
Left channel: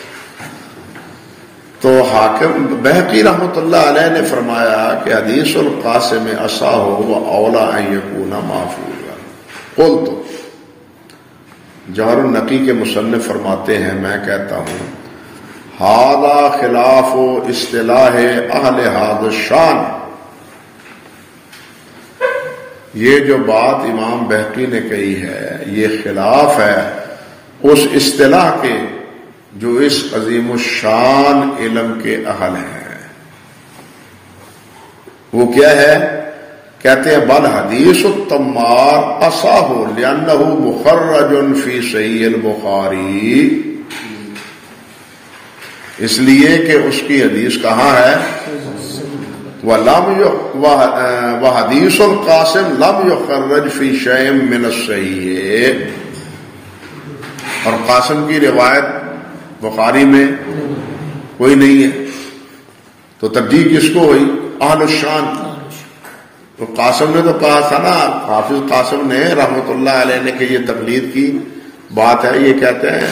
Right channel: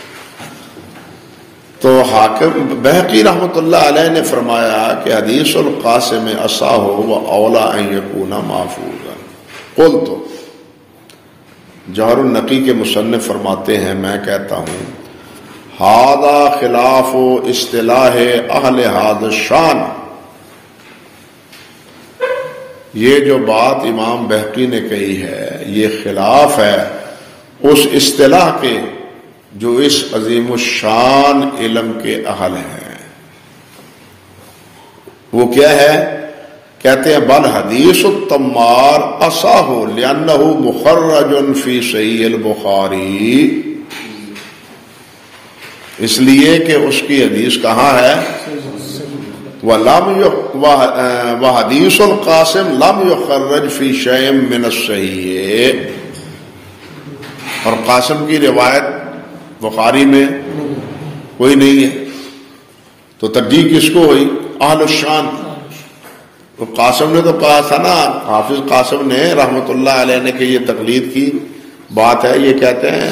تو حاکم بیہقی رحمۃ اللہ علیہ نے فرمایا کہ حدیث القاسم اصح و اولا ان یکون محفوظا. قلت جار النقی کے مصنف فرماتے ہیں میں کہتا ہوں ھذا خلاف اصطلاح اہل ھذا الشان. یہ جو بات امام بیہقی نے کہی ہے یہ خلاف ہے اس اصطلاح کے جو اس عظیم الشان علم کے اہل ہیں. وہ کیا ہے؟ کہتے ہیں بل حدیث التمار اصح لأنہ مخرج فی صحیح البخاری. اس لیے کہ اس کی حدیث کہاں ہے؟ وحدیث القاسم لم یخرج فی شیء من الصحیح. اور قاسم کی روایت بخاری میں کوئی نہیں ہے. تو ترجیح کس کو ہوئی؟ اہل الشان. تو قاسم نے تو کہا تھا نا حافظ قاسم نے رحمت اللہ علیہ نے کہ یہ تقلید کی بات ہے. یہ کہتے ہیں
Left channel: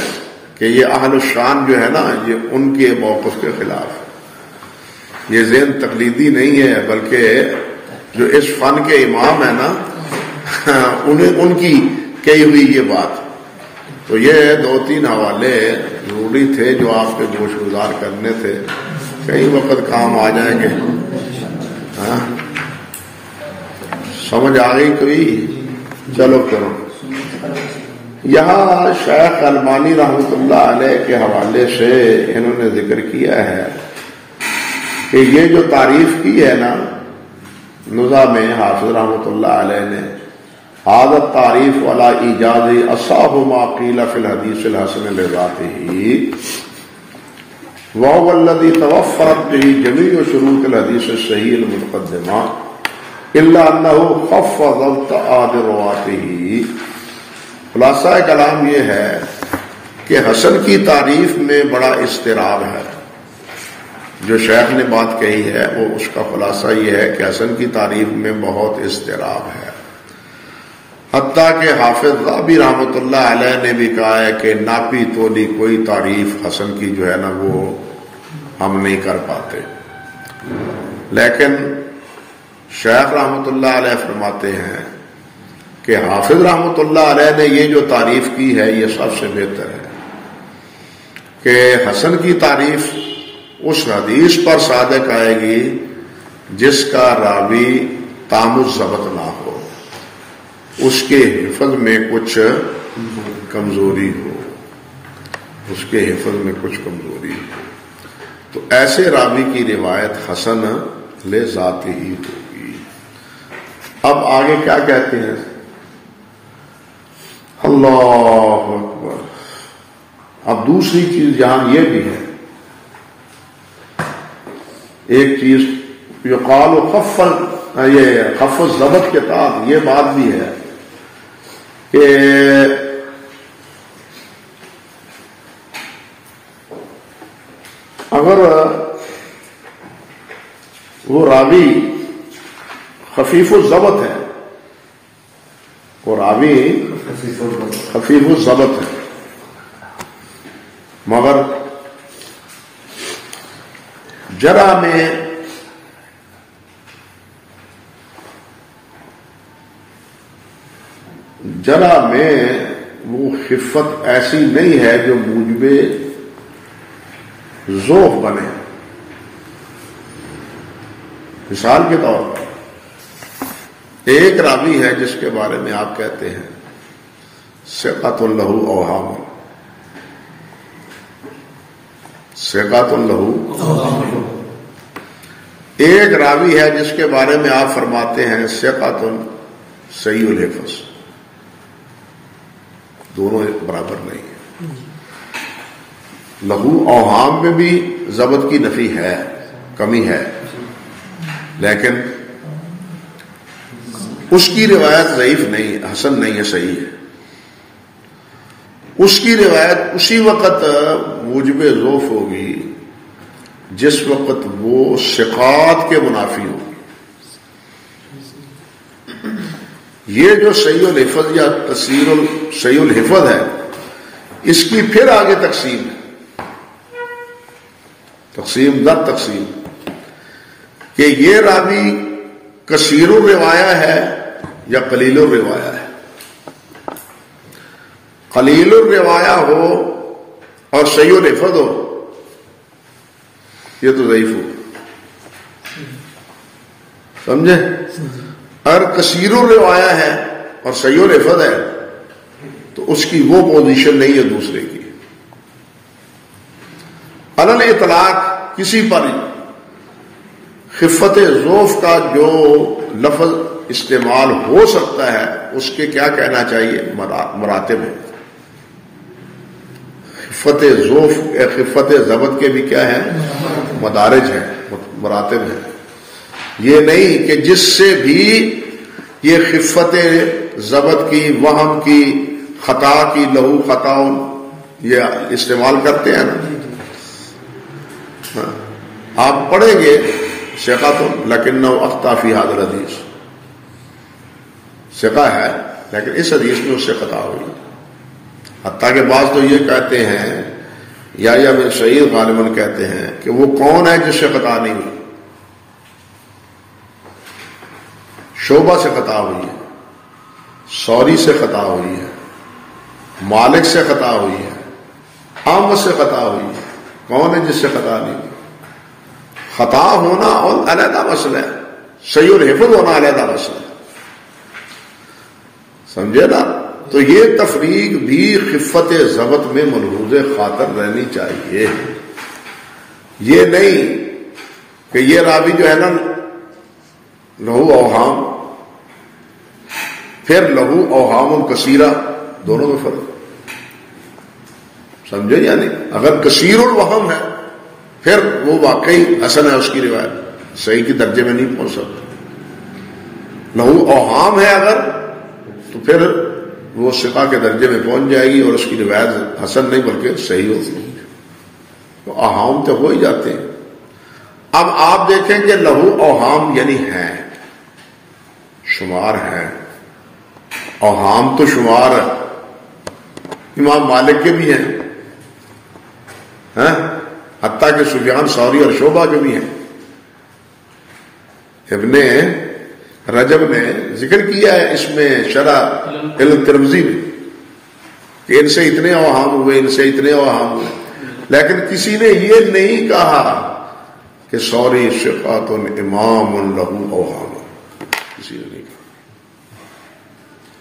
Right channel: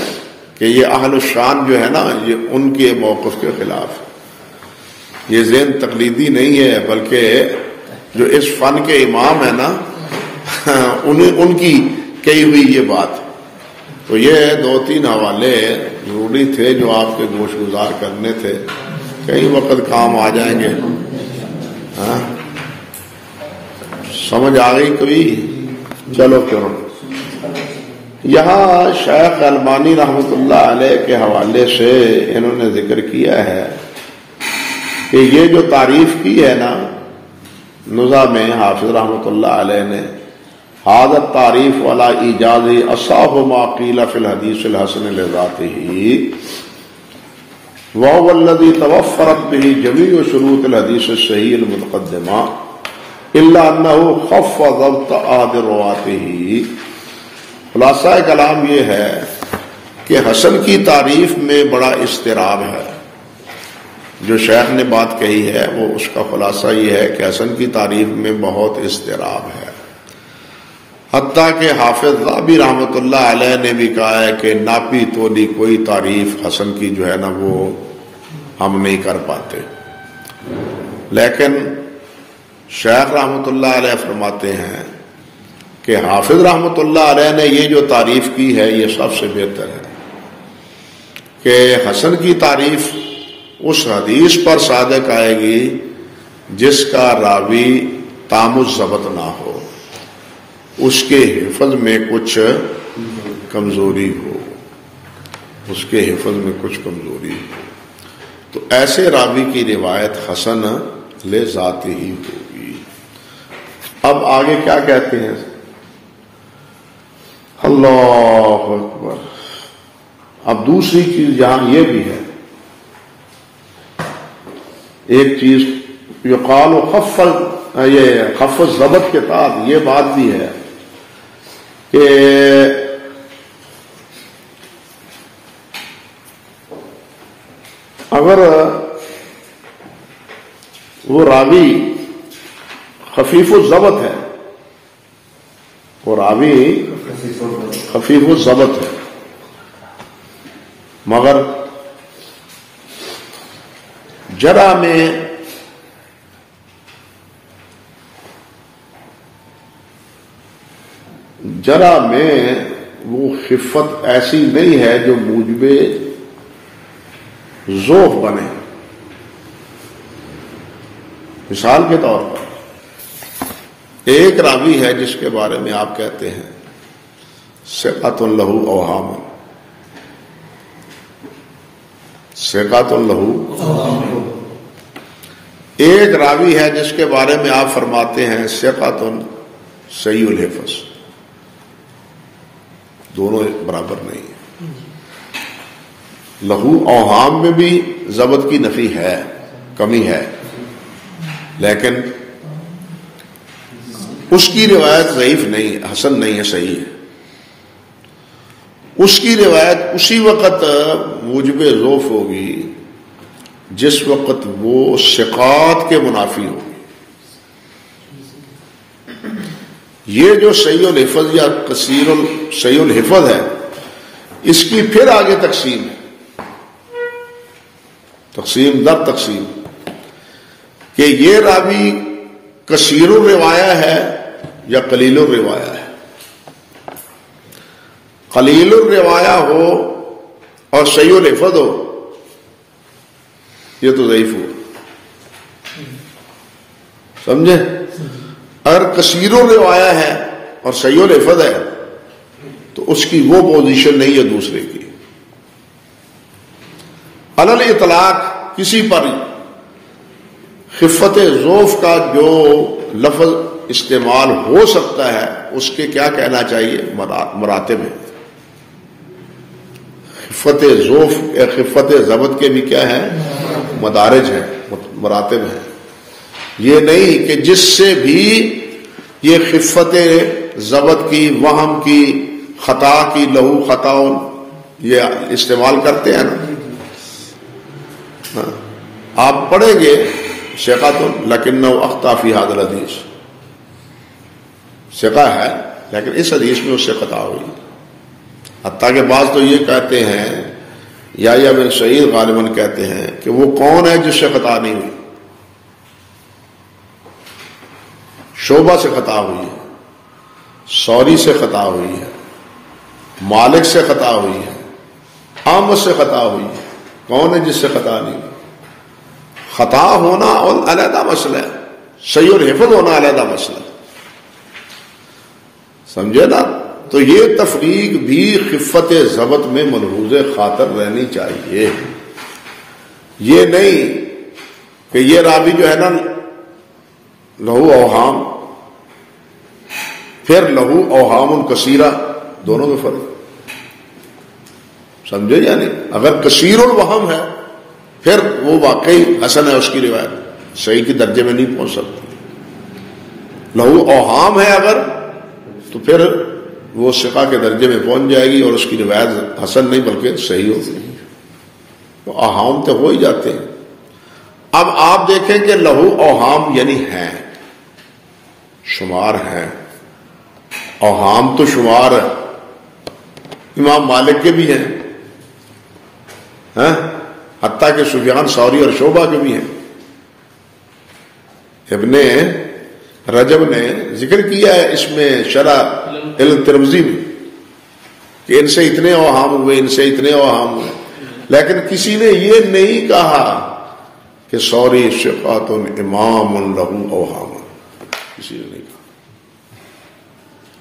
کہ یہ اہل الشان جو ہے نا یہ ان کے موقف کے خلاف ہے. یہ ذہن تقلیدی نہیں ہے بلکہ جو اس فن کے امام ہیں نا ان کی کہی ہوئی یہ بات. تو یہ 2-3 حوالے ضروری تھے جو آپ کے گوش گزار کرنے تھے. کئی وقت کام آ جائیں گے. سمجھ آ گئی کوئی؟ چلو کرو. یہاں شیخ البانی رحمۃ اللہ علیہ کے حوالے سے انہوں نے ذکر کیا ہے کہ یہ جو تعریف کی ہے نا نزہ میں حافظ رحمۃ اللہ علیہ نے حادت تعریف والا ایجازی اصح ما قیل فی الحدیث الحسن لذاتہ وهو الذی توفرت به جمیع شروط الحدیث الصحیح المتقدمہ الا انه خف ضبط احد رواته. خلاصہ کلام یہ ہے کہ حسن کی تعریف میں بڑا اضطراب ہے. جو شیخ نے بات کہی ہے وہ اس کا خلاصہ یہ ہے کہ حسن کی تعریف میں بہت اضطراب ہے. حتیٰ کہ حافظ ذہبی رحمۃ اللہ علیہ نے بھی کہا ہے کہ ناپی تولی کوئی تعریف حسن کی جو ہے نا وہ ہم نہیں کر پاتے. لیکن شیخ رحمۃ اللہ علیہ فرماتے ہیں کہ حافظ رحمۃ اللہ علیہ نے یہ جو تعریف کی ہے یہ سب سے بہتر ہے کہ حسن کی تعریف اس حدیث پر صادق آئے گی جس کا راوی تام الضبط نہ ہو، اس کے حفظ میں کچھ کمزوری ہو، اس کے حفظ میں کچھ کمزوری ہو، تو ایسے راوی کی روایت حسن لذات ہی ہوگی. اب آگے کیا کہتے ہیں؟ اللہ اکبر. اب دوسری چیز جہاں یہ بھی ہے، ایک چیز یقال خف الضبط کے ساتھ یہ بات بھی ہے کہ اگر وہ راوی خفیف الضبط ہے، وہ راوی خفیف الضبط ہے مگر جرح میں وہ خفت ایسی نہیں ہے جو موجب ذوف بنے. مثال کے طور پر ایک راوی ہے جس کے بارے میں آپ کہتے ہیں ثقۃ لہ اوہام، ثقۃ لہ. ایک راوی ہے جس کے بارے میں آپ فرماتے ہیں ثقۃ صحیح الحفظ. دونوں برابر نہیں ہیں. لہو اوہام میں بھی ضبط کی نفی ہے، کمی ہے، لیکن اس کی روایت ضعیف نہیں، حسن نہیں ہے، صحیح ہے. اس کی روایت اسی وقت موجب ذوف ہوگی جس وقت وہ ثقات کے منافی ہوگی. یہ جو صحیح الحفظ یا صحیح الحفظ ہے اس کی پھر آگے تقسیم ہے، تقسیم در تقسیم، کہ یہ راوی کثیر الروایہ ہے یا قلیل الروایہ ہے. قلیل الروایہ ہو اور صحیح الحفظ ہو یہ تو ضعیف ہو، سمجھے؟ اگر کثیر الروایہ ہے اور صحیح الحفظ ہے تو اس کی وہ پوزیشن نہیں ہے دوسرے کی. علل اطلاق کسی پر خفت ذوف کا جو لفظ استعمال ہو سکتا ہے اس کے کیا کہنا چاہیے؟ مراتب ہے. خفت ذوف خفت ضبط کے بھی کیا ہے؟ مدارج ہیں، مراتب ہیں. یہ نہیں کہ جس سے بھی یہ خفت ضبط کی، وہم کی، خطا کی، لہو خطاؤں یہ استعمال کرتے ہیں. آپ پڑھیں گے ثقۃ لکنہ اخطا فی ھذا الحدیث، ثقہ ہے لیکن اس حدیث میں اس سے خطا ہوئی. حتیٰ کہ بعض تو یہ کہتے ہیں یا سعید غالباً کہتے ہیں کہ وہ کون ہے جس سے خطا نہیں ہوئی؟ شعبہ سے خطا ہوئی ہے، سوری سے خطا ہوئی ہے، مالک سے خطا ہوئی ہے، احمد سے خطا ہوئی ہے. کون ہے جس سے خطا نہیں ہوئی؟ خطا ہونا اور علیحدہ مسئلہ ہے، صحیح الحفظ ہونا علیحدہ مسئلہ ہے، سمجھے نا؟ تو یہ تفریق بھی خفت ضبط میں ملحوظ خاطر رہنی چاہیے. یہ نہیں کہ یہ راوی جو ہے نا لہو اوہام، پھر لہو اوہام کثیرہ، دونوں میں فرق، سمجھے یا نہیں؟ اگر کثیر الوہم ہے پھر وہ واقعی حسن ہے، اس کی روایت صحیح کے درجے میں نہیں پہنچ سکتا. لہو اوہام ہے اگر تو پھر وہ ثقہ کے درجے میں پہنچ جائے گی اور اس کی روایت حسن نہیں بلکہ صحیح ہوگی. تو اوہام تو ہو ہی جاتے ہیں. اب آپ دیکھیں کہ لہو اوہام یعنی ہیں، شمار ہیں. اوہام تو شمار امام مالک کے بھی ہیں، حتیٰ کہ سفیان ثوری اور شعبہ کے بھی ہیں. ابن رجب نے ذکر کیا ہے اس میں شرح علم ترمذی میں کہ ان سے اتنے اوہام ہوئے، ان سے اتنے اوہام ہوئے، لیکن کسی نے یہ نہیں کہا کہ ثوری ثقۃ امام لہو اوہام، کسی نے نہیں کہا.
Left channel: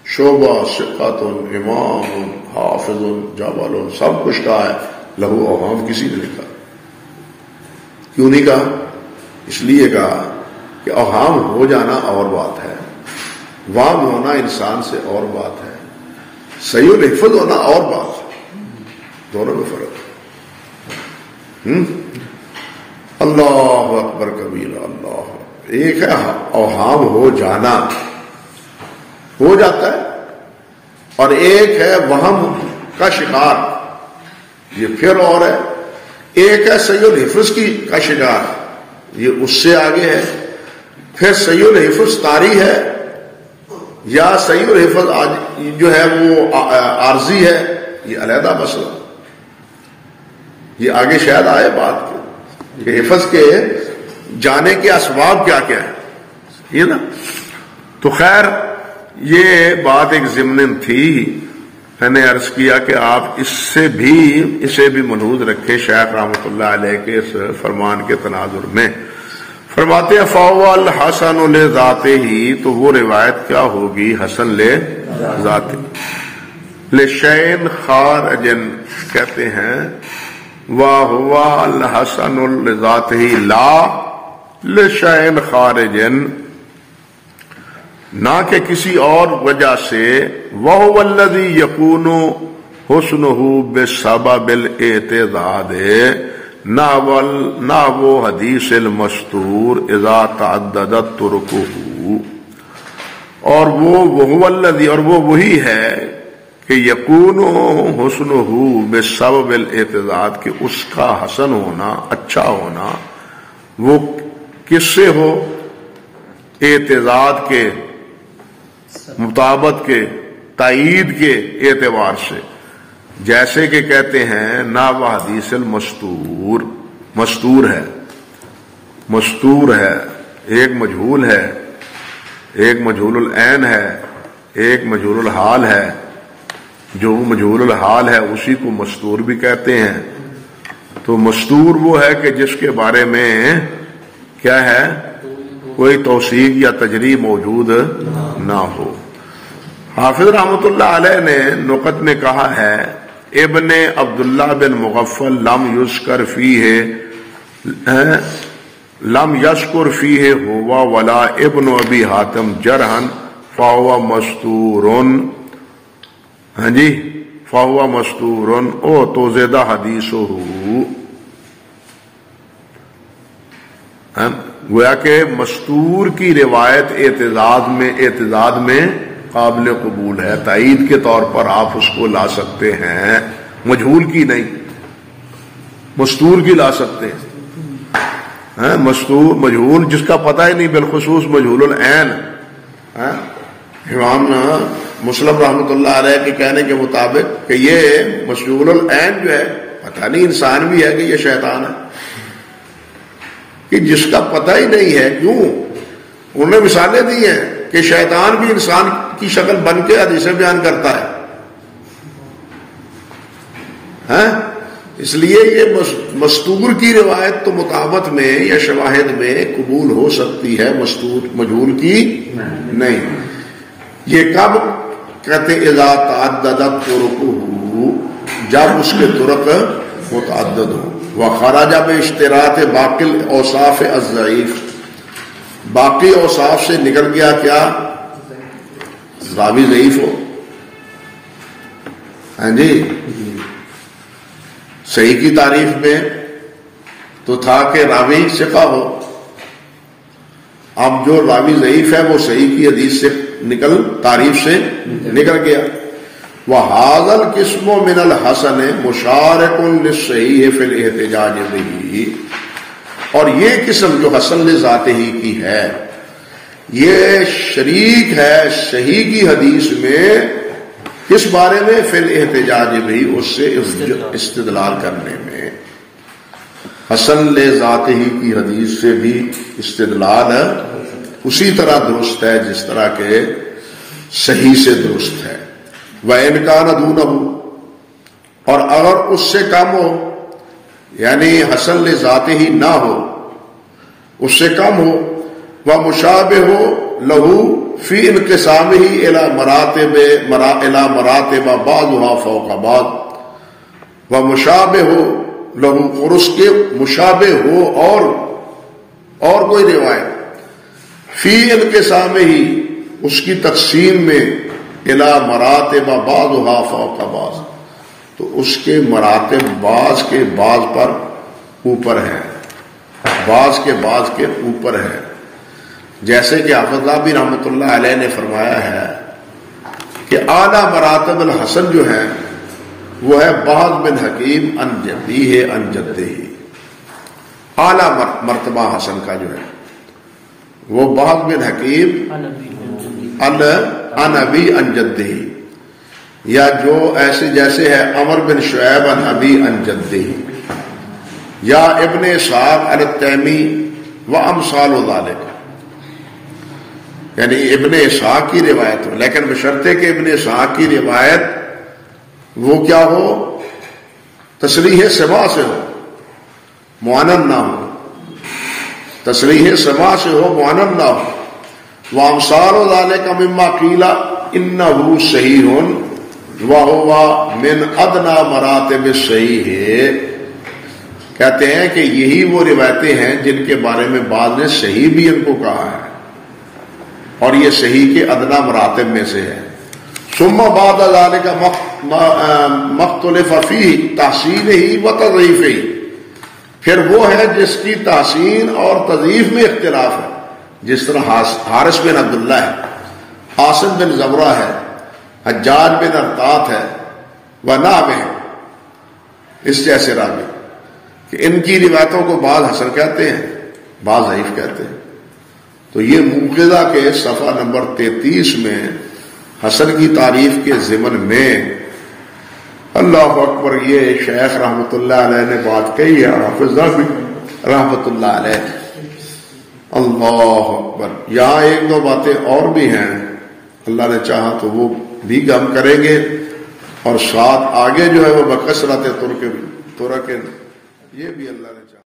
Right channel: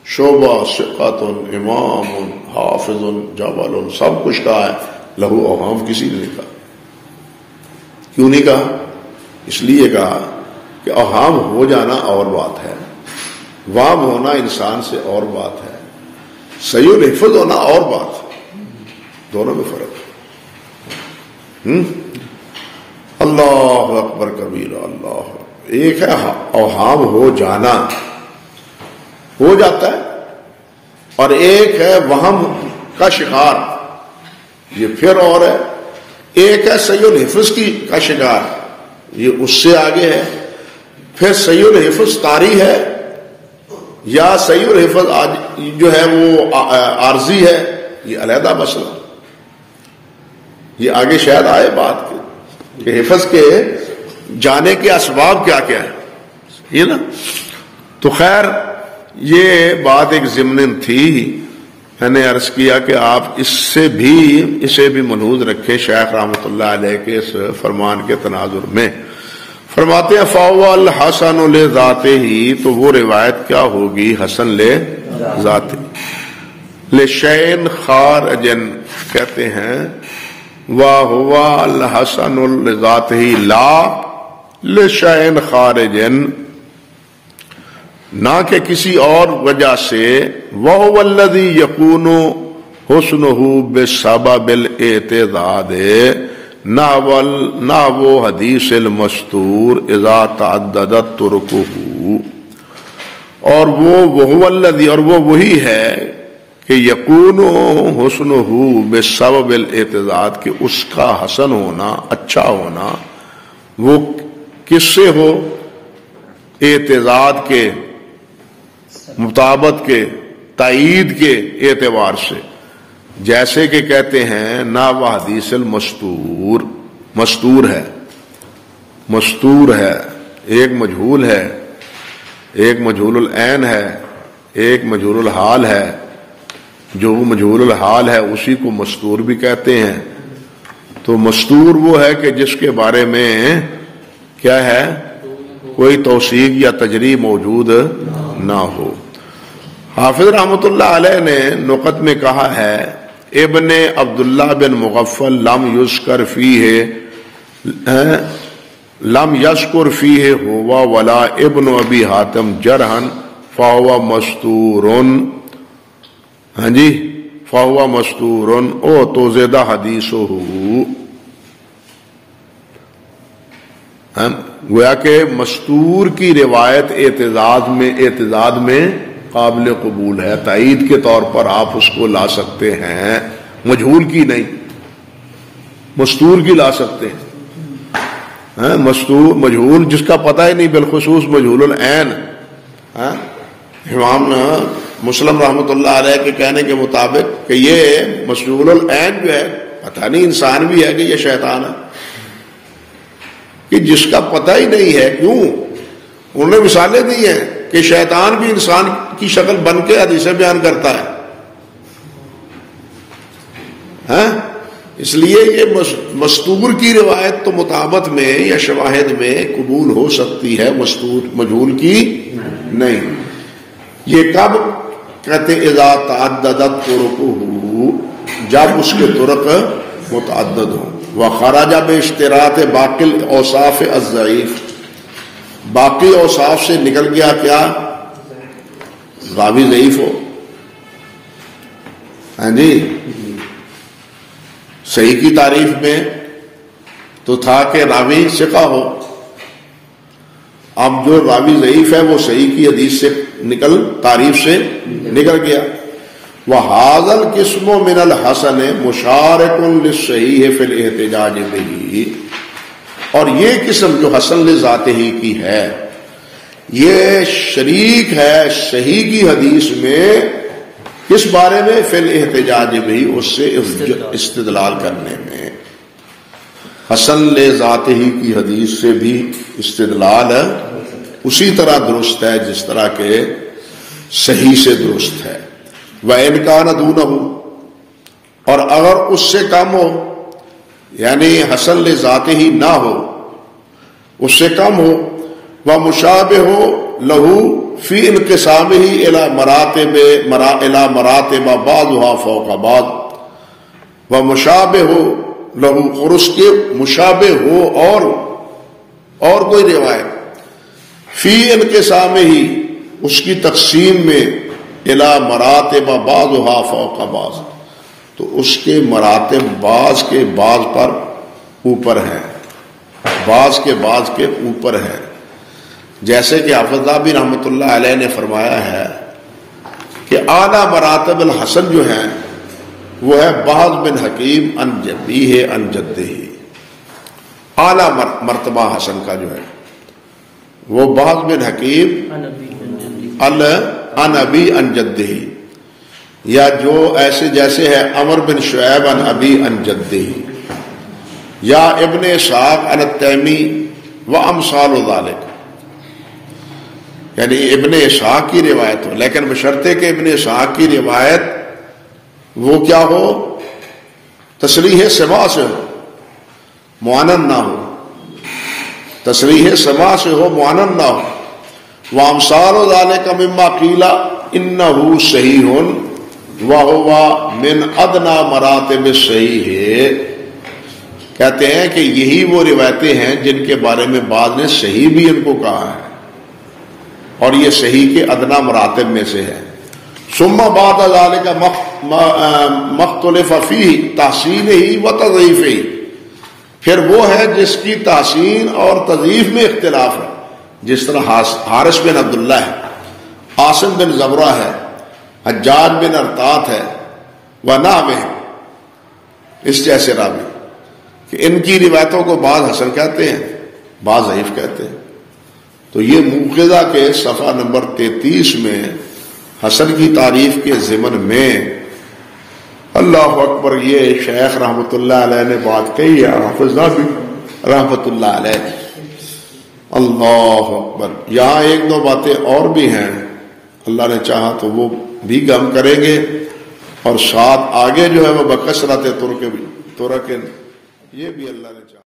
شعبہ ثقۃ امام حافظ جبل سب کچھ کہا ہے، لہو اوہام کسی نے نہیں کہا. کیوں نہیں کہا؟ اس لیے کہا کہ اوہام ہو جانا اور بات ہے، وام ہونا انسان سے اور بات ہے، صحیح الحفظ ہونا اور بات ہے، دونوں میں فرق ہے. اللہ اکبر کبیرہ. اللہ ایک ہے اوہام ہو جانا، ہو جاتا ہے، اور ایک ہے وہم کا شکار، یہ پھر اور ہے. ایک ہے صحیح الحفظ کا شکار، یہ اس سے آگے ہے. پھر صحیح الحفظ طاری ہے یا صحیح الحفظ جو ہے وہ عارضی ہے، یہ علیحدہ مسئلہ. یہ آگے شاید آئے بات کہ حفظ کے جانے کے اسباب کیا کیا ہے، یہ نا. تو خیر یہ بات ایک ضمن تھی. میں نے عرض کیا کہ آپ اسے بھی ملحوظ رکھے. شیخ رحمۃ اللہ علیہ کے اس فرمان کے تناظر میں فرماتے ہیں فَهُوَ الْحَسَنُ لِذَاتِهِ، تو وہ روایت کیا ہوگی؟ حسن لذاتہ. لِشَيْءٍ خَارِجٍ کہتے ہیں وَهُوَ الْحَسَنُ لِذَاتِهِ لَا لِشَيْءٍ خَارِجٍ، نہ کہ کسی اور وجہ سے. وَهُوَ الَّذِي يَكُونُ حُسْنُهُ بِسَبَبِ الْاعْتِضَادِ، نہ وہ حدیث المستور اذا تعددت ترکہ، اور وہ الذی، اور وہ وہی ہے کہ یکون حسنہ بسبب الاعتضاد، کہ اس کا حسن ہونا، اچھا ہونا، وہ کس سے ہو؟ اعتضاد کے، مطابقت کے، تائید کے اعتبار سے. جیسے کہ کہتے ہیں نا وہ حدیث المستور، مستور ہے، مستور ہے، ایک مجہول ہے، ایک مجہول العین ہے، ایک مجہول الحال ہے. جو مجہول الحال ہے اسی کو مستور بھی کہتے ہیں. تو مستور وہ ہے کہ جس کے بارے میں کیا ہے، کوئی توثیق یا تجریح موجود نہ ہو. حافظ رحمۃ اللہ علیہ نے نقط میں کہا ہے ابن عبداللہ بن مغفل لم یذکر فیہ ہوا ولا ابن ابی حاتم جرحن فہو مستورن. ہاں جی، فہو مستورن او تو زیادہ حدیث ہو. گویا کہ مستور کی روایت اعتضاد میں قابل قبول ہے، تائید کے طور پر آپ اس کو لا سکتے ہیں، مجہول کی نہیں، مستور کی لا سکتے ہیں. مستور مجہول جس کا پتہ ہی نہیں، بالخصوص مجہول العین. امام مسلم رحمۃ اللہ علیہ کے کہنے کے مطابق کہ یہ مجہول العین جو ہے پتہ نہیں انسان بھی ہے کہ یہ شیطان ہے، کہ جس کا پتہ ہی نہیں ہے. کیوں؟ انہوں نے مثالیں دی ہیں کہ شیطان بھی انسان کی شکل بن کے حدیثیں بیان کرتا ہے. اس لیے یہ مستور کی روایت تو مطابقت میں یا شواہد میں قبول ہو سکتی ہے، مستور مجہول کی نہیں. یہ کب کہتے اذا تعددت طرقہ، جب اس کے طرق متعدد ہو. وخرج باشتراط باقی الاوصاف الضعیف، باقی اوصاف سے نکل گیا کیا؟ راوی ضعیف ہو. ہاں جی، صحیح کی تعریف میں تو تھا کہ راوی ثقہ ہو. اب جو راوی ضعیف ہے وہ صحیح کی حدیث سے تعریف سے نکل گیا. وَهَذَا الْقِسْمُ مِنَ الْحَسَنِ مُشَارِكٌ لِلصَّحِيحِ فِي الْاحْتِجَاجِ بِهِ، اور یہ قسم جو حسن لذاتہ کی ہے یہ شریک ہے صحیح کی حدیث میں، کس بارے میں؟ فی الاحتجاج بھی، اس سے استدلال کرنے میں۔ حسن لذاتہ کی حدیث سے بھی استدلال اسی طرح درست ہے جس طرح کے صحیح سے درست ہے۔ وَإِنْ كَانَ دُونَهُ، اور اگر اس سے کم ہو، یعنی حسن لذاتہ نہ ہو، اس سے کم ہو، وَمُشَابِهُ لَهُ فِي انْقِسَامِهِ إِلَى مَرَاتِبَ بَعْضُهَا فَوْقَ بَعْضٍ، وَمُشَابِهُ لَهُ، اور اس کے مشابہ ہو اور کوئی روایت، فی انقسامِهِ، اس کی تقسیم میں، إِلَى مَرَاتِبَ بَعْضُهَا فَوْقَ بَعْضٍ، تو اس کے مراتب بعض کے بعض پر اوپر ہے، بعض کے بعض کے اوپر ہے۔ جیسے کہ حافظ بھی رحمۃ اللہ علیہ نے فرمایا ہے کہ اعلیٰ مراتب الحسن جو ہیں وہ ہے بعض بن حکیم ان جدی ہے ان جدے ہی، اعلیٰ مرتبہ حسن کا جو ہے وہ بعض بن حکیم ان ابی ان جدے ہی، یا جو ایسے جیسے ہے عمر بن شعیب ان ابی ان جدے ہی، یا ابن اسحاق ان التیمی و امثال ذالک، یعنی ابن اسحاق کی روایت ہو، لیکن بشرطے کہ ابن اسحاق کی روایت وہ کیا ہو؟ تصریح سما سے ہو، معاند نہ ہو، تصریح سما سے ہو، معاند نہ ہو۔ وامثال ذالک مما قیل انہ صحیح وہو من ادنی مراتب الصحیح، کہتے ہیں کہ یہی وہ روایتیں ہیں جن کے بارے میں بعض نے صحیح بھی ان کو کہا ہے، اور یہ صحیح کے ادنا مراتب میں سے ہے۔ ثم بعد ذلك مختلف فيه تحسینہ و تضعیفہ، پھر وہ ہے جس کی تحسین اور تضعیف میں اختلاف ہے، جس طرح حارث بن عبداللہ ہے، عاصم بن زبرہ ہے، حجاج بن ارطاط ہے، ونحوہ، اس جیسے راوی، کہ ان کی روایتوں کو بعض حسن کہتے ہیں، بعض ضعیف کہتے ہیں۔ تو یہ موقظہ کے صفحہ نمبر 33 میں حسن کی تعریف کے ضمن میں اللہ اکبر یہ شیخ رحمۃ اللہ علیہ نے بات کہی ہے، اور حافظ بھی رحمۃ اللہ علیہ، اللہ اکبر۔ یہاں ایک دو باتیں اور بھی ہیں، اللہ نے چاہا تو وہ بھی ہم کریں گے، اور ساتھ آگے جو ہے وہ بکثرت ترک یہ بھی اللہ نے چاہا۔